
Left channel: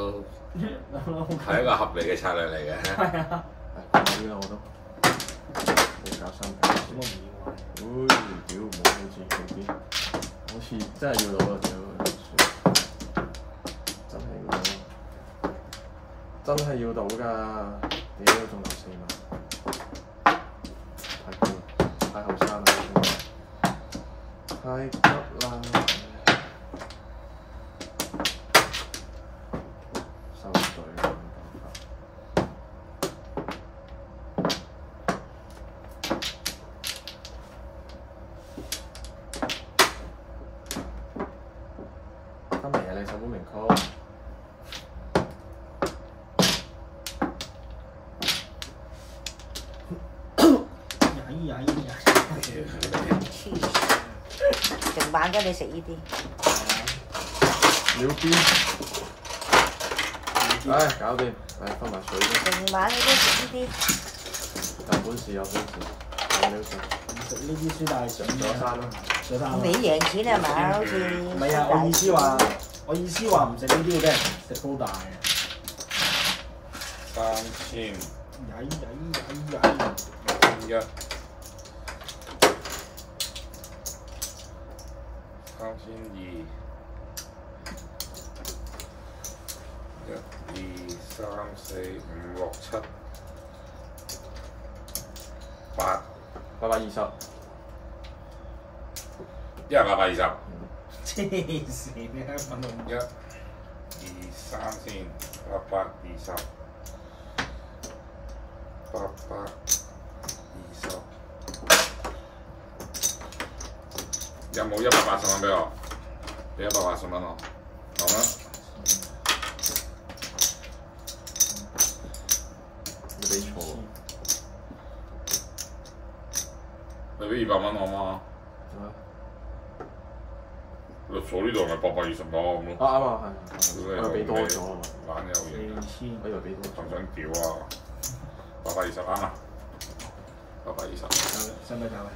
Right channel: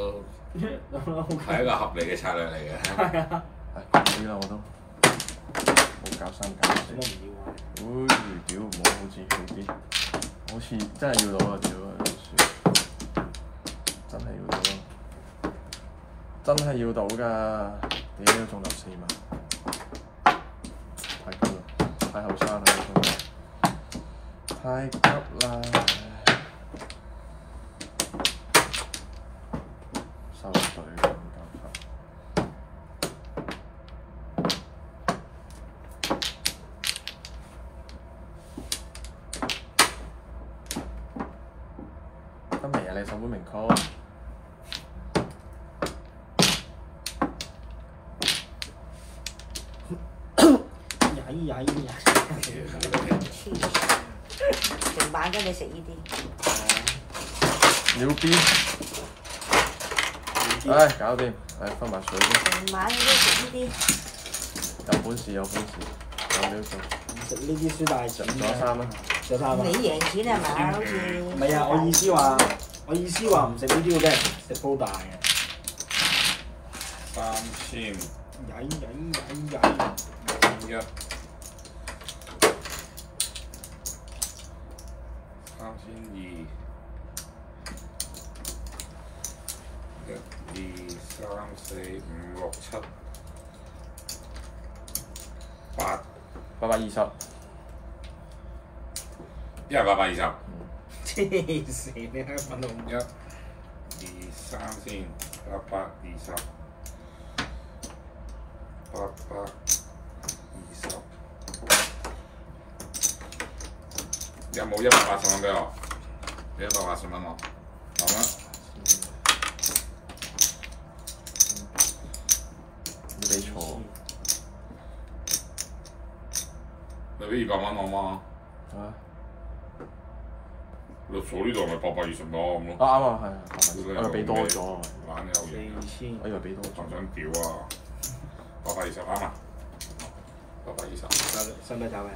係一個合理嘅策略嚟嘅。係啊。啲啦我都冇搞三搞。做乜唔要啊？屌唔好好似佢啲，好似真係要攞啊！屌，真係要到㗎！屌仲有4萬，太高，太後生啦！太急啦！收隊啦！今日你首本名曲。晚跟你食呢啲。秒邊，唉，搞掂，唉，分埋水先。成晚都食呢啲。有本事有本事，有料到。食呢啲輸大錢攞嘅，攞3你贏錢係咪？好似。唔係啊，我意思話唔食呢啲嘅啫，食煲大嘅。 3000，曳1，3200，1、2、3、4、5、6、7、8， 820。一人820。黐線你香港佬。1、2、3先，820。820，有冇180蚊俾我？俾180蚊我，好嗎？你俾錯，你俾200蚊我嗎？律所呢度咪820蚊咁咯。啱啊，係，啱俾多咗啊嘛，懶有嘢， 4000，我以為俾多咗。仲想屌啊！820啱啊！820。使唔使打嘅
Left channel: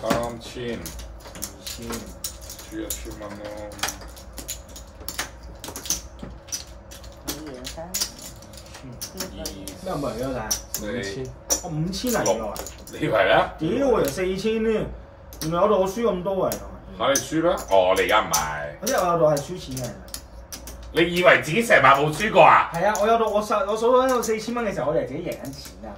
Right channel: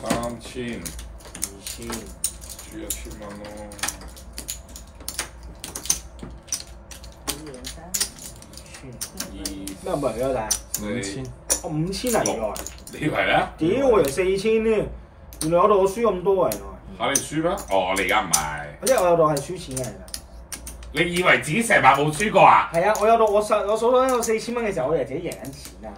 ？3000， 2000，輸1000蚊咯。咩唔係㗎大5000，我5000嚟㗎，你以為咧？屌我以為4000添，原來我度我輸咁多啊！嚇你輸咩？哦，你而家唔係。即係我度係輸錢嘅。你以為自己成晚冇輸過啊？係啊，我數到有4000蚊嘅時候，我以為自己贏緊錢啊！